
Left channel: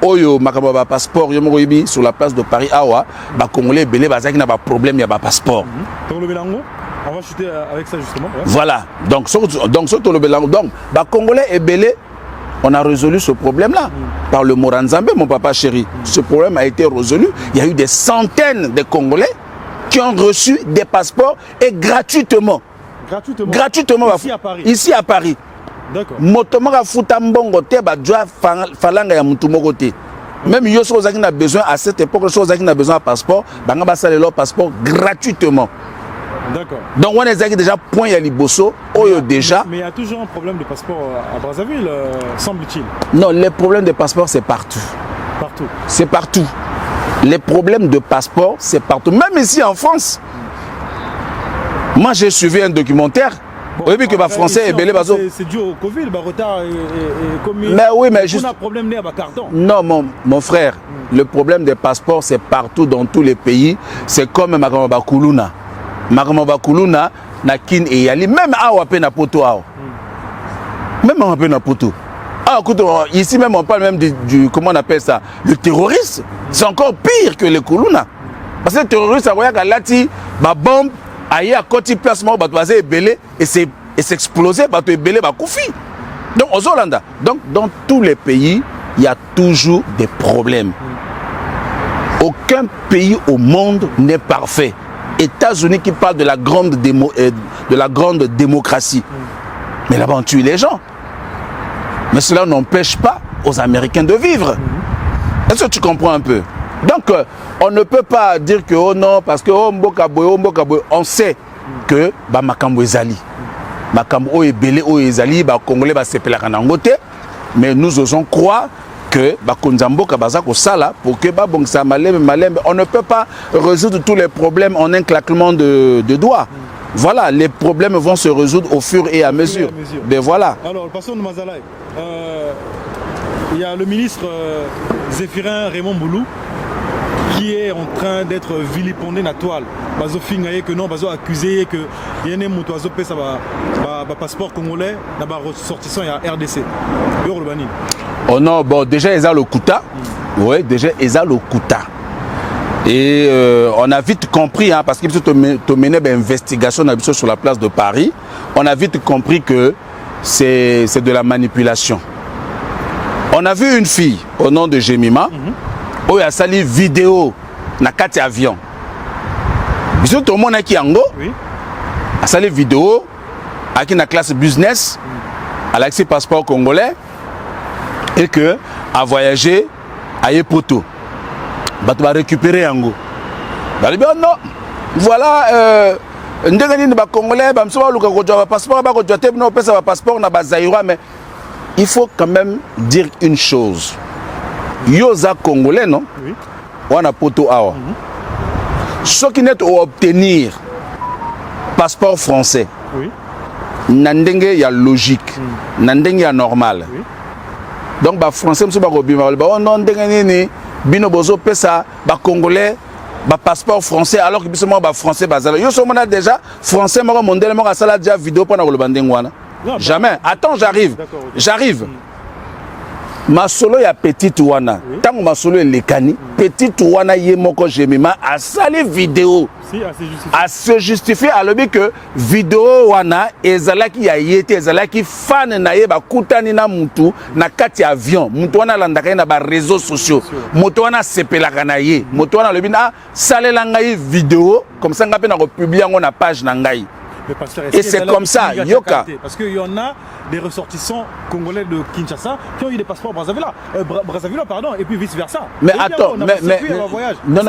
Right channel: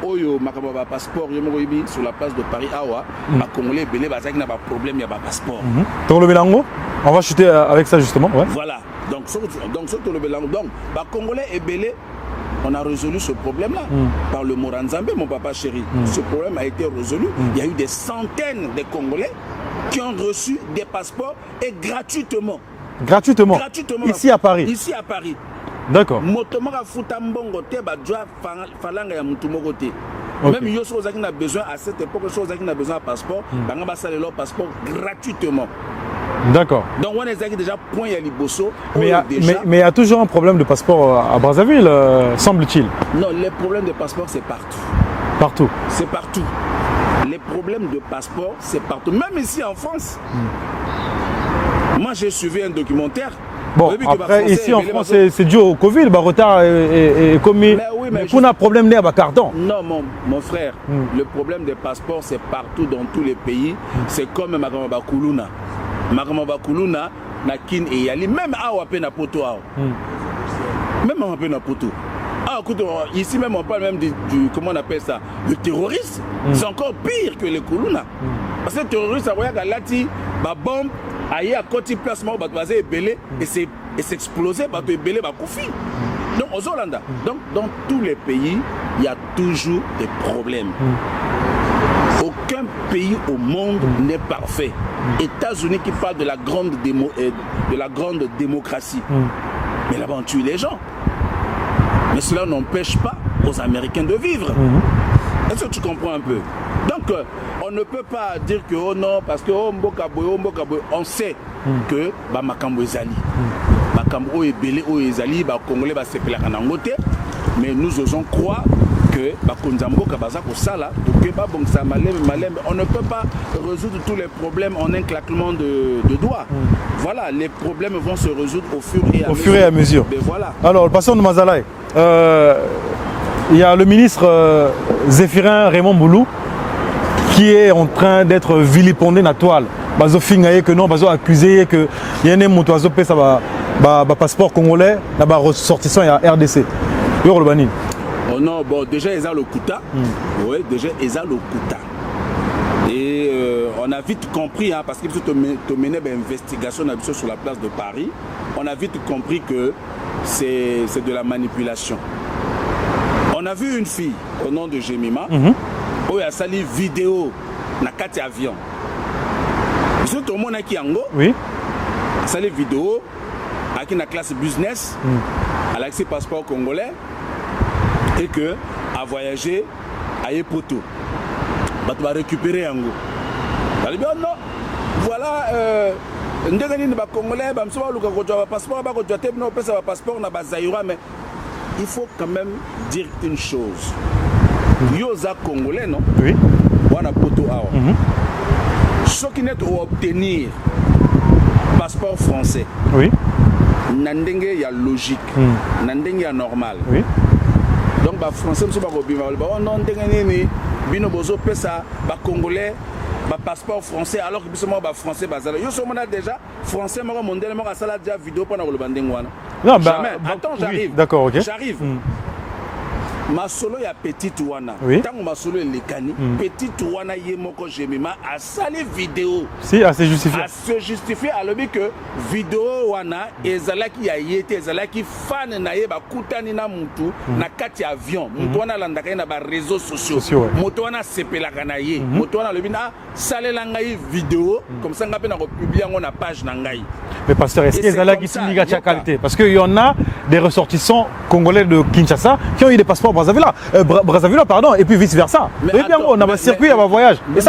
oyo makaba ba passeport yo moko yibi sur la place de Paris awa ba congolais belé bazaki na ba problème ya ba passeport donc le bilango. On va chuter avec ça justement. Ouais. Voilà. Donc, les Congolais et Belé, on a résolu ce problème-là par le Moranzambe, mon papa chéri. Ce problème a été résolu. Il y a eu des centaines de Congolais qui ont reçu des passeports et gratuitement. Gratuitement. Ici à Paris. Ici à Paris. D'accord. Motomora futambongo te ba joa falanga ya mutumogo te. Même yo so zaki na besoin à cette époque, so zaki na besoin de passeport, banga ba sale leur passeport gratuitement. D'accord. Donc on est déjà point à Liboso, déjà. Mais il y a toujours un problème de passeport à Brazzaville, semble-t-il. Non, les problèmes de passeport c'est partout. Partout. C'est partout. Les problèmes de passeport c'est partout. Même ici en France. Moi j'ai suivi un documentaire. Bon, oui, que français c'est dû au Covid, le retard est commis. Mais oui, mais on a un problème à carton. Non, mon frère, le problème des passeports c'est partout dans tous les pays. C'est comme Makamba Kuluna. Makamba Kuluna, na kin et yali même awa pe na poto awa. Même awa pe na poto. Ah, écoute, ici même on parle même du comment on appelle ça, le terroriste. C'est encore pire que le Kuluna. Parce que le terroriste, ça voyait qu'à lati, ba bombe, aïe à côté placement, ba toisé belé et s'exploser, ba to belé ba koufi. Donc aux Hollandais, donc dans tous les pays, il y a toujours des problèmes. Aucun pays au monde n'est parfait. États-Unis qui parlent de la grande démocratie. Mais là-bas, on tue les gens. Mais cela n'empêche pas aux Américains de vivre. Est-ce que tu comprends un peu? Donc, on ne peut pas dire que oh non, parce que on sait que Makambo Ezali. Makambo Ebele Ezali, Congolais Sepela Kanangote. Mais nous osons croire que Konzambo Kabazako Sala pour que on ne peut pas résoudre tous les problèmes en un claquement de doigts. Voilà, les problèmes vont se résoudre au fur et à mesure. Mais voilà. Alors, le patient de Mazalaï, il y a le ministre Zéphirin Raymond Boulou qui est en train d'être vilipendé dans la toile. Bazo fingaye que non, bazo accusé que y a un motoiseau pèse passeport congolais, là-bas ressortissant il y a RDC. Yorobani. Oh non, bon, déjà, ils ont le Kouta. Oui, déjà, ils ont le Kouta. Et on a vite compris, hein, parce que tu mené une investigation sur la place de Paris, on a vite compris que c'est de la manipulation. On a vu une fille au nom de Jemima, où il a sali vidéo dans 4 avions. Tout le monde qui Ango, a sali vidéo, avec la classe business, à l'accès passeport congolais. Et que à voyager à Yepoto. Tu vas récupérer un go. Non, voilà, Congolais, mais il faut quand même dire une chose. Yosa Congolais, non? Oui. On a poto awa. Ceux qui n'est obtenir passeport français. Oui. Nandenge ya logique. Nandenge ya normal. Oui. Donc ba français monsieur ba robima ba non ndenge ni bino bozo pesa ba congolais ba passeport français alors que bisoma ba français bazala. Yo somona déjà français moko mondele moko sala déjà vidéo pour na ko bandenge wana. Jamais. Attends, j'arrive. D'accord, OK. J'arrive. Ma solo ya petite wana. Oui. Tant ma solo lekani, petite wana yemoko jemima a sali vidéo. Si, à se justifier. À se justifier à l'objet que vidéo wana ezalaki ya yete ezalaki fan na ye ba kutani na mutu na kati avion. Mutu wana landaka na ba réseaux sociaux. Mutu wana sepelaka na ye. Mutu wana lobi na salela ngai vidéo comme ça ngape na ko publier ngo na page na ngai. Mais pasteur, et c'est comme ça, Yoka. Parce qu'il y en a des ressortissants congolais de Kinshasa qui ont eu des passeports Brazzaville, pardon, et puis vice versa. Mais attends, on a un circuit, on a un voyage. Non,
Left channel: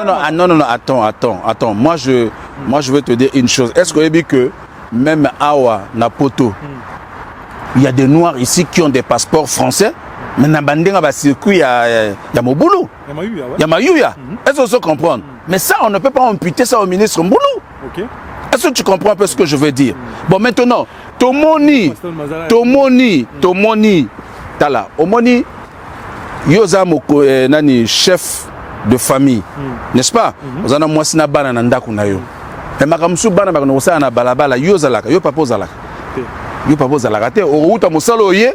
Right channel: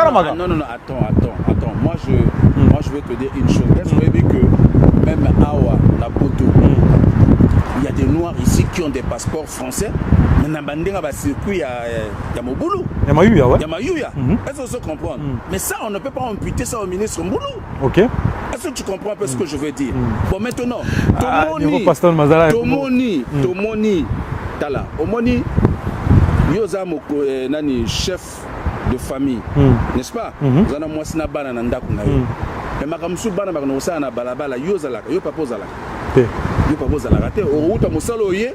attends. Moi je veux te dire une chose. Est-ce que vous avez que même Awa, Napoto, il y a des Noirs ici qui ont des passeports français, mais dans le circuit, il y a Moboulou. Il y a Mayuya. Est-ce que vous comprenez? Mais ça, on ne peut pas imputer ça au ministre Moboulou. Ok. Est-ce que tu comprends un peu ce que je veux dire? Bon, maintenant, Tomoni, Tala, Omoni, Yoza Moko, nani, chef de famille, n'est-ce pas? Vous en avez moi, sina bana nanda kunayo. Mais makamsu bana bakanosa na balabala, Yoza laka, yo papa zalaka. Yo papa zalaka te, o uta musalo ye,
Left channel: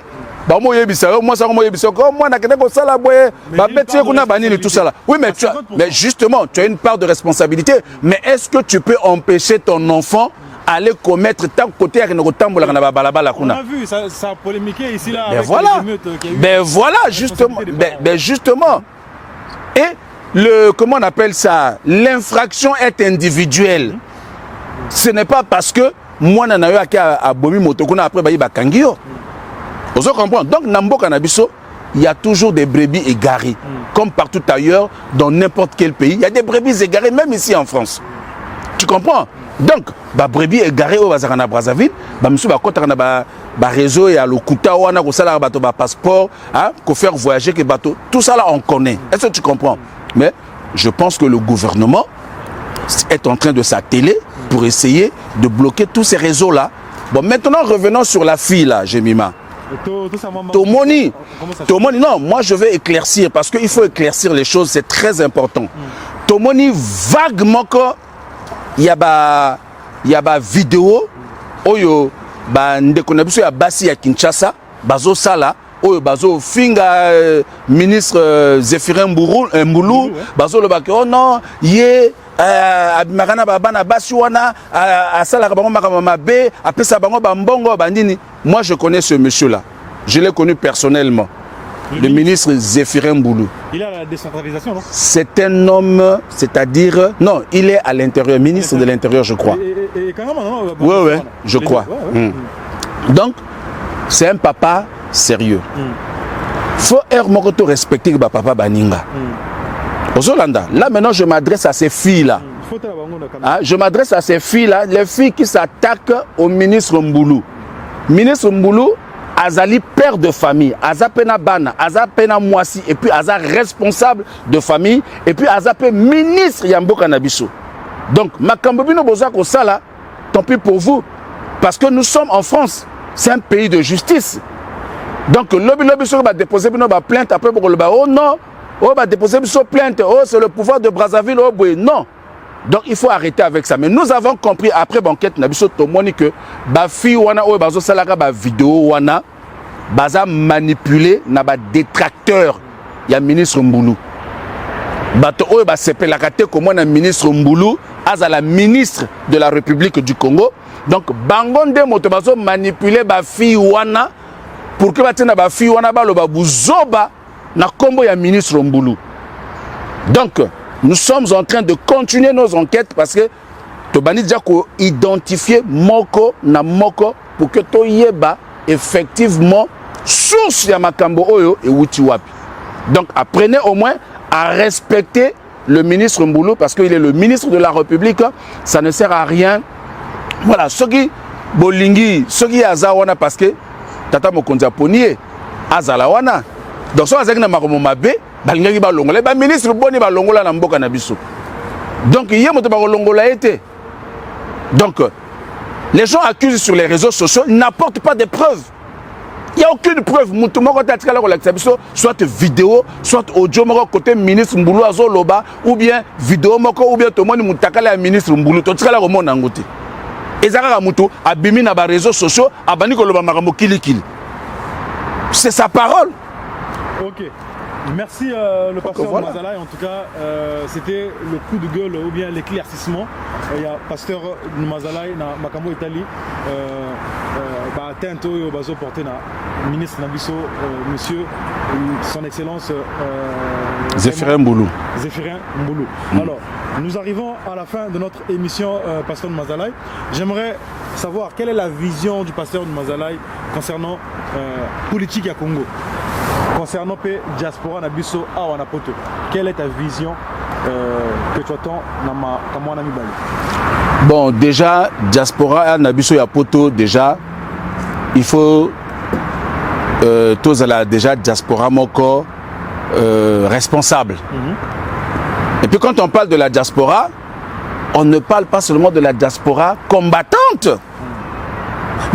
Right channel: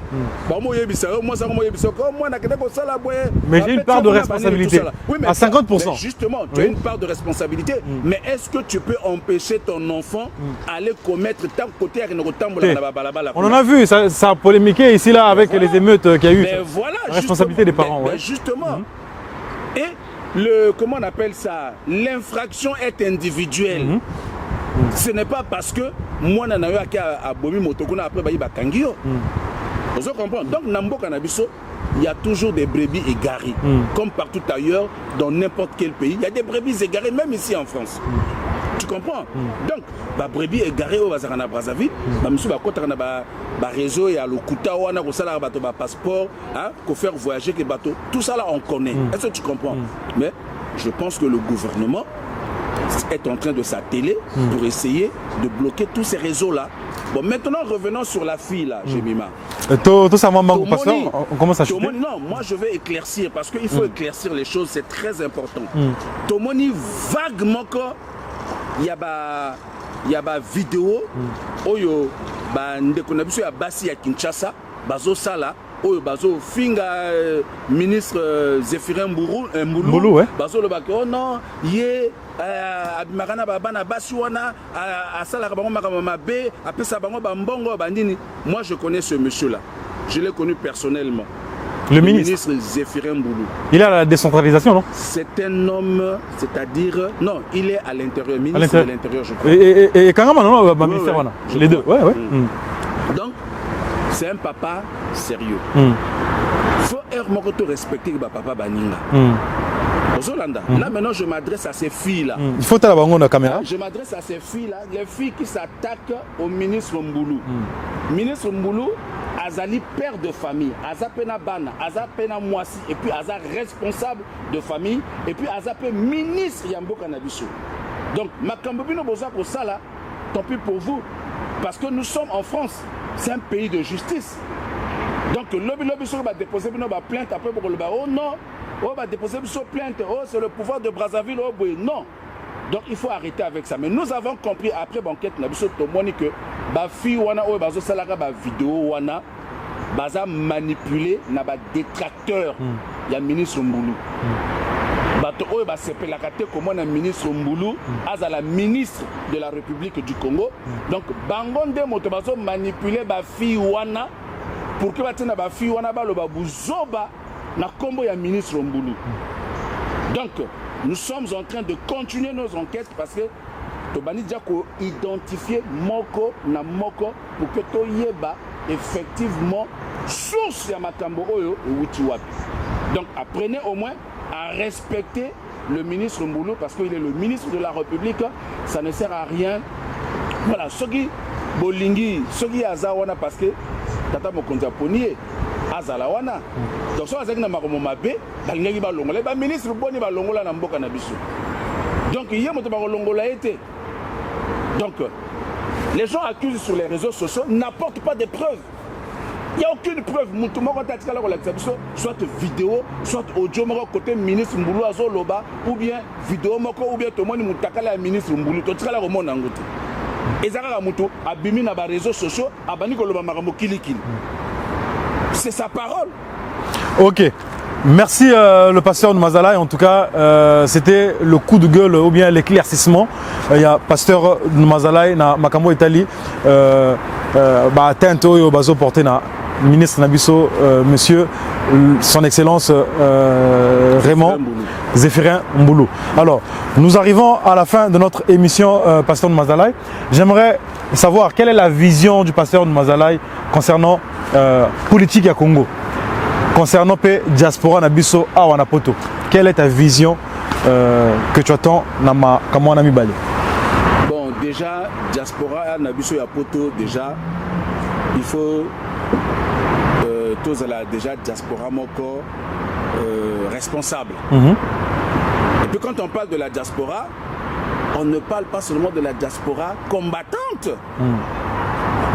ba mo yebisa, moi ça mo yebisa, moi na kene ko sala boye, ba petit kuna bani tout ça là. Oui, mais justement, tu as une part de responsabilité, mais est-ce que tu peux empêcher ton enfant aller commettre tant côté à Kenotambola na balabala? On a vu, ça a polémiqué ici là avec les émeutes qu'il y a eu. Mais voilà, justement. Et le, comment on appelle ça, l'infraction est individuelle. Ce n'est pas parce que moi nana yo a bomi motokuna après bayi bakangio. Vous comprenez? Donc Nambo Kanabiso, il y a toujours des brebis égarées, comme partout ailleurs dans n'importe quel pays. Il y a des brebis égarées même ici en France. Tu comprends? Donc ba brebis égarées au Bazarana Brazzaville, ba monsieur ba kota na ba réseau et à l'Okuta wana ko sala bato ba passeport, hein, ko faire voyager que bateau. Tout ça là on connaît. Est-ce que tu comprends? Mais je pense que le gouvernement est en train de s'atteler pour essayer de bloquer tous ces réseaux-là. Bon, maintenant, revenons sur la fille, là, Jemima. Tomoni, non, moi je vais éclaircir, parce qu'il faut éclaircir les choses, c'est très important. Tomoni, vaguement, il y a une vidéo, oyo, ndekonabiso ya basi ya Kinshasa, bazo sala, oyo bazo finga ministre Zéphirin Mboulou, bazo le baki, oh non, yé, abimagana babana basi wana asala bango makamama be apesa bango bambongo bandini. Moi je connais ce monsieur là, je l'ai connu personnellement, le ministre Zéphirin Mboulou. Il est à la décentralisation, non? C'est un homme, c'est-à-dire non, il est à l'intérieur, ministre de l'intérieur je crois. Et quand même non, oui, je crois. Donc c'est un papa sérieux. Faut être respecter le papa baninga. Là maintenant je m'adresse à ces filles-là. Il faut la caméra. Je m'adresse à ces filles-là, les filles qui s'attaquent au ministre Mboulou. Ministre Mboulou, Azali père de famille, Azapena Bana, Azapena Moisi, et puis Aza responsable de famille, et puis Azapé ministre Yambo Kanabiso. Donc, Makambobino Bozako Sala, tant pis pour vous, parce que nous sommes en France, c'est un pays de justice. Donc, lobby va déposer une plainte après pour le oh non. Oh, bah déposer une plainte, oh, c'est le pouvoir de Brazzaville, oh, boy. Non. Donc il faut arrêter avec ça. Mais nous avons compris après banquette, Nabiso Tomoni que ba fi wana oh bazo salaka ba vidéo wana baza manipulé na ba détracteur. Il y a ministre Mboulou. Bato oh ba sepelaka te comme na ministre Mboulou, aza la ministre de la République du Congo. Donc bangonde moto bazo manipuler ba fi wana pour que batina ba fi wana ba lo ba buzoba na kombo ya ministre Mboulou. Donc, nous sommes en train de continuer nos enquêtes parce que Tobani Djako identifier Moko na Moko pour que Toyeba effectivement source ya makambo oyo et wuti wapi. Donc apprenez au moins à respecter le ministre Mboulou parce qu'il est le ministre de la République. Ça ne sert à rien. Voilà, ceux qui bolingi, ceux qui azawana parce que tata mokonzi aponier azalawana. Donc so azaki na makomo mabe, balingi ba longola, ba ministre boni ba longola na mboka na biso. Donc il y a moto ba longola été. Donc les gens accusent sur les réseaux sociaux, n'apportent pas de preuves. Il n'y a aucune preuve. Soit vidéo, soit audio, côté ministre Mboulou Azoloba, ou bien vidéo, ou bien tout le monde est ministre Mboulou. Tout ça, et ça, abimi na ba réseaux sociaux, abani ko loba makambo kili. C'est sa parole. Ok. Merci le pasteur de Mazalaï. En tout cas, c'était le coup de gueule ou bien l'éclaircissement. Il y a pasteur de Mazalaï na Makambo Italie. Atteinte au bazo porté na ministre Nabiso, monsieur, son excellence Zéphirin Mboulou. Alors, nous arrivons à la fin de notre émission pasteur de Mazalaï. J'aimerais savoir quelle est la vision du pasteur de Mazalaï concernant politique à Congo. Concernant la diaspora Nabiso à Wanapoto, quelle est ta vision que tu attends comme on a mis balé? Bon, déjà, diaspora Nabiso à Poto, déjà, il faut tous la déjà diaspora moko responsable. Et puis quand on parle de la diaspora, on ne parle pas seulement de la diaspora combattante,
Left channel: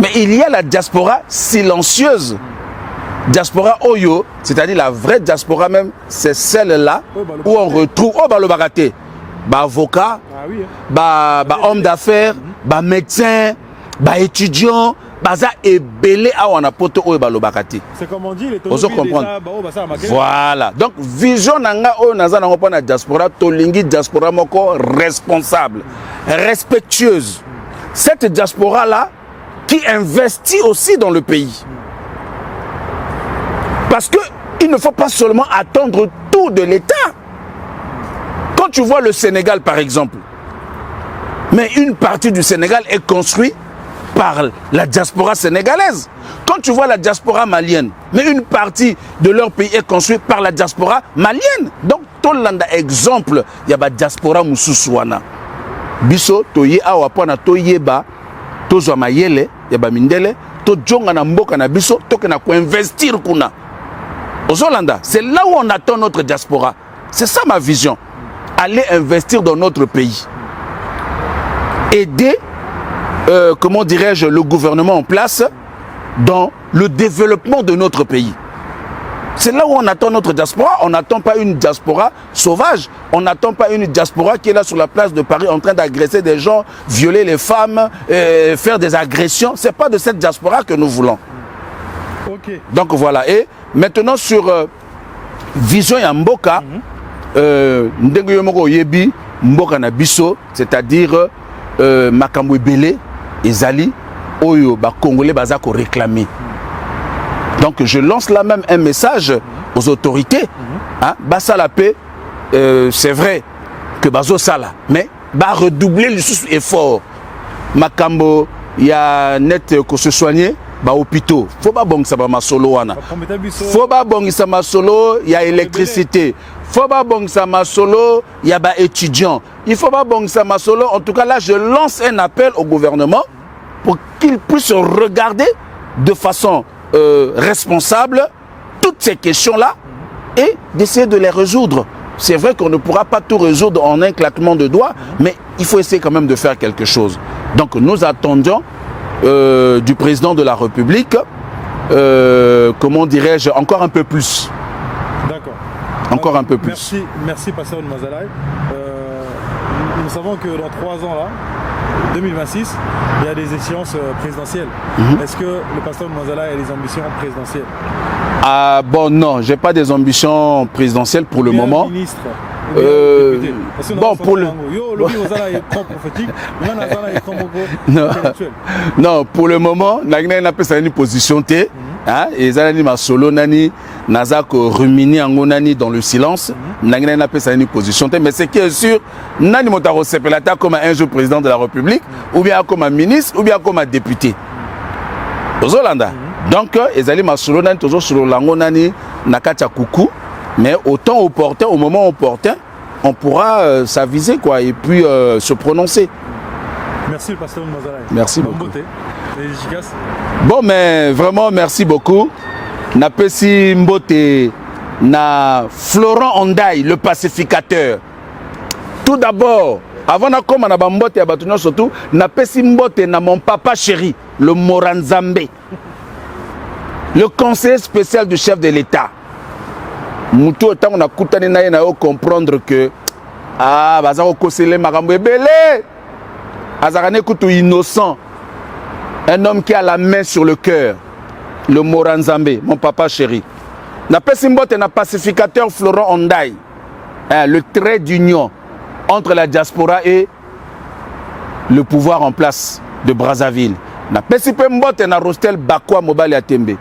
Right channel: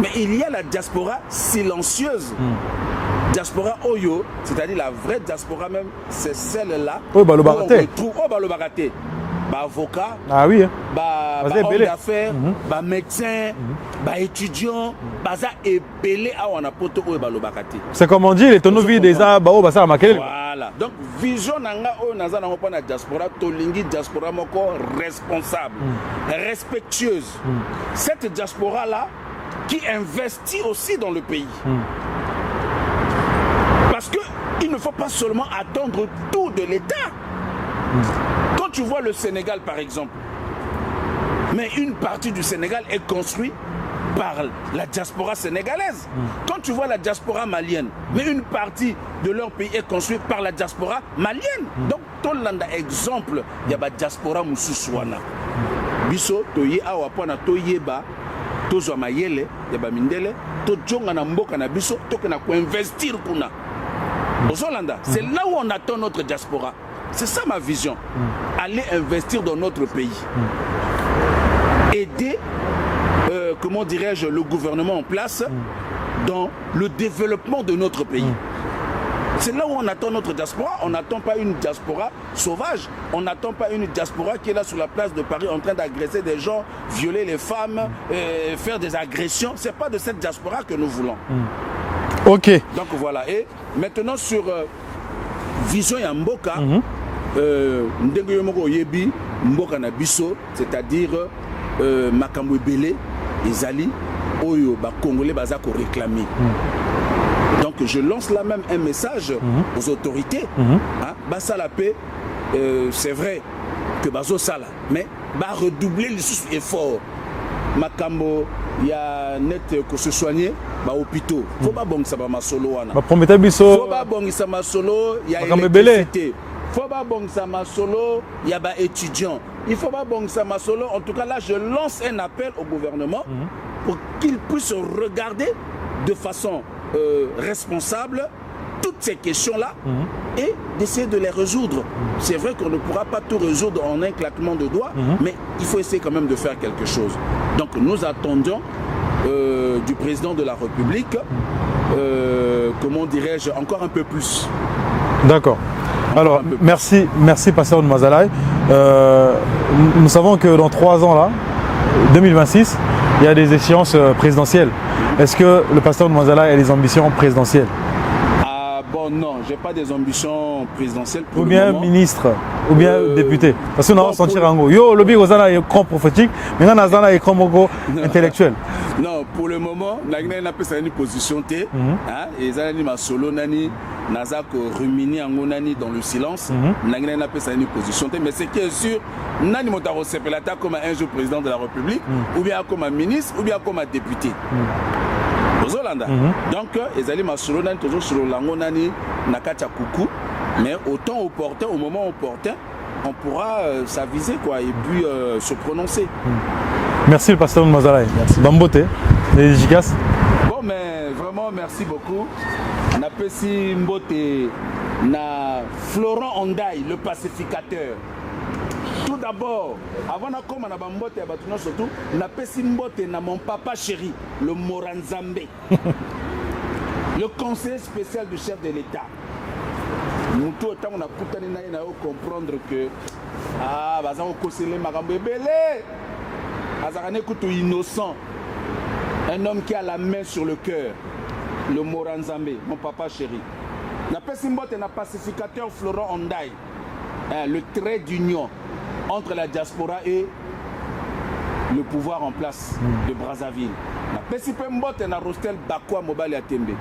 mais il y a la diaspora silencieuse. Diaspora Oyo, c'est-à-dire la vraie diaspora même, c'est celle-là où on retrouve avocat, homme d'affaires, médecin, étudiant, c'est comme on dit, les tonneaux des voilà. Donc, vision nanga o naza nango pa na diaspora, tolingi diaspora moko responsable, respectueuse. Cette diaspora-là qui investit aussi dans le pays. Parce qu'il ne faut pas seulement attendre tout de l'État. Quand tu vois le Sénégal, par exemple, mais une partie du Sénégal est construite par la diaspora sénégalaise. Quand tu vois la diaspora malienne, mais une partie de leur pays est construite par la diaspora malienne. Donc, tout le monde exemple, il y a la diaspora moussousouana. Biso, toye awa pona toyeba, tozo mayele, il y a mindele, to jonga na mboka na biso, to kena ko investir kuna. Aux Hollandais, c'est là où on attend notre diaspora. C'est ça ma vision. Aller investir dans notre pays. Aider, comment dirais-je, le gouvernement en place dans le développement de notre pays. C'est là où on attend notre diaspora. On n'attend pas une diaspora sauvage. On n'attend pas une diaspora qui est là sur la place de Paris en train d'agresser des gens, violer les femmes, faire des agressions. Ce n'est pas de cette diaspora que nous voulons. Ok. Donc voilà. Et maintenant sur vision ya mboka, ndenge yo moko yebi mboka na biso, c'est-à-dire makambo ebele ezali oyo ba congolais baza ko réclamer. Donc je lance là même un message aux autorités. Basa la paix, c'est vrai que bazo sala, mais ba redoubler les efforts. Makambo ya net ko se soigner. Ba hôpitaux, faut pas bongisa ba masolo wana. Faut pas bongisa masolo, il y a électricité. Faut pas bongisa masolo, il y a ba étudiants. Il faut pas bongisa masolo. En tout cas là, je lance un appel au gouvernement pour qu'il puisse regarder de façon responsable toutes ces questions-là et d'essayer de les résoudre. C'est vrai qu'on ne pourra pas tout résoudre en un claquement de doigts, mais il faut essayer quand même de faire quelque chose. Donc nous attendons du président de la République, comment dirais-je, encore un peu plus. D'accord. Encore un peu plus. Merci pasteur de Mazalaï. Nous savons que dans 3 ans, là, 2026, il y a des échéances présidentielles. Est-ce que le pasteur de Mazalaï a des ambitions présidentielles? Bon, non, je n'ai pas des ambitions présidentielles pour le moment. Ministre ou bien député. Parce que nous avons senti l'ango. Yo, le bigo zana est grand prophétique, mais nous avons un écran intellectuel. Non, pour le moment, nous avons une position T. Et nous avons solo nani, nous avons rumini ango nani dans le silence. Nous avons une position T. Mais ce qui est sûr, nous avons sepelata comme un jour président de la République, ou bien comme un ministre, ou bien comme un député. Aux Hollandais. Donc, ils allaient m'assurer toujours sur l'ango nani nakata kuku. Mais au temps opportun, au moment opportun, on pourra s'aviser quoi, et puis se prononcer. Merci le pasteur Mazalaï. Merci. Bambote, les efficaces. Bon, mais vraiment, merci beaucoup. Napesi Mbote, na Florent Ondaï, le pacificateur. Tout d'abord, avant de commencer à Mbote et à Batuno surtout, Napesi Mbote na mon papa chéri, le Moranzambe, le conseiller spécial du chef de l'État. Moutou, on a coutane na comprendre que ah, bazaro kosele makambo ebele. Azarane Koutou innocent, un homme qui a la main sur le cœur, le Moranzambe, mon papa chéri. Na Pesimbote na pacificateur Florent Ondaï, le trait d'union entre la diaspora et le pouvoir en place de Brazzaville. Na Pesimbote na Rostel Bakwa Mobali Atembe,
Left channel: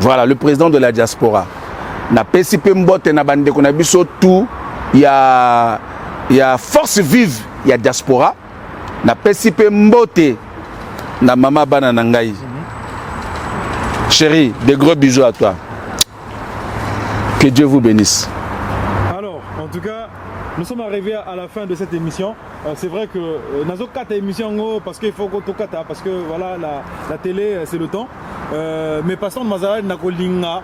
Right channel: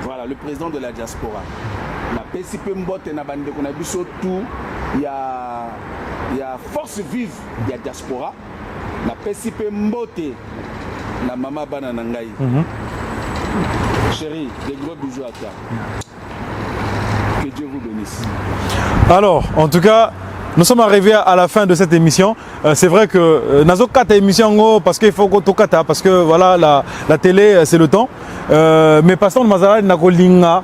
voilà le président de la diaspora. Na Pesimbote na Bandeko na biso tout, il y a force vive, il y a diaspora. Na Pesipe Mbote na Mama Bana Nangaï. Chérie, des gros bisous à toi. Que Dieu vous bénisse. Alors, en tout cas, nous sommes arrivés à la fin de cette émission. C'est vrai que nous avons 4 émissions parce qu'il faut que tout kata, parce que voilà, la télé, c'est le temps. Mais passons de Mazara, Nakolinga,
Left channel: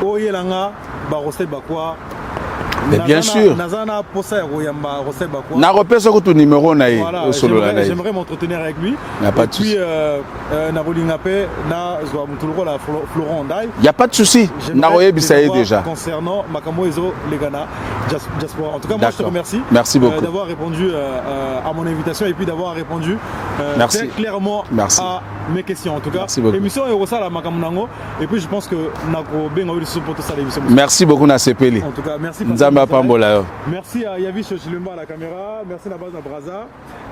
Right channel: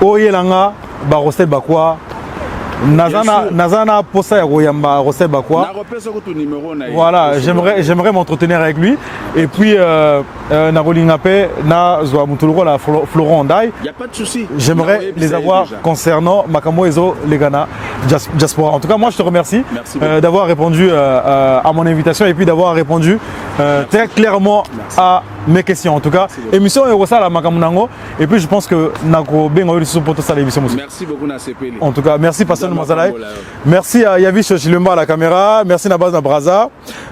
Oyelanga, Barostel Bakwa. Nazana Posa Royamba Rosel Bakwa. Voilà, j'aimerais m'entretenir avec lui. Et puis, Narolingape, Nazwa Mutuluro, la Florent Ondaï. Il n'y a pas de souci. J'aimerais les avoir concernant Makamo Ezo Legana Diaspora. En tout cas, moi, je te remercie d'avoir répondu à mon invitation et puis d'avoir répondu très clairement à mes questions. En tout cas, émission Erosa la Makamunango. Et puis, je pense que Nako Bengo pour tout ça l'émission. Merci beaucoup, Nasepeli. En tout cas, merci Pascal. Merci à Yavish Chilumba à la caméra, merci à Baz Braza,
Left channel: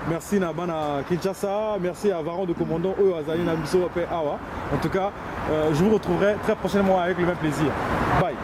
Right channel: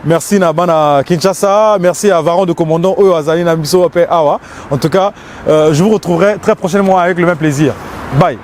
merci à Bana Kinshasa, merci à Varon de Commandant Oyo Azali Namiso Awa. En tout cas, je vous retrouverai très prochainement avec le même plaisir. Bye.